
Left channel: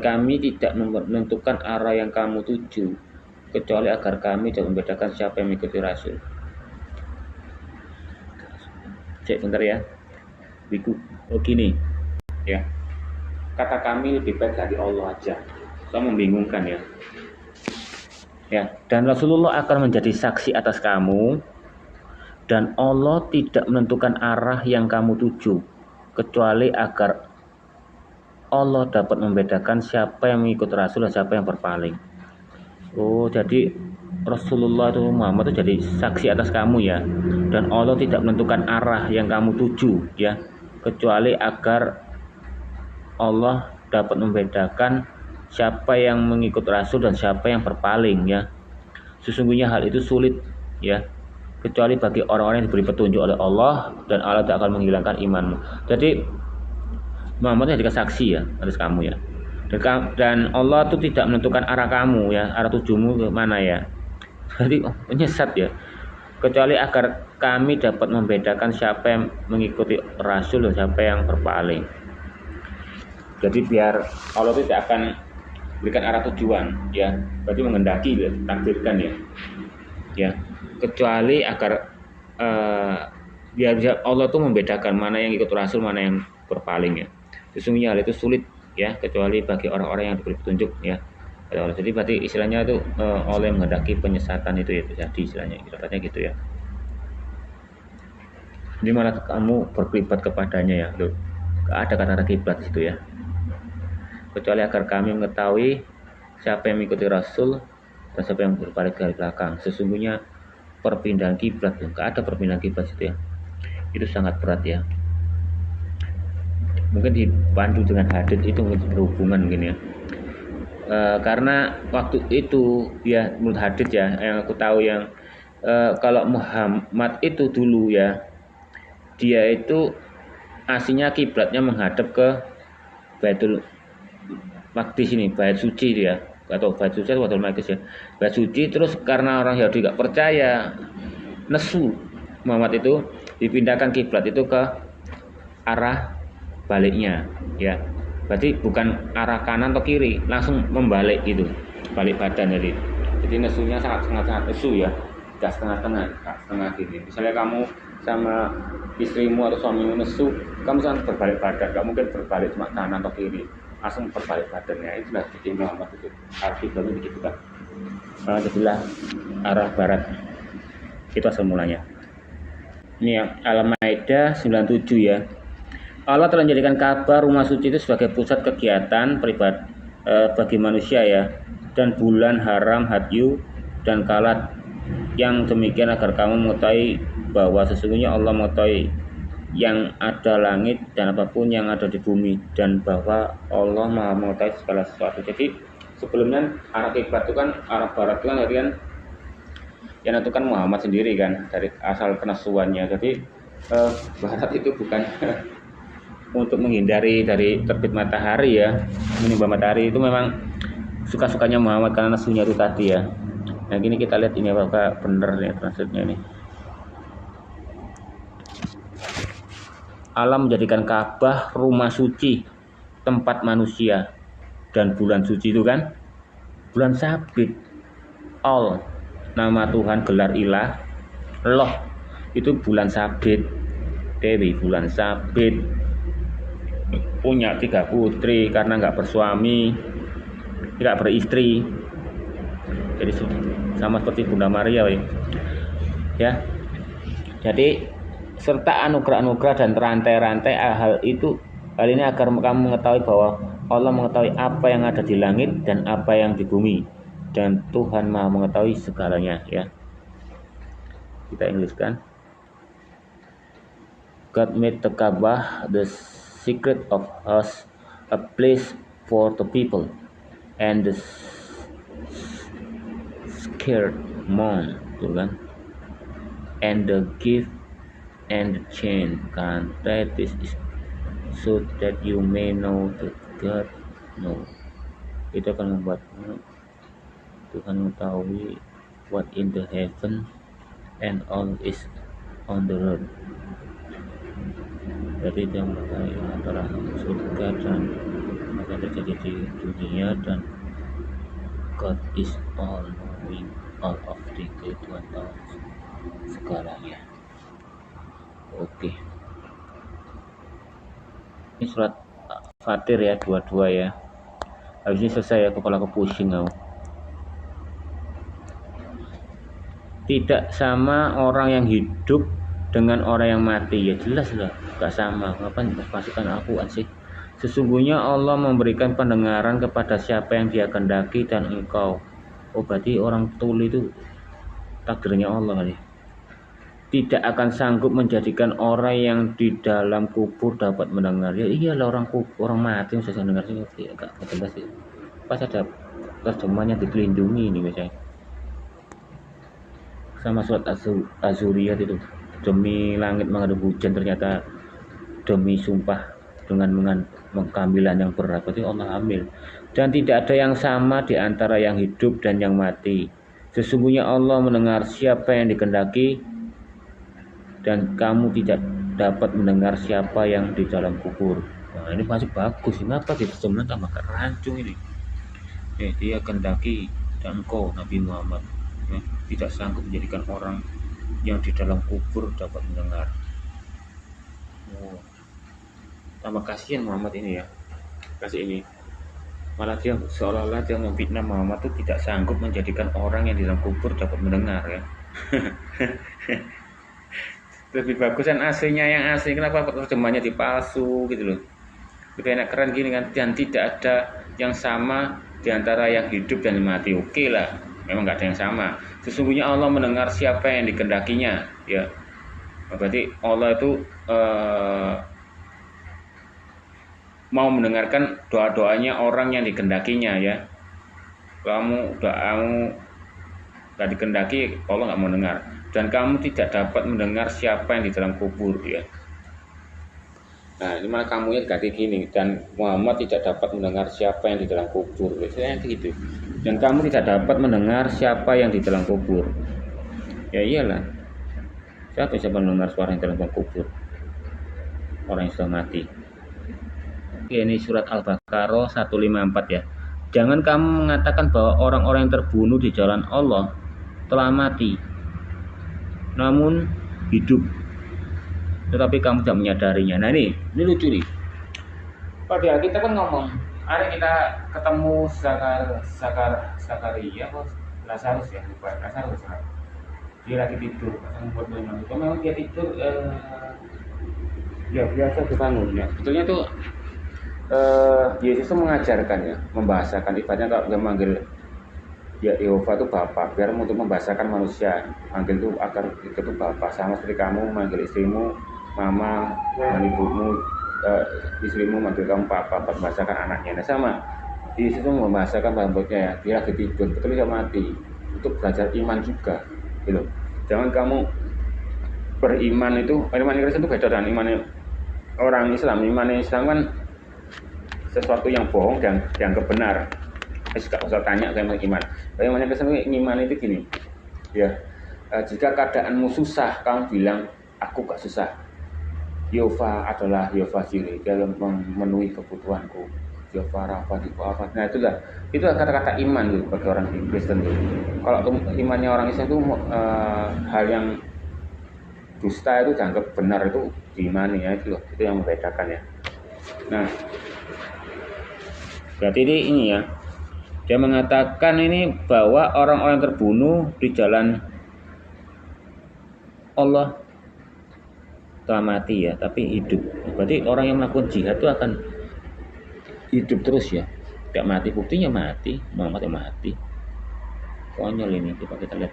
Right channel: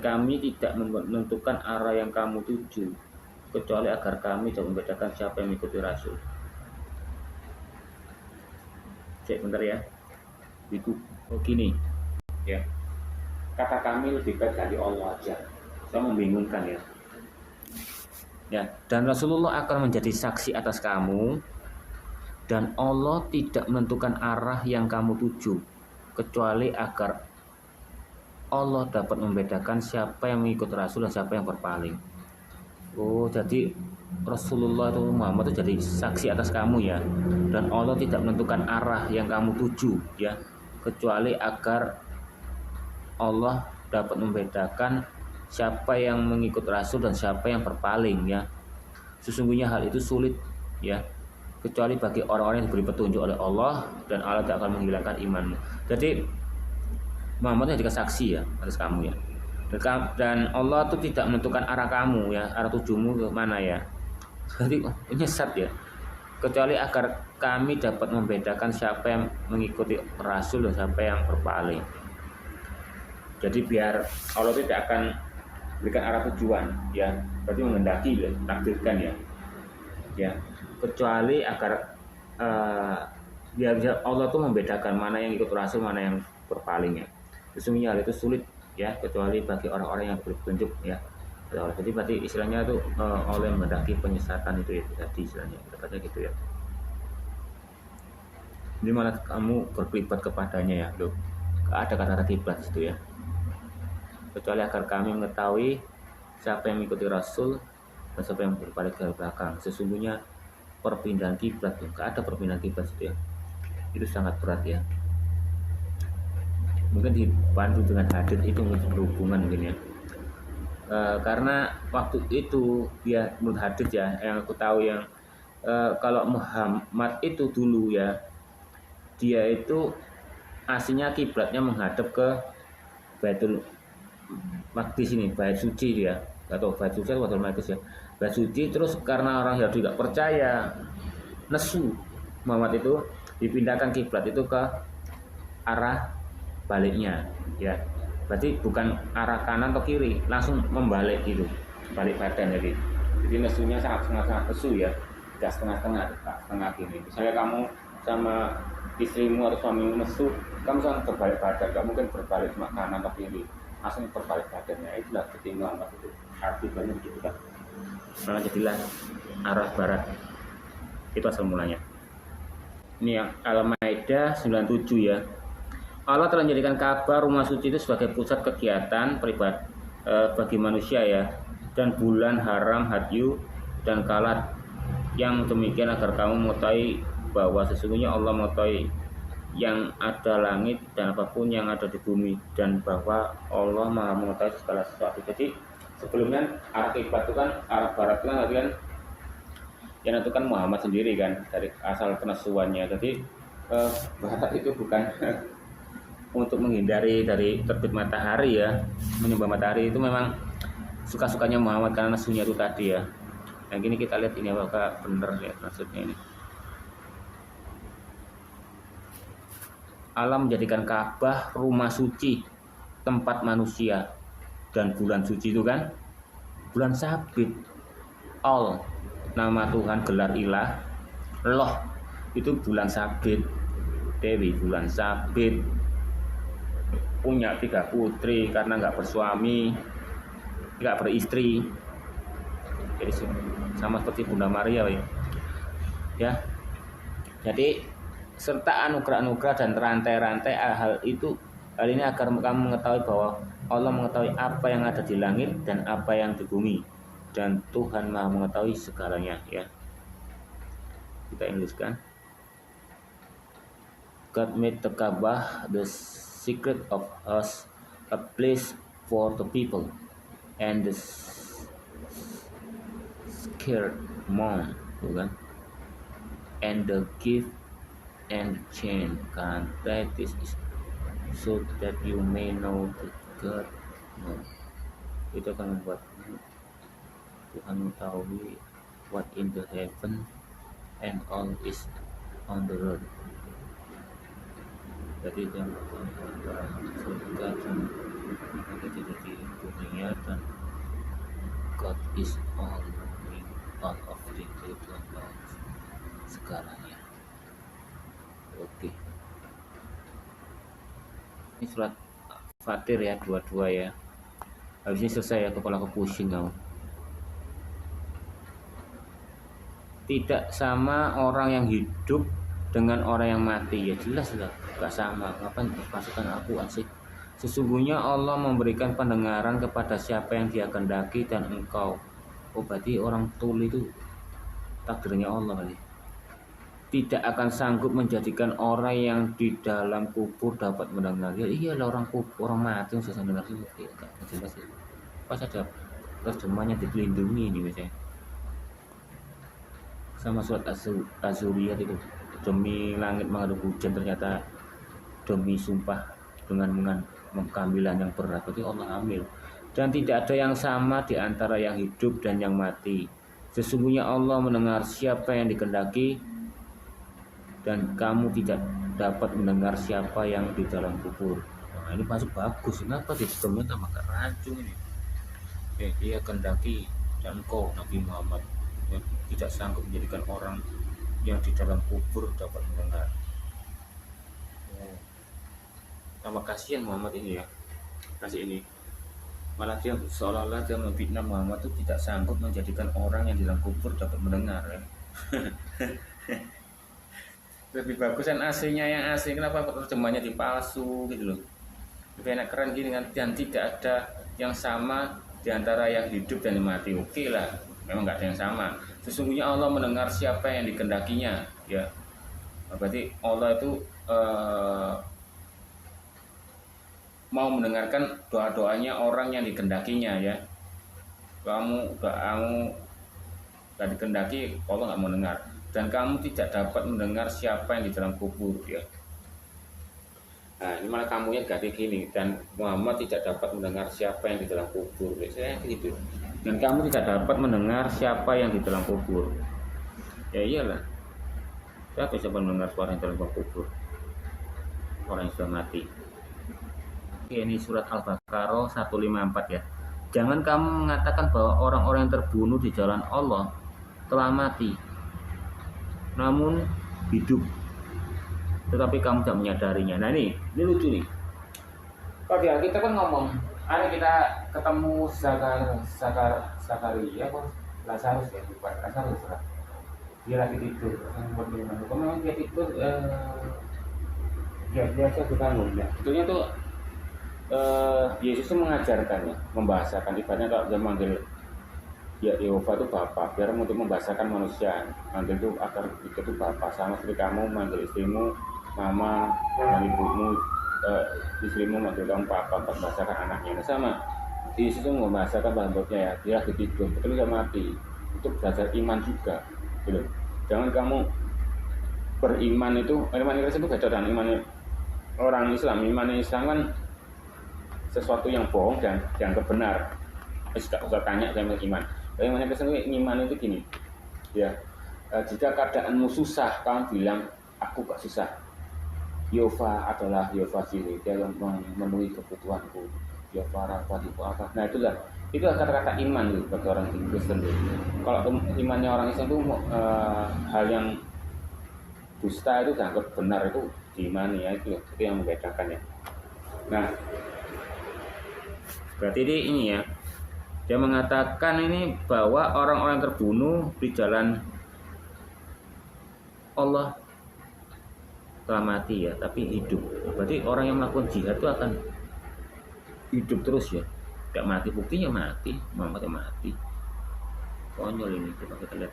kami tidak menentukan arah yang kamu tuju kecuali agar kami dapat membedakan siapa yang mengikuti Rasul. Cek bentar ya. Biku gini ya. Kata kami lebih baik dari Allah aja. Saya membingungkan ya. Dan Rasulullah akan menjadi saksi atas kamu, dan Allah tidak menentukan arah yang kamu tuju kecuali agar Allah dapat membedakan siapa yang mengikut Rasul dan siapa yang berpaling. Oh, jadi Rasulullah itu, Muhammad itu jadi saksi atas kamu ya, dan Allah tidak menentukan arah yang kamu tuju ya, kecuali agar Allah dapat membedakan siapa yang mengikut Rasul dan siapa yang berpaling ya. Sesungguhnya hal itu sulit ya, kecuali bagi orang-orang yang diberi petunjuk oleh Allah, dan Allah tidak akan menghilangkan imanmu. Jadi Muhammad jadi saksi ya atas kamu ya, dan Allah itu tidak menentukan arah kamu ya, arah tujumu ke mana ya. Jadi menyesat ya, kecuali agar kami dapat membedakan siapa yang mengikuti Rasul dan siapa yang berpaling. Jadi biar Allah tidak akan berikan arah tujuan ya, berarti menghendaki takdirkan ya, kecuali agar Biar bisa Allah tuh membedakan mana yang ikut Rasul, mana yang berpaling ya. Sesungguhnya hal itu sulit ya, kecuali bagi orang-orang yang diberi petunjuk ya. Jadi berarti istilahnya tuh oleh menghendaki penyesatan itu ya, jadi istilahnya dapatnya gitu ya. Di mana kamu berkelibat kepadanya ya, loh. Ada kata kiblat situ ya. Kecuali agar kami mengetahui siapa yang mengikuti Rasul dan siapa yang berbalik dari belakang. Sesungguhnya perpindahan kiblat tuh, nggak ada perpindahan kiblat situ ya. Itu sangat berat ya. Mungkin dipandu dengan hadits itu berhubungan mungkin ya. Karena waktu itu ya menurut hadits ya yang aku tahu yang kalau Muhammad itu dulu ya, dia itu aslinya kiblatnya menghadap ke Baitul Maqdis ini, bait suci dia, atau bait suci atau Baitul Maqdis ya, bait suci. Terus karena orang Yahudi gak percaya, nesu Muhammad itu dipindahkan kiblat itu ke arah baliknya ya, berarti bukan arah kanan atau kiri, langsung membalik gitu, balik badan. Jadi nesunya sangat nesu ya, gak setengah gitu. Misalnya kamu sama istrimu atau suamimu nesu, kamu sangat berbalik badan, gak mungkin berbalik cuma kanan atau kiri, langsung berbalik badannya. Itulah jadi Muhammad itu arah kiblatnya begitu kan. Jadilah arah barat itu asal mulanya. Ini yang Al-Maidah 97 ya. Allah telah menjadikan Ka'bah rumah suci itu sebagai pusat kegiatan pribadi bagi manusia ya, dan bulan haram hadyu dan kalat. Yang demikian agar kamu mengetahui bahwa sesungguhnya Allah mengetahui yang ada langit dan apapun yang ada di bumi, dan bahwa Allah Maha mengetahui segala sesuatu. Jadi sebelumnya arah kiblat itu kan arah barat itu kan yang menentukan Muhammad sendiri kan, dari asal penesuannya. Jadi barat itu bukan untuk menghindari dari terbit matahari ya, menimba matahari, itu memang suka-sukanya Muhammad karena nesunya itu tadi ya. Nah gini kita lihat ini apakah benar ya translate-nya ini. Allah menjadikan Ka'bah rumah suci, tempat manusia, dan bulan suci itu kan bulan sabit. All nama Tuhan, gelar ilah, loh itu bulan sabit, Dewi bulan sabit, punya 3 putri karena nggak bersuami, nggak beristri. Jadi sama seperti Bunda Maria ya. Jadi serta anugerah-anugerah dan rantai-rantai hal ini agar kamu mengetahui bahwa Allah mengetahui apa yang ada di langit dan apa yang di bumi, dan Tuhan Maha mengetahui segalanya ya. Kita Inggriskan. God made the Kaabah the secret of us, a place for the people, and the scared mourn, tuh kan, and the gift and the chain, kan, that is so that you may know that God know. Itu akan membuatmu Tuhan mengetahui what in the heaven and all is on the earth. Jadi dia mengetahui antara surga dan apa yang terjadi di dunia, dan God is all knowing, all of things. Tuhan tahu segalanya. Oke. Ini surat Fatir ya, 22 ya. Habis ini selesai ya, kepala aku pusing aku. Tidak sama orang yang hidup dengan orang yang mati, ya jelas lah, gak sama. Ngapain pasukan Al-Quran sih? Sesungguhnya Allah memberikan pendengaran kepada siapa yang Dia kehendaki dan engkau. Oh berarti orang tuli itu takdirnya Allah kali. Tidak akan sanggup menjadikan orang yang di dalam kubur dapat mendengar. Ya iyalah, orang kubur, orang mati bisa mendengar sih, gak jelas sih. Pas ada terjemahannya dilindungi ini biasanya. Sama surat Az-Zuriyat itu, demi langit mengandung hujan, ternyata demi sumpah dengan mengambilan yang berat, berarti Allah ambil. Dan tidak ada yang sama di antara yang hidup dan yang mati. Sesungguhnya Allah mendengar siapa yang dikehendaki, dan kamu tidak dapat mendengar siapa yang di dalam kubur. Nah ini masih bagus, kenapa gitu teman tambah rancung ini. Dia kehendaki dan engkau Nabi Muhammad tidak sanggup menjadikan orang yang di dalam kubur dapat mendengar. Oh, tambah kasihan Muhammad ini ya, kasih ini. Malah dia seolah-olah dia memfitnah Muhammad itu tidak sanggup menjadikan orang yang di dalam kubur dapat mendengar ya. Lebih bagusan aslinya yang asli, kenapa terjemahnya dipalsu gitu loh. Lebih enak keren gini kan, dan tidak ada yang sama di antara yang hidup dan yang mati. Oke lah, memang nggak ada yang sama. Sesungguhnya Allah mendengar siapa yang dikendakinya ya. Berarti Allah itu mau mendengarkan doa-doanya orang yang dikehendakinya ya. Kamu doamu gak dikehendaki, Allah nggak mau dengar. Dan kamu tidak dapat mendengar siapa yang di dalam kubur ya. Nah ini malah kamunya diganti gini, dan Muhammad tidak dapat mendengar siapa yang di dalam kubur biasanya gitu. Dan kamu tidak dapat mendengar siapa yang di dalam kubur. Ya iyalah, siapa bisa mendengar suara yang di dalam kubur? Orang yang sudah mati. Ini surat Al-Baqarah 154 ya. Jangan kamu mengatakan bahwa orang-orang yang terbunuh di jalan Allah telah mati, namun hidup, tetapi kamu tidak menyadarinya. Nah ini lucu nih. Kalau dia kita kan ngomong, ada kita ketemu Zakaria bos, Lazarus ya, lupa Lazarus lah. Dia lagi tidur, kalau memang dia tidur, ya biasa kebangun ya. Betulnya tuh Yesus itu mengajarkan ya, membahasakan, ibaratnya kalau dia manggil ya Yehova itu Bapak, biar untuk membahasakan manusia, manggil itu agar itu Bapak, sama seperti kamu manggil istrimu Mama, ibumu, istrimu manggil kamu Papa, membahasakan anaknya. Nah sama, Yesus itu membahasakan rambutnya ya, dia lagi tidur, betul dia mati, untuk belajar iman juga, gitu. Jangan kamu beriman itu, iman Kristen itu beda dengan iman orang Islam. Iman Islam kan sesuatu yang bohong dan dianggap benar. Gak usah tanya tentang iman. Bagaimana Kristen iman itu gini, ya. Jika keadaanmu susah, kamu bilang aku gak susah. Yehova adalah Yehova Jireh, dia yang memenuhi kebutuhanku. Yehova Rafa, apa. Nah itu kata-kata iman tuh bagi orang Kristen tuh. Kalau imannya orang Islam itu hal yang dusta itu dianggap benar, itu diimani ya, itu yang membedakan ya. Nah berarti ini ya, dia mengatakan ini bahwa orang-orang terbunuh di jalan Allah telah mati ya, tapi hidup. Berarti orang yang melakukan jihad itu akan hidup terus ya, tidak mati. Buktinya mati, Muhammad yang mati. Konyol ini, coba kita lihat.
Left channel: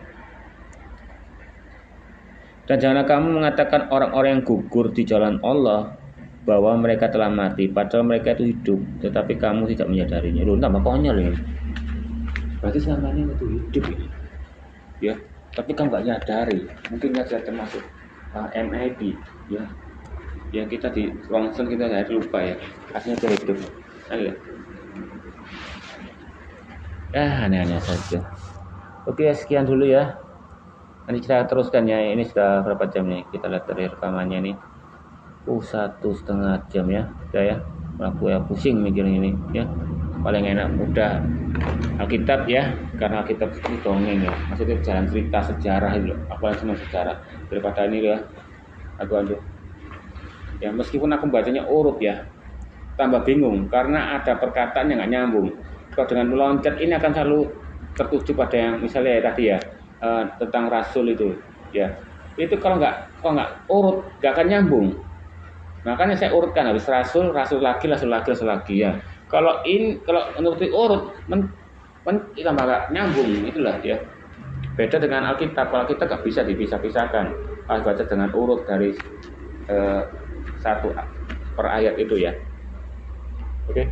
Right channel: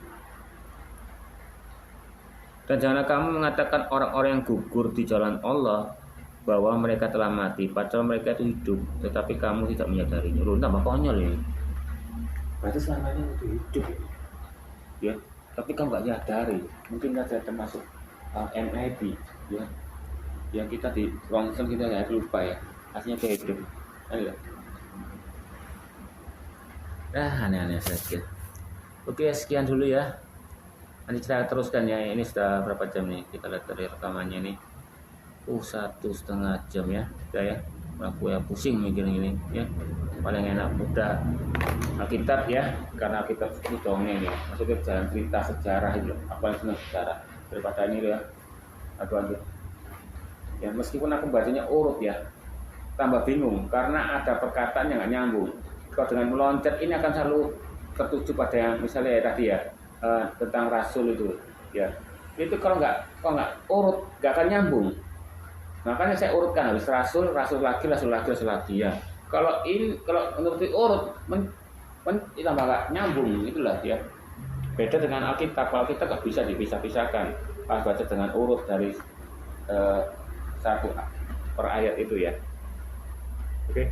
Dan janganlah kamu mengatakan orang-orang yang gugur di jalan Allah bahwa mereka telah mati, padahal mereka itu hidup, tetapi kamu tidak menyadarinya. Loh, tambah konyol ini. Berarti selama ini itu hidup ini, ya. Tapi kamu nggak nyadari. Mungkin saja termasuk MIB, ya. Yang kita di ronsen kita nggak lupa ya. Aslinya dia hidup. Ayo. Aneh-aneh saja. Oke, sekian dulu ya. Nanti kita teruskan ya. Ini sudah berapa jam nih? Kita lihat dari rekamannya nih. 1,5 jam ya, udah ya. Aku ya pusing mikirin ini ya. Paling enak udah Alkitab ya, karena Alkitab itu dongeng ya. Maksudnya jalan cerita sejarah itu loh. Aku paling senang sejarah daripada ini ya. Aku ya, meskipun aku bacanya urut ya, tambah bingung karena ada perkataan yang nggak nyambung. Kalau dengan meloncat ini akan selalu tertuju pada yang misalnya ya, tadi ya tentang rasul itu ya. Itu kalau nggak urut nggak akan nyambung. Makanya saya urutkan, habis rasul lagi ya. Kalau menurut urut tambah nggak nyambung, itulah ya. Beda dengan Alkitab. Kalau kita nggak bisa dipisah-pisahkan, harus baca dengan urut dari satu per ayat itu ya. Oke.